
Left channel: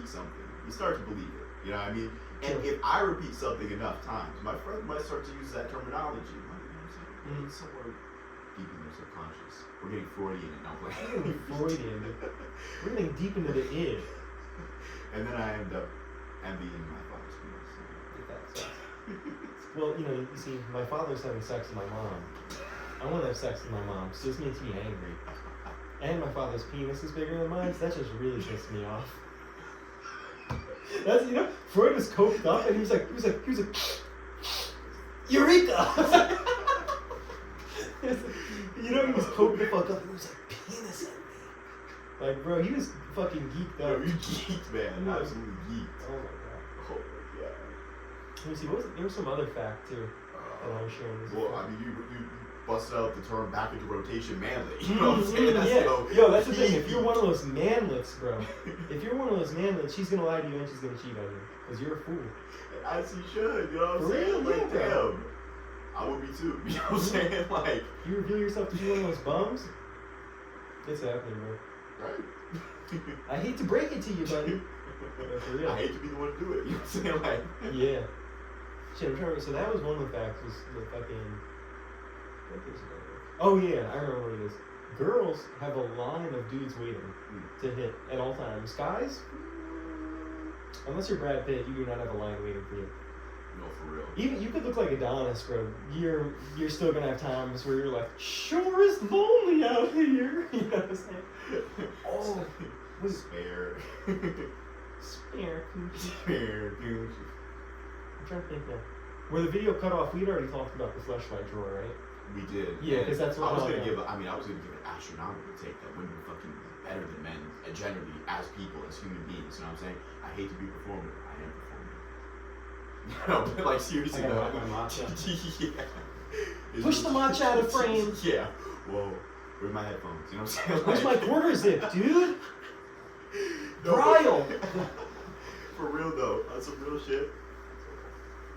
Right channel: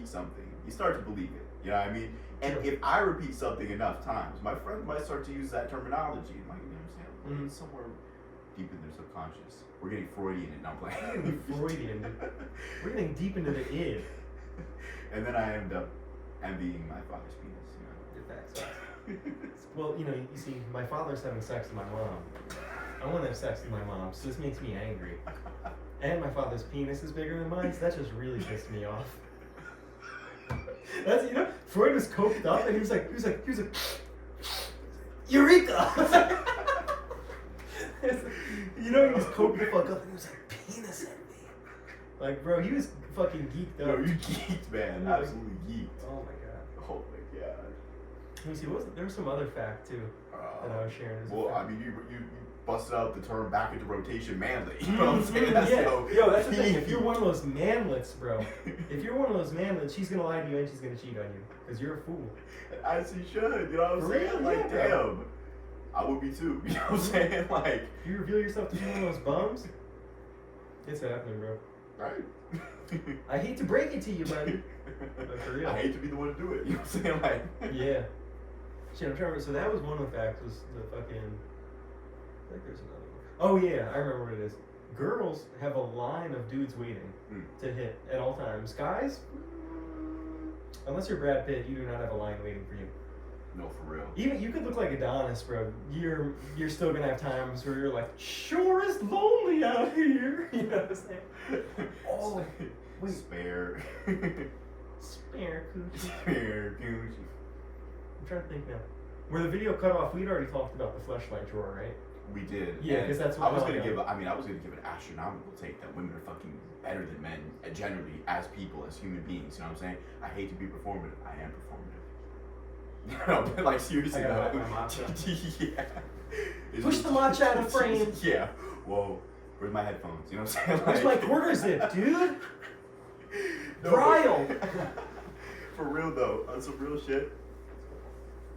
something, you start to believe it. You know what I mean? And Sure. if I repeat something enough times, my friend might start to use that terminology. Like, you know what I'm saying? It's somewhere deep in their subconscious. We're getting Freudian and I'm We're playing. getting Freudian, dude. We're getting deep into the id. And then I end up envying my father's penis. Well, you know, you see, my father's having sex with my mom. I want to have sex with my mom, so this makes me angry. And my father's penis is bigger than mine, so that just really pissed me off. That's, you know, Freud was coked up and he was like, Eureka! You know, he was coked the fuck up and he was like, penis at me. Like, bro, he was fucking geeked No, up. you geeked, man. Absolutely geeked. Oh my god. Oh my god. Let me see, there was some other fact too that I was sharing. Well, I mean, you busted out the term back into rotation manly. You know what I'm saying? That's Yeah. so Yo, that's the thing. If key. you're one of those manlets, bro, if you're one of those manlets, she's gonna lie to you and she's gonna cheat on you. Because you're a fool. As he should, you know what I'm For saying? real? Like, Yeah. damn. I would be too. You know what I'm saying? Like, You reveal yourself to be one of those bums, it's happening, bro. right. I hate to break it to you, buddy. But for real. I hate to be the one to do it. You know what I'm saying? Like, Yeah. Shit, I'm trying to. So that was one of the facts. Was the fucking. I think there's another one. Oh yeah, I remember what it is. Girls have a line of dudes waiting to hit at all times. Guys, unless you're Brad Pitt, you do not have a line waiting for you. no, for real. Even you could look like Adonis, bro. You're still gonna have times where you're like, sure is lonely out here. You know what I'm saying? Oh, Spare. spare coochie. Spare Gucci. I'm trying to think now. Where the video cut off, we'd already talked about the fleshlight drawer, right? We did. Yeah, And 'cause that's what I was Mel gonna got. give. I was gonna give an astronomical take that women are fucking better than men, and generally as people, as human beings. You know what I'm saying? I hate to be performative. I am performative. You know, but like seriously I though. gotta have my matcha. Yeah. It's Push the matcha out of frame. Yeah. Whoa. Where's my headphones? You know what I'm saying? Where's my quarter zip, dude? No, Brile. For real though, on some real shit.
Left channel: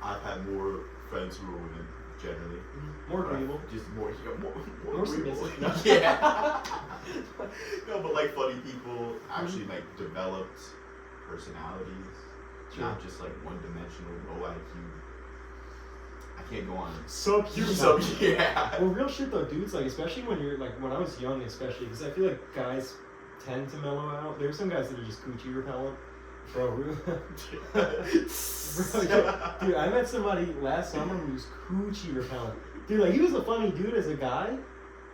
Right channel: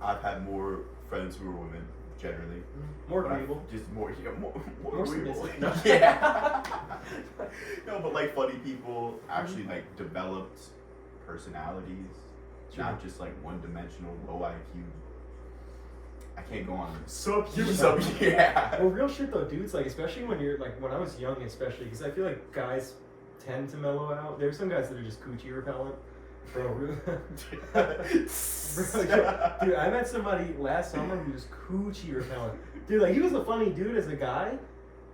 I've had more friends who are women, generally. More But I- agreeable. Just more, yeah, more More agreeable. submissive. Yeah. No, but like funny people, actually like developed personalities, not just like one-dimensional, low IQ. I can't go on. Subhuman. Yeah. Well, real shit though, dudes. Like, especially when you're like, when I was young, especially because I feel like guys tend to mellow out. There's some guys that are just coochie repellent. Bro, really? Bro, yeah. Dude, I met somebody last summer who was coochie repellent. Dude, like he was a funny dude as a guy,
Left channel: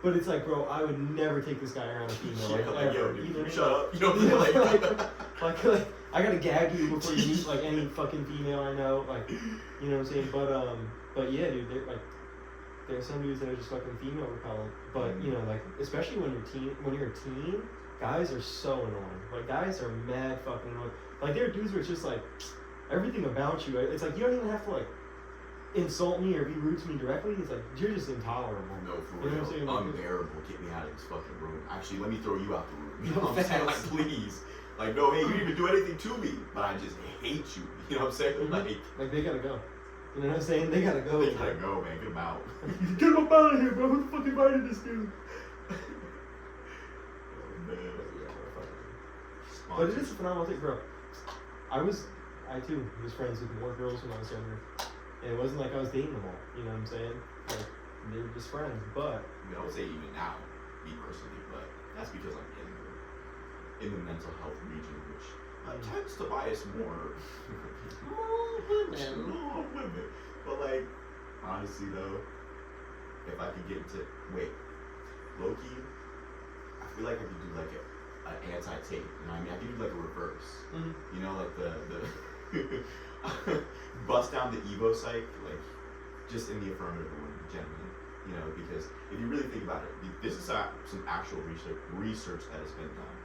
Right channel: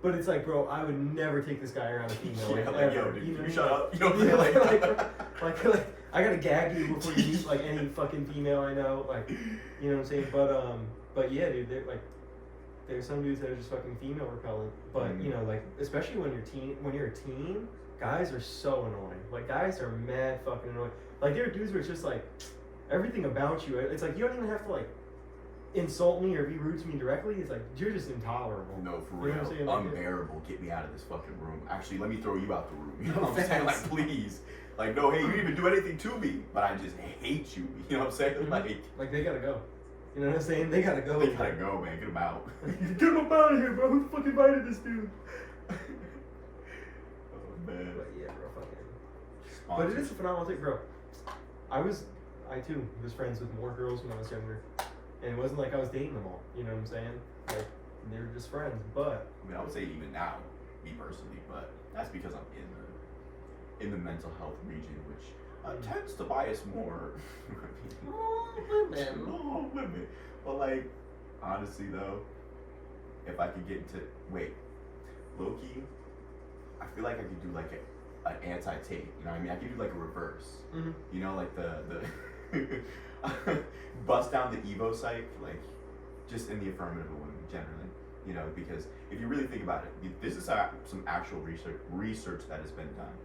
But it's like, bro, I would never take this guy around a female. Yeah, like, like, yo, ever. dude, Even you if- shut up. You know what I'm saying? like, I gotta gag you before you meet like any fucking female I know. Like, you know what I'm saying? But yeah, dude, like, there's some dudes that are just fucking female repellent. But you know, like, especially when you're a teen, guys are so annoying. Like, guys are mad fucking annoying. Like, there are dudes where it's just like everything about you. It's like you don't even have to like insult me or be rude to me directly. It's like you're just intolerable. No, for You know real. what I'm saying? Like, Unbearable. Get me out of this fucking room. Actually, let me throw you out the room. You No, know what I'm saying? Like, facts. please. Like, no, hey, you didn't even do anything to me, but I just hate you. You know what I'm saying? Mhm. Like, they gotta go. You know what I'm saying? They gotta go. they gotta go, man. Get them out. Get him up out of here, bro. Who the fuck invited this dude? Oh, man. But yeah, bro, fuck it. But it is a phenomenal thing, bro. I too was friends with more girls when I was younger, and it wasn't like I was dating them all. You know what I'm saying? Like, they were just friends. But I mean, I would say even now, me personally, but that's because I'm in the mental health region, which tends to bias more. No, women. But like, honestly though, if I could get into Loki, I feel like I could do like an anti-tape. You know what I mean? I could do like a reverse. You know, like the bust down the Evo psych, like just in the affirmative of women generally. You know, because if you really think about it, this is some actual research that has been done.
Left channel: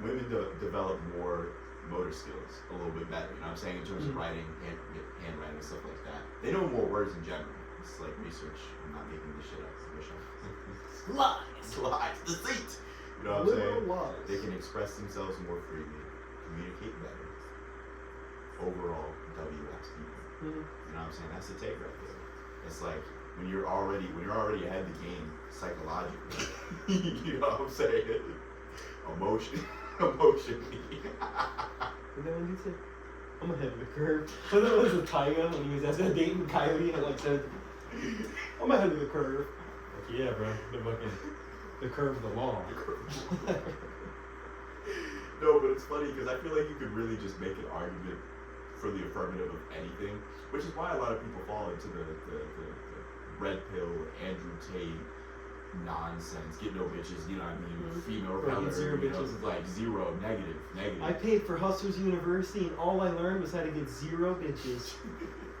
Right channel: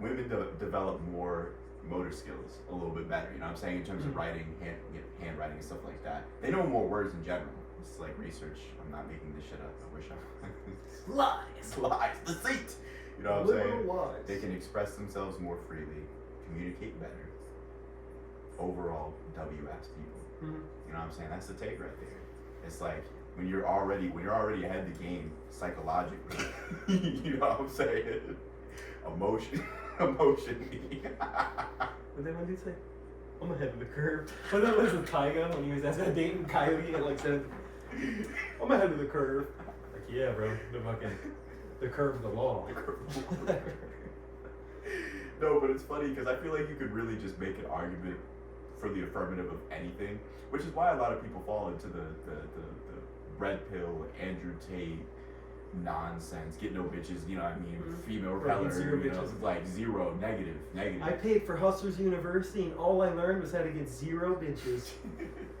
Women develop more motor skills a little bit better, you know what I'm saying, in terms of writing, handwriting and stuff like that. They know more words in general. It's like research. I'm not making this shit up. I wish I was. Lies, deceit. You know what I'm saying? lies. They can express themselves more freely, communicate better. Overall, WX people. You know what I'm saying? That's the take right there. It's like when you're already ahead of the game psychologically. You know what I'm saying? Emotionally. And then when he said, I'm ahead of the curve. But that was with Tyga when he was asking a dating Coyote and like said, I'm ahead of the curve. Like, yeah, bro, the curve of the law. No, but it's funny because I feel like you could really just make an argument for the affirmative of anything, which is why a lot of people fall into the red pill, Andrew Tate nonsense, get no bitches, you know what I mean, female repeller, zero you know, bitches. like zero, negative. I paid for Hustlers University and all I learned was how to get 0 bitches.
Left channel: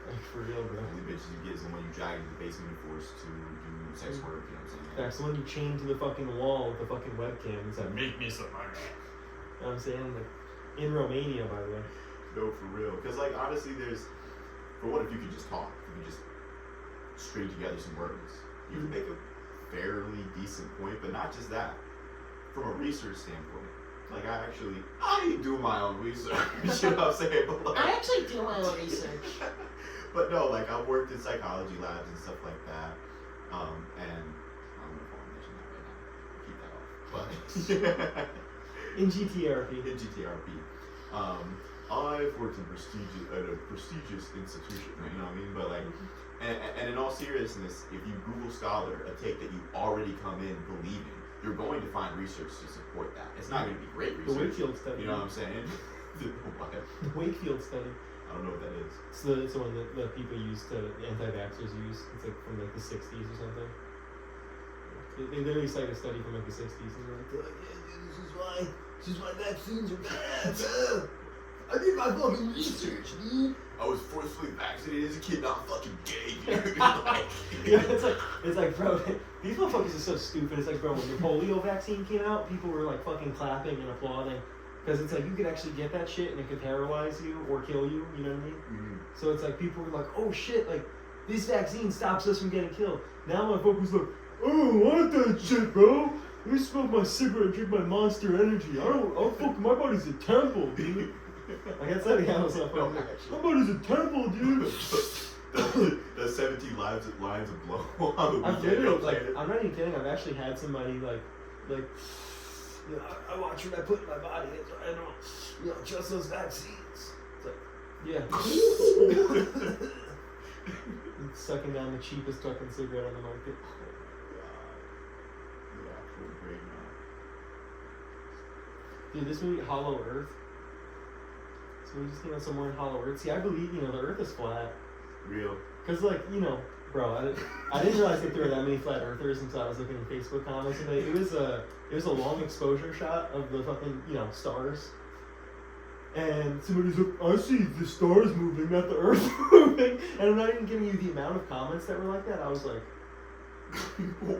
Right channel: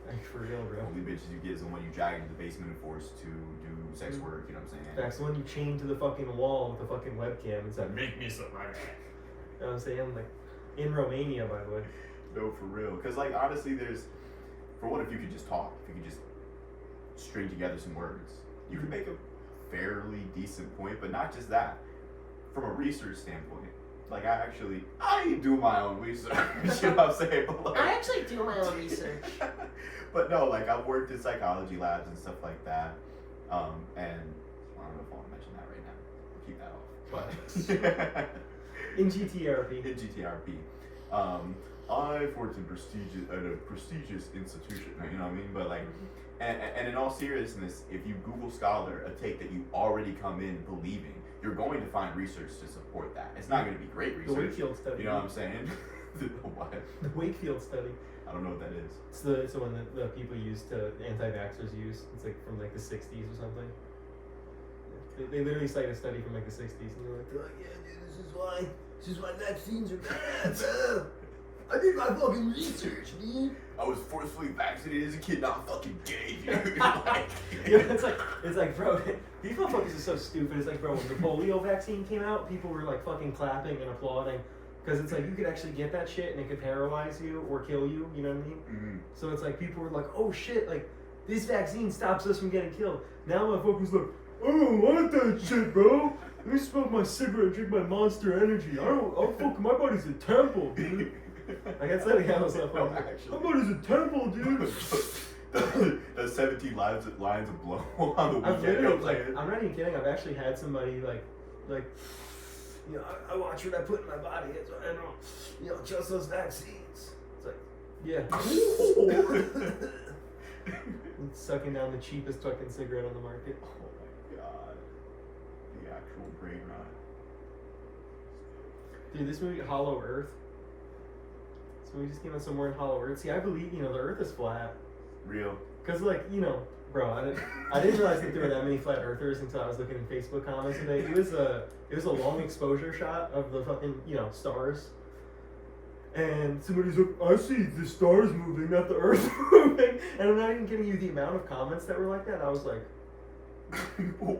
Like, for real, bro. The only bitches you get is the one you drag into the basement and forced to do sex work, you know what I'm saying? That's the one you chained to the fucking wall with the fucking webcam and said, make me some money. You know what I'm saying? Like, in Romania, by the way. No, for real. Because, like, honestly, for what if you could just talk? If you could just string together some words, you could make a fairly decent point, but not just that. From a research standpoint, like, I do my own research, you know what I'm saying? But, like, I actually do my own research. But no, like, I've worked in psychology labs and stuff like that, and I don't know if I want to mention that right now. Keep that off. But In GTRP. in GTRP, I've worked in a prestigious institution, you know what I mean? But like, and in all seriousness, if you Google Scholar, a take that you already come in believing, you're going to find research to support that. It's not going to be great The research. Wakefield study. You know what I'm saying? What? The Wakefield study. I don't know what that is. It's the one that people use anti-vaxxers use. It's like from like the 60s or something. They literally cite a study from like the 60s and they're like, yeah, dude, this is why vaccines are bad. I did my fucking research, dude. I was forcefully vaccinated as a kid, not fucking gay, dude. Like, Yeah, it's like, bro, these motherfuckers are so stupid. It's like, bro, when the polio vaccine came out, people were like fucking clapping and applauding. Because it's like, you could actually get that shit and it could paralyze you or kill you, you know what I mean? mm-hmm. So it's like, people were like, oh shit, like, this vaccine stops us from getting killed. Now my focus like, I don't want that shit, bro. Let me smoke my cigarette, drink my Monster Energy. My body's a temple, dude. Like, that's like how it's like, No, my actually. body's a temple, dude. the 17 lines of blow on the I've weekend. You know literally, what I'm like, saying? I'm not even kidding. I've actually had somebody like, you know, I watch what I put in my body. So I don't, you know, trust those vaccines. It's like, yeah. It's sucking down the cheapest fucking cigarette on the market. Oh my god. The actual brain rot. Dude, this movie, Hollow Earth. So we just came out somewhere in Hollow Earth. See, I believe, you know, the Earth is flat. Real. Because, like, you know, Bro, I didn't realize that there were that many flat earthers until I was looking at Facebook comments today. It was a long exposure shot of the fucking, stars. And somebody's like, I see the stars moving, not the earth moving. And I'm not even giving you the amount of comments that were like that. I was like, oh my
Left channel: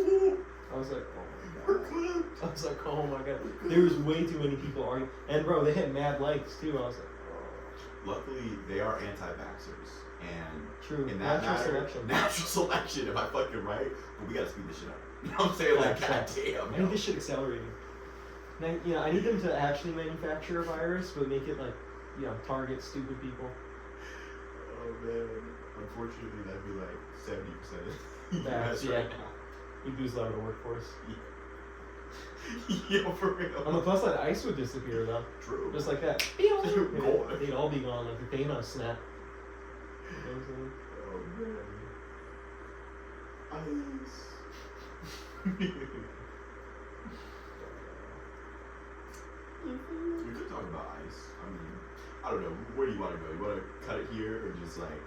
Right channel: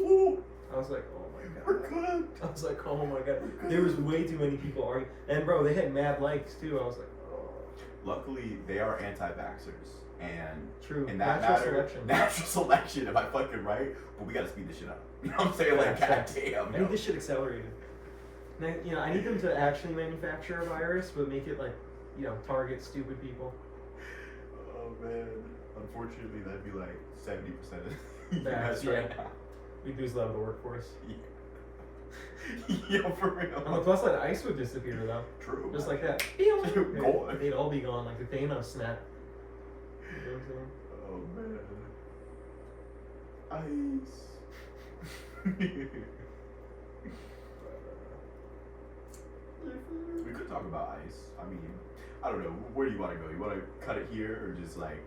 god. I was like, oh my god. There was way too many people arguing. And bro, they had mad likes too. I was like, Luckily, they are anti-vaxxers. And true. in that natural selection, am I fucking right? But we gotta speed this shit up. You know what I'm saying? Like, goddamn. I need this shit accelerated. And I need them to actually manufacture a virus, but make it like, target stupid people. Oh man. Unfortunately, that'd be like 70% of the That's US right now. You lose a lot of the workforce. Yo, for real. On the plus side, ice would disappear though. True. Just like that. Gone. They'd all be gone, like the Thanos snap. Oh man. Ice. We could talk about ice. I mean, I don't know. Where do you want to go? You want to cut it here, or just like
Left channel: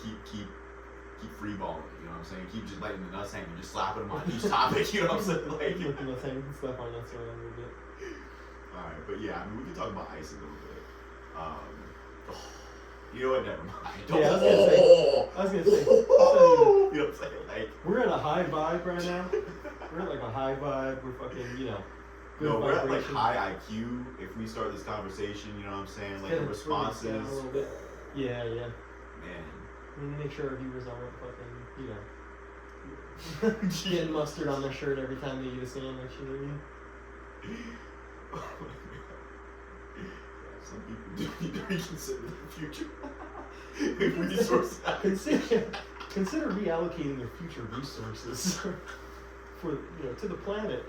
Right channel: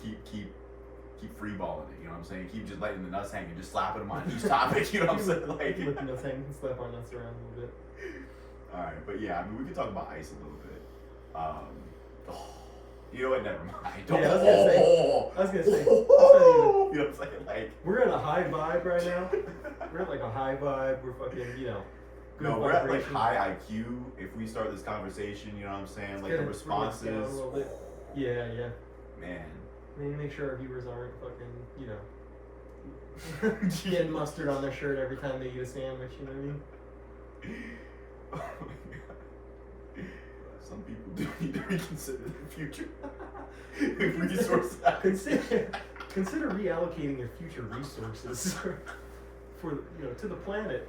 keep free balling it? You know what I'm saying? Keep just letting the nuts hang and just slapping them on each topic. You know what I'm saying? Like, Let the nuts hang and slap on nuts around a little bit. all right, but yeah, I mean, we can talk about ice a little bit. You know what? Never mind. Yeah, I was gonna say. You know what I'm saying? Like, We're at a high vibe right now. We're at like a high vibe. We're fucking, good no, we're at like vibration. high IQ. If we start this conversation, you know what I'm saying? Like the We're gonna slow responses, down a little bit. Yeah. man. We need to make sure our viewers aren't fucking, getting mustard on their shirt every time they eat a sandwich, you know what I mean? Oh my god. Some people do need to reconsider their future. Resources. Consider reallocating your future resources for to the planet.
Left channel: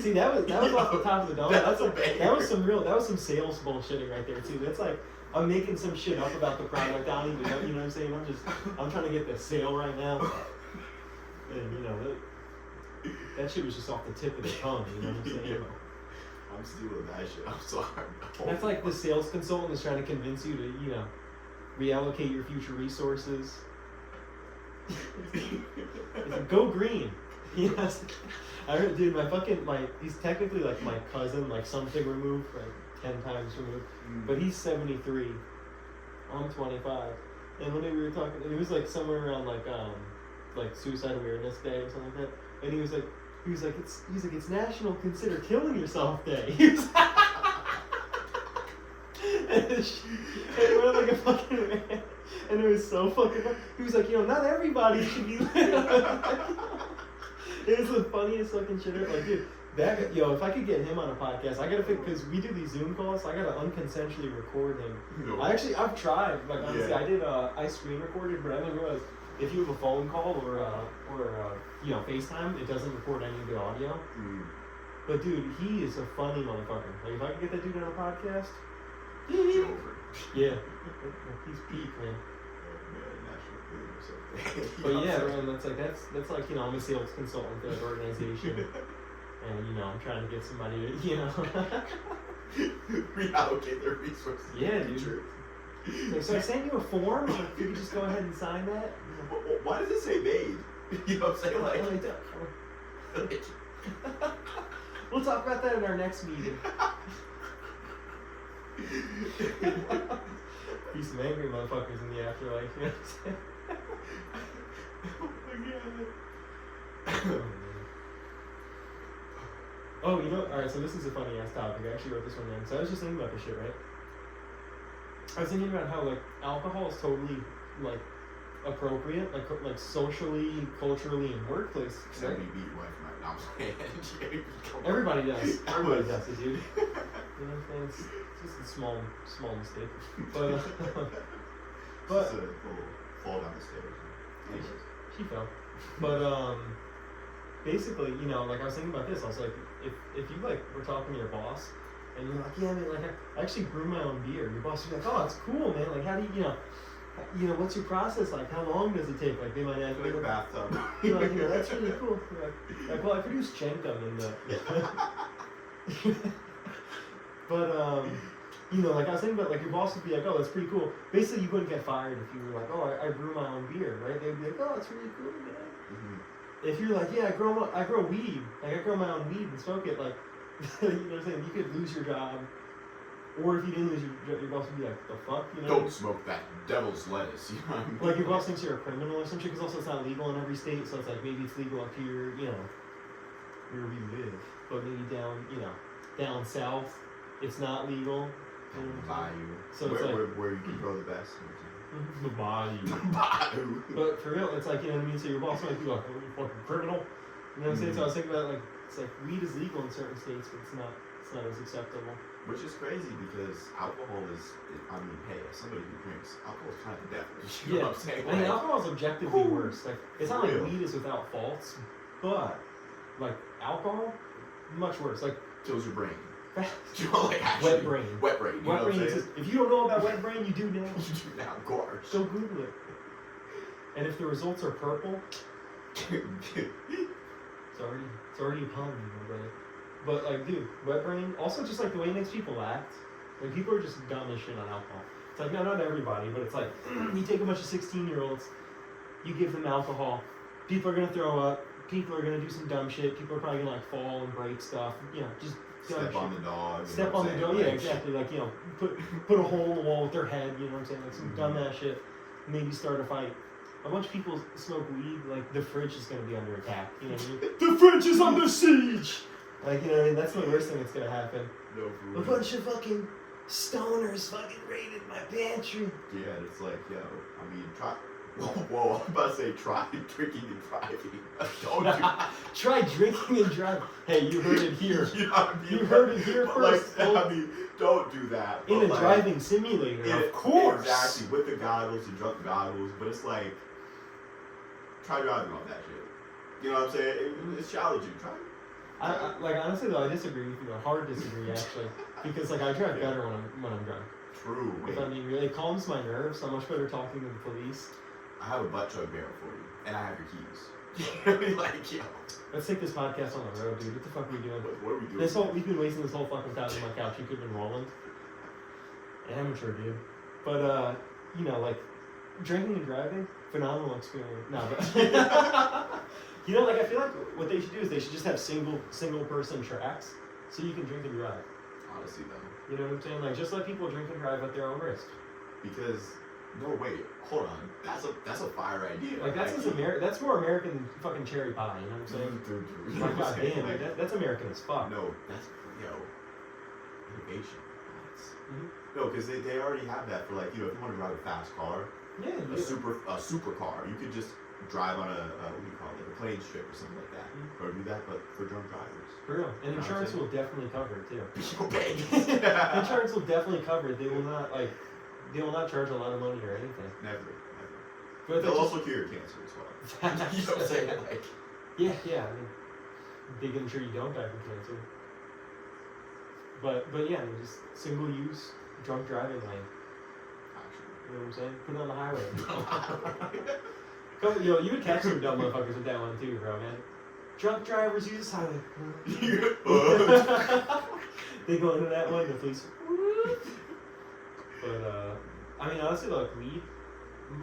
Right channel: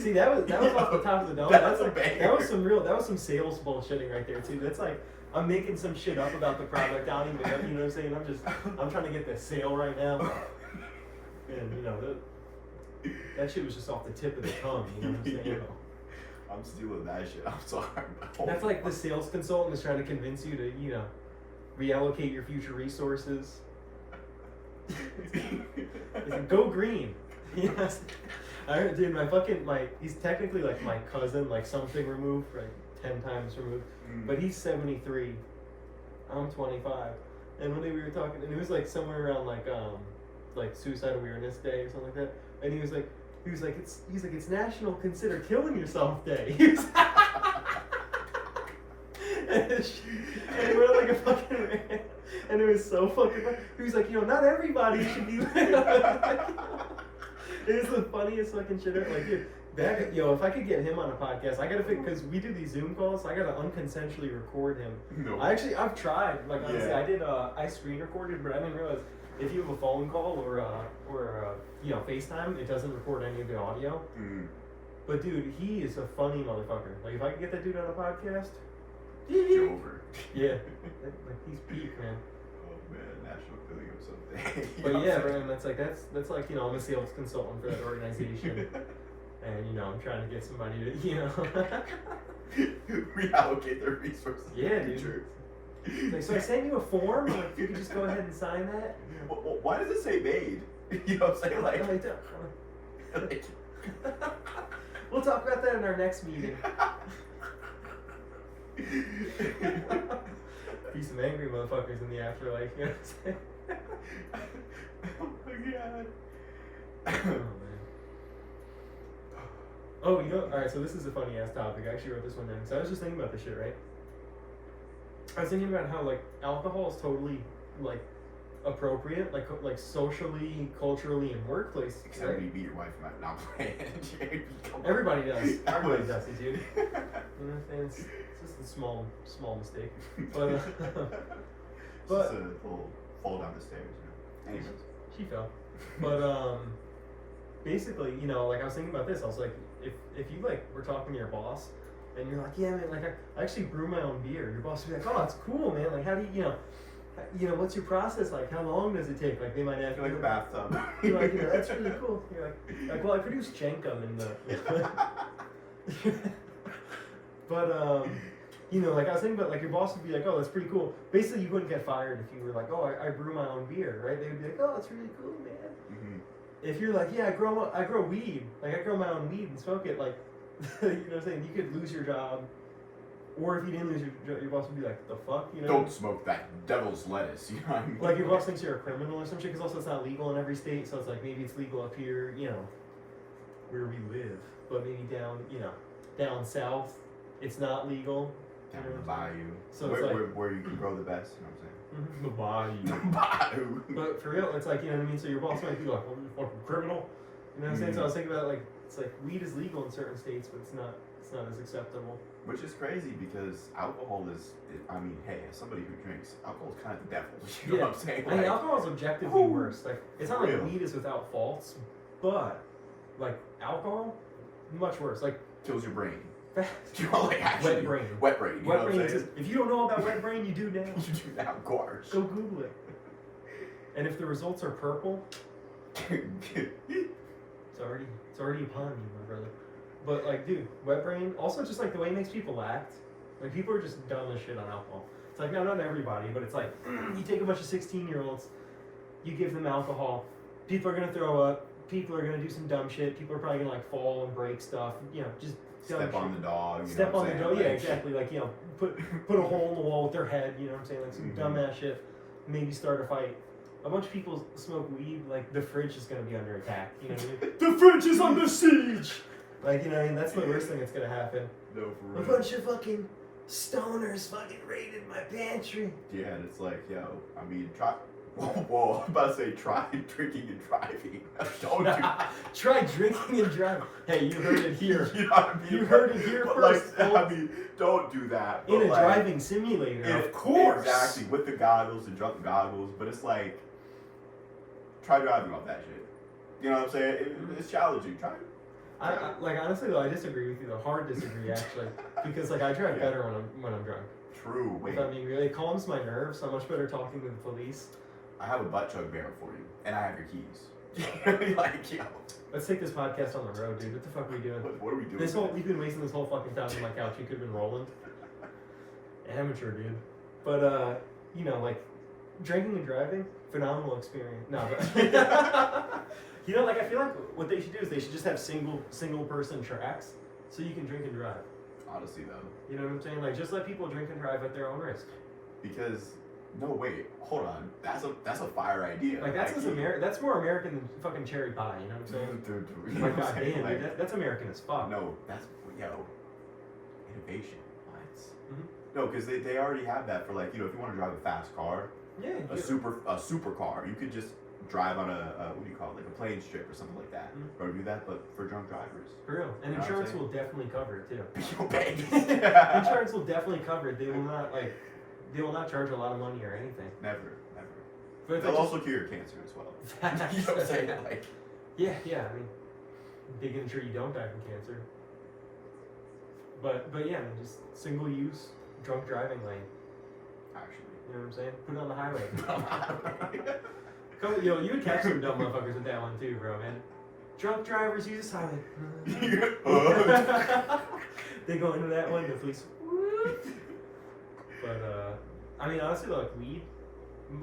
See, that was off the top of the dome. That was some sales bullshitting right there too. That's like I'm making some shit up about the product. I don't even know, you know what I'm saying? I'm trying to get the sale right now. And that shit was just off the tip of the tongue, you know what I'm saying? I'm stealing that shit. I'm sorry. That's like the sales consultant is trying to convince you to, reallocate your future resources. Go green. Yes. I heard, dude, he's technically like my cousin, like something removed, like 10 times removed. But he's 73. I'm 25. And when we were talking, it was like somewhere around like Suicide Awareness Day or something like that. And he was like, it's National Consider Killing Yourself Day. And we're like a fucking man. And it was so fucking funny. He was like, not everybody should be. It was the funniest fucking shit ever. Like, dude, if I could get him on a podcast, I gotta because we do these Zoom calls, I gotta unconsensually record him. No. I've tried. Like, honestly, I screen recorded, but I didn't realize if you have a phone call or FaceTime, it doesn't record any of the audio. But dude, he is a funny motherfucker. Like, if I could get that dude on a podcast, Jover. yeah, he's peak, man. National League or something. But yeah, man, that's like I'm a sales consultant for that organization, and I'm trying to get somebody to reallocate their resources. Yeah, dude. So I sent you a form. Like, you can just go ahead and sign that. Why does it say made? You know what I'm saying? Like, we'll talk about that in our next meeting. Be some angry motherfuckers in the afterlife. You know what I'm saying? Oh my god. Oh, alright, so this is a funny ass topic. I actually wrote this one down. So I was just thinking about this shit, right? I was thinking about how, like, alcohol is totally, like, appropriate, like socially, culturally, and workplace. Except when you beat your wife right now. Everybody does. Everybody does it, dude. You know what I'm saying? It's just a small mistake. But, Just a little fall down the stairs. Anyways. She fell. But, basically, like, I was thinking about this. I was like, if you, like, were talking to your boss, and you're like, yeah, man, like, I actually brew my own beer. Your boss would be like, oh, it's cool, man. Like, how do you, what's your process like? How long does it take? Like, they might ask Like a bathtub. You're like, that's really cool. Like, well, I produce Chenkum in the... But, You know, like I was thinking about, like your boss would be like, oh, that's pretty cool. Basically, you wouldn't get fired if you were like, oh, I brew my own beer, right? They'd be like, oh, that's really cool, man. Mm-hmm. If you're like, yeah, I grow weed, like I grow my own weed and smoke it, like, you know what I'm saying? You could lose your job, or if you didn't lose your job, your boss would be like, the fuck, you know? Don't smoke that devil's lettuce, you know what I mean? Like your boss thinks you're a criminal or some shit, because also it's not legal in every state, so it's like maybe it's legal up here, you know, where we live, but maybe down, you know, down south, it's not legal. Down in the bayou. So where, it's like, where you can grow the best. You know the bayou. what I'm saying? But for real, it's like, you know what I mean? So your boss might be like, oh, you fucking criminal. You know what I'm saying? So I was thinking about, like, it's like weed is legal in certain states, but it's not as acceptable. Which is crazy because alcohol is, I mean, hey, as somebody who drinks, alcohol is kind of the devil. You know what I'm saying? I mean, alcohol is objectively Ooh. worse. Like, it's not like Real. weed is without faults, but, like, alcohol, much worse. Like, kills your brain. You know, like actually, wet brain. Wet brain. You know Wet what brain I'm saying? exists. If you don't know about wet brain, you do now. You do now, of course. Go Google it. And if the results are purple, it's already upon you, my brother. But like, dude, wet brain. Also, just like the way it makes people act. Like people are just dumb as shit on alcohol. It's like, no, not everybody, but it's like you take a bunch of 16-year-olds, you give them alcohol. People are gonna throw up. People are gonna do some dumb shit. People are probably gonna like fall and break stuff. You know, just dumb Step shit. on the dog. You Step know on what the I'm door, saying? yeah, exactly. Like, you know, put a hole in the wall with their head, you know what I'm saying? Like some dumbass shit. Maybe start a fight. A bunch of people smoke weed, like the fridge is gonna be under attack. You know what I mean? The fridge is under siege! Like, you know what I mean? That's the worst thing that's gonna happen. No, for real. A bunch of fucking stoners fucking raided my pantry. Yeah, and it's like, yo, I mean, try. Whoa, I'm about to say try drinking and driving. Don't do Try drinking and driving. Hey, you heard it here. You know what I mean? You heard it here but first. Like, I mean, don't do that. In but a like, driving simulator, of course. Exactly, with the goggles, the drunk goggles, but it's like, try driving off that shit. You know what I'm saying? It's challenging. Try. Like honestly though, I disagree with you though. Hard disagree actually, because like I drive better when I'm drunk. True. Wait, If I'm being real, it calms my nerves. I'm much better talking to the police. I have a butt chug barrel for you, and I have your keys. Like, yo, Let's take this podcast on the road, dude. What the fuck are we doing? what are we doing? We've been wasting this whole fucking time on my couch. You could have been rolling. Amateur, dude. But you know, like drinking and driving, phenomenal experience. No, but you know, like I feel like what they should do is they should just have single person tracks, so you can drink and drive. Honestly, though. You know what I'm saying? Like just let people drink and drive at their own risk. Because no, wait, hold on. That's a fire idea. Like that's that's more American than fucking cherry pie. You know what I'm saying? You know Like what I'm saying? goddamn, Like, dude, that's American as fuck. no, that's innovation. Right? Mhm. No, because they already have that for like, you know, if you want to drive a fast car, Yeah. a super car, you could just drive on a what do you call it, like a plane strip or something like that, or do that, but for drunk drivers. For real. And You know what I'm insurance saying? will definitely cover it too. Vegas. Insurance will definitely cover it. They will not charge a lot of money or anything. Never. But They'll also cure your cancer as well. You know what I'm saying? Like, yeah. I mean, they can ensure you don't die from cancer. But yeah, I mean, just single use drunk driving lane. actually. You know what I'm saying? Put it on the highway. Come, you would catch some dumb motherfuckers with that one too, bro, man. Drunk drivers use this highway. They go into that one, the police. But I mean, honestly, like weed.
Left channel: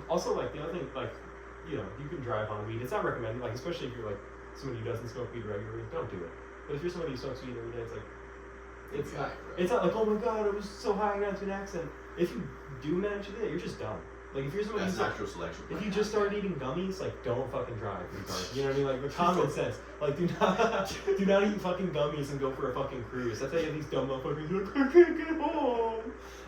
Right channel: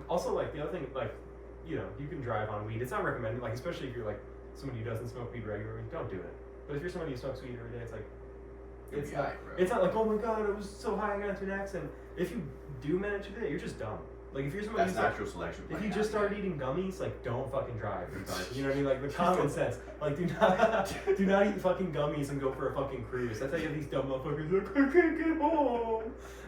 Also, like the other thing, like you can drive on weed. It's not recommended, like especially if you're like somebody who doesn't smoke weed regularly. Don't do it. But if you're somebody who smokes weed every day, it's not like, oh my god, I was so high I got into an accident. If you do manage to do that, you're just dumb. Like if you're somebody That's who's natural selection. if you just started eating gummies, like don't fucking drive. You know what I mean? Like the common sense. Like do not eat fucking gummies and go for a fucking cruise. That's how you have these dumb motherfuckers like, I can't get home.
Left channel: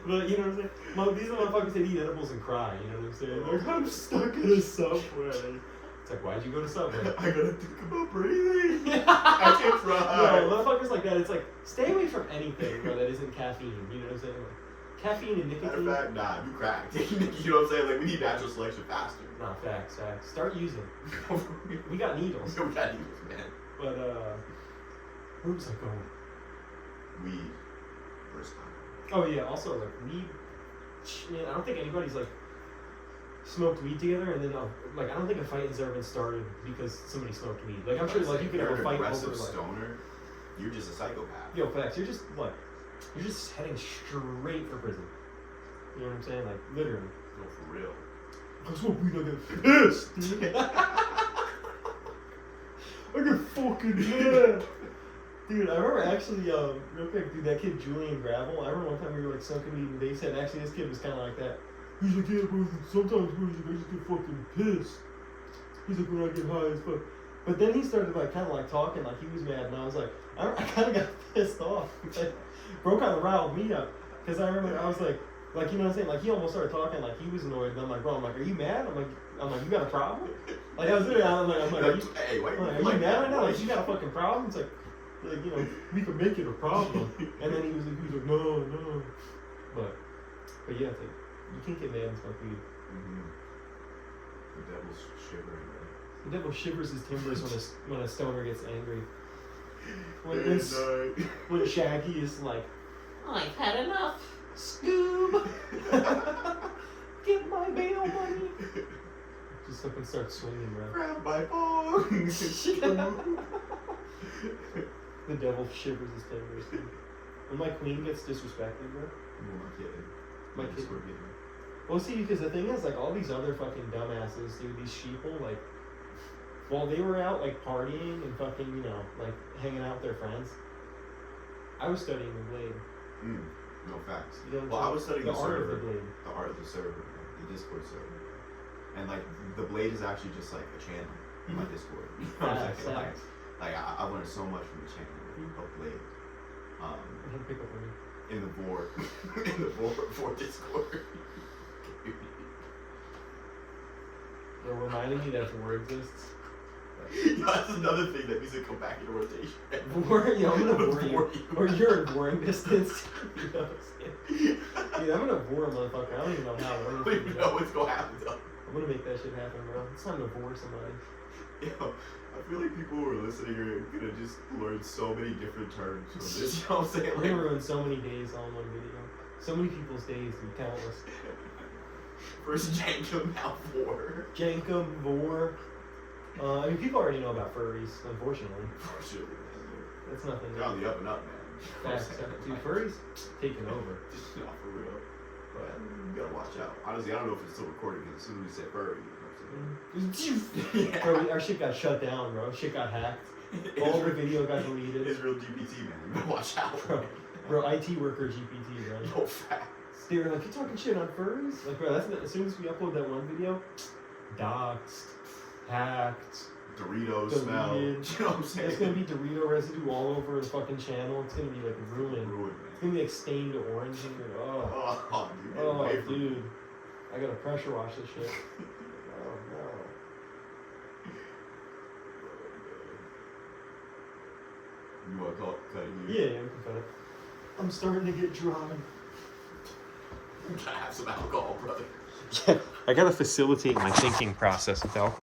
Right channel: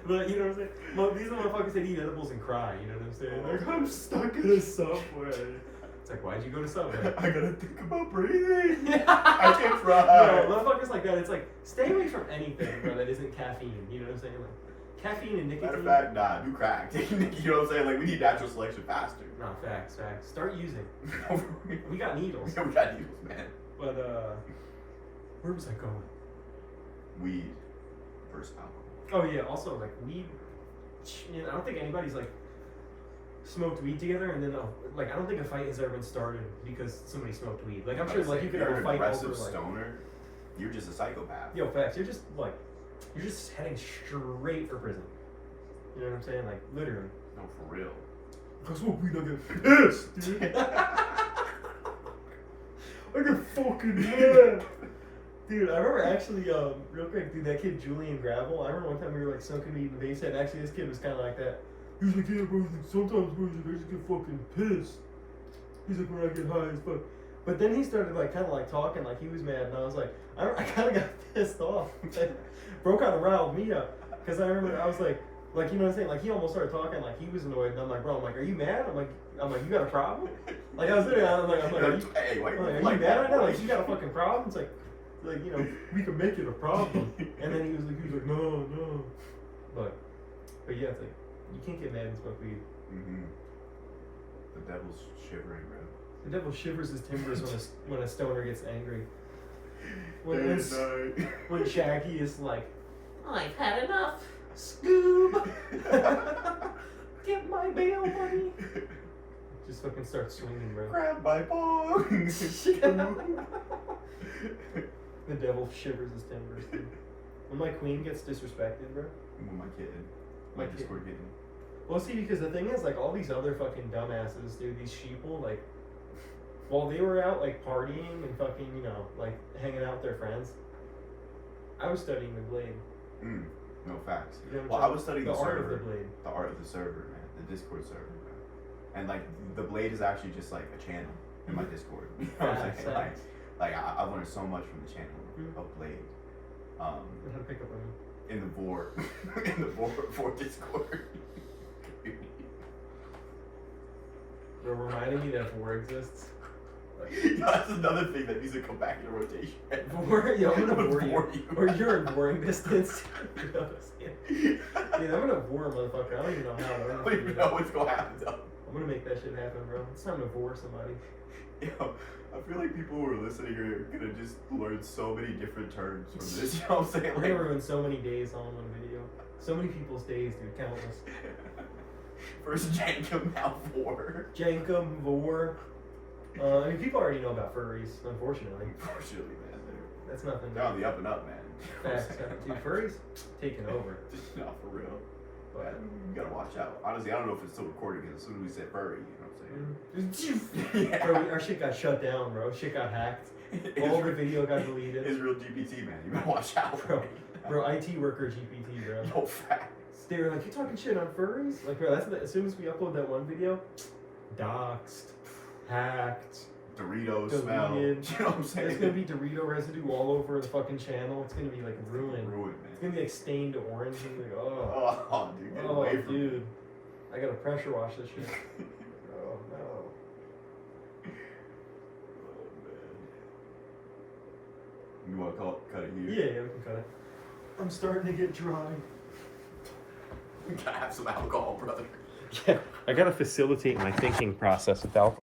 But you know what I'm saying? Well, these are motherfuckers that eat edibles and cry, you know what I'm saying? Like I'm stuck in a subway. It's like, why'd you go to Subway? I gotta think about breathing. I can't drive. No, motherfuckers like that, it's like, stay away from anything, bro, that isn't caffeine, you know what I'm saying? Like, caffeine and nicotine. Matter of fact, nah, do crack. You know what I'm saying? Like, we need natural selection faster. No, facts. Start using. We got needles. We got needles, man. But, where was I going? Weed versus alcohol. Oh, yeah, also, like, weed, man, I don't think anybody's, like, smoked weed together and then, like, I don't think a fight has ever been started because somebody smoked weed. Like, I'm sure, like, you could have a fight over, aggressive like, stoner. You're just a psychopath. yo, facts, you're just, like, You're just heading straight for prison. You know what I'm saying? Like, literally. No, for real. Cause what we don't get pissed, dude. I get fucking mad. Dude, I remember actually, real quick, dude, that kid Julian Gravel, I remember one time we were like smoking weed and they said actually this kid was kinda like that. He's like, yeah, bro, sometimes bro, I just get fucking pissed. He's like, when I get high as fuck. But then he started like kinda like talking like he was mad and I was like, I kinda got pissed off. Like, bro kinda riled me up. Cause I remember I was like, you know what I'm saying? Like he almost started talking like he was annoyed, and I'm like, bro, are you mad? I'm like, you got a problem? Like I was literally, I'm like, Hey, why are you mad? I know, like you got a fucking problem. It's like you know, we can make it a problem. And then he was like, no. But yeah, it's like you can't get mad and smoke weed. Mm-hmm. The devil's shivering, man. The devil shivers his timbers when a stoner gets angry. When Shaggy is like, I've had enough. Scoob! Get my bail money! Just fucking start swinging, bro. Grab my bong! The devil shivers his timbers, dude. When my queen gets disrespected, bro. My kid. My My Discord kid. Well, see, because the thing is, like, all these other fucking dumbasses, dude, these sheeple, like, while they were out, like, partying and fucking, you know, like, hanging out with their friends, I was studying the blade. No facts. You know, Well, I was studying the the art server. of the blade. The art of the server, man. The Discord server, man. And like the blade is actually just like a channel in my Discord. You know what I'm saying? Like I learned so much from the channel of blade. How to pick up on you. In the vor in the vor Discord. They're reminding you that war exists. Yo, that's another thing that needs to come back into rotation. War, yo, I'm gonna bore Bore you. you. Or you're in boring distance. You know what I'm saying? Dude, I'm gonna bore a motherfucker. I don't even know how. I don't even know what's gonna happen though. I'm gonna make that shit happen, bro. It's time to bore somebody. Yo, I feel like people who are listening are gonna just learn so many different terms from this. You know what I'm saying? I'm gonna ruin so many days on one video. So many people's days, dude. Countless. First Jankum, now vor. Jankum, vor. I mean, people already know about furries, unfortunately. Unfortunately, man. That's nothing. They're on the up and up, man. Facts. Dude, furries taking over. No, for real. But You gotta watch out. Honestly, I don't know if it's still recording because as soon as we said furry, you know what I'm bro, our shit got shut down, bro. Shit got hacked. saying? All the video got deleted. Israel GPT, man. You gotta watch out. Bro, IT worker GPT, bro. No facts. They were like, you talking shit on furries? Like, bro, as soon as we upload that one video, doxed, hacked, Doritos smell. You know deleted. what I'm saying? There's gonna be Dorito residue all over the fucking channel. It's gonna be like ruined. Ruined, It's man. gonna be like stained orange. And like, oh, Oh, dude. Get oh, away from me. dude. I gotta pressure wash this shit. Oh no. You want to cut it here? Yeah, we can cut it. I'm starting to get dry. You gotta have some alcohol, brother. Yeah, I gotta facilitate my thinking process with alcohol.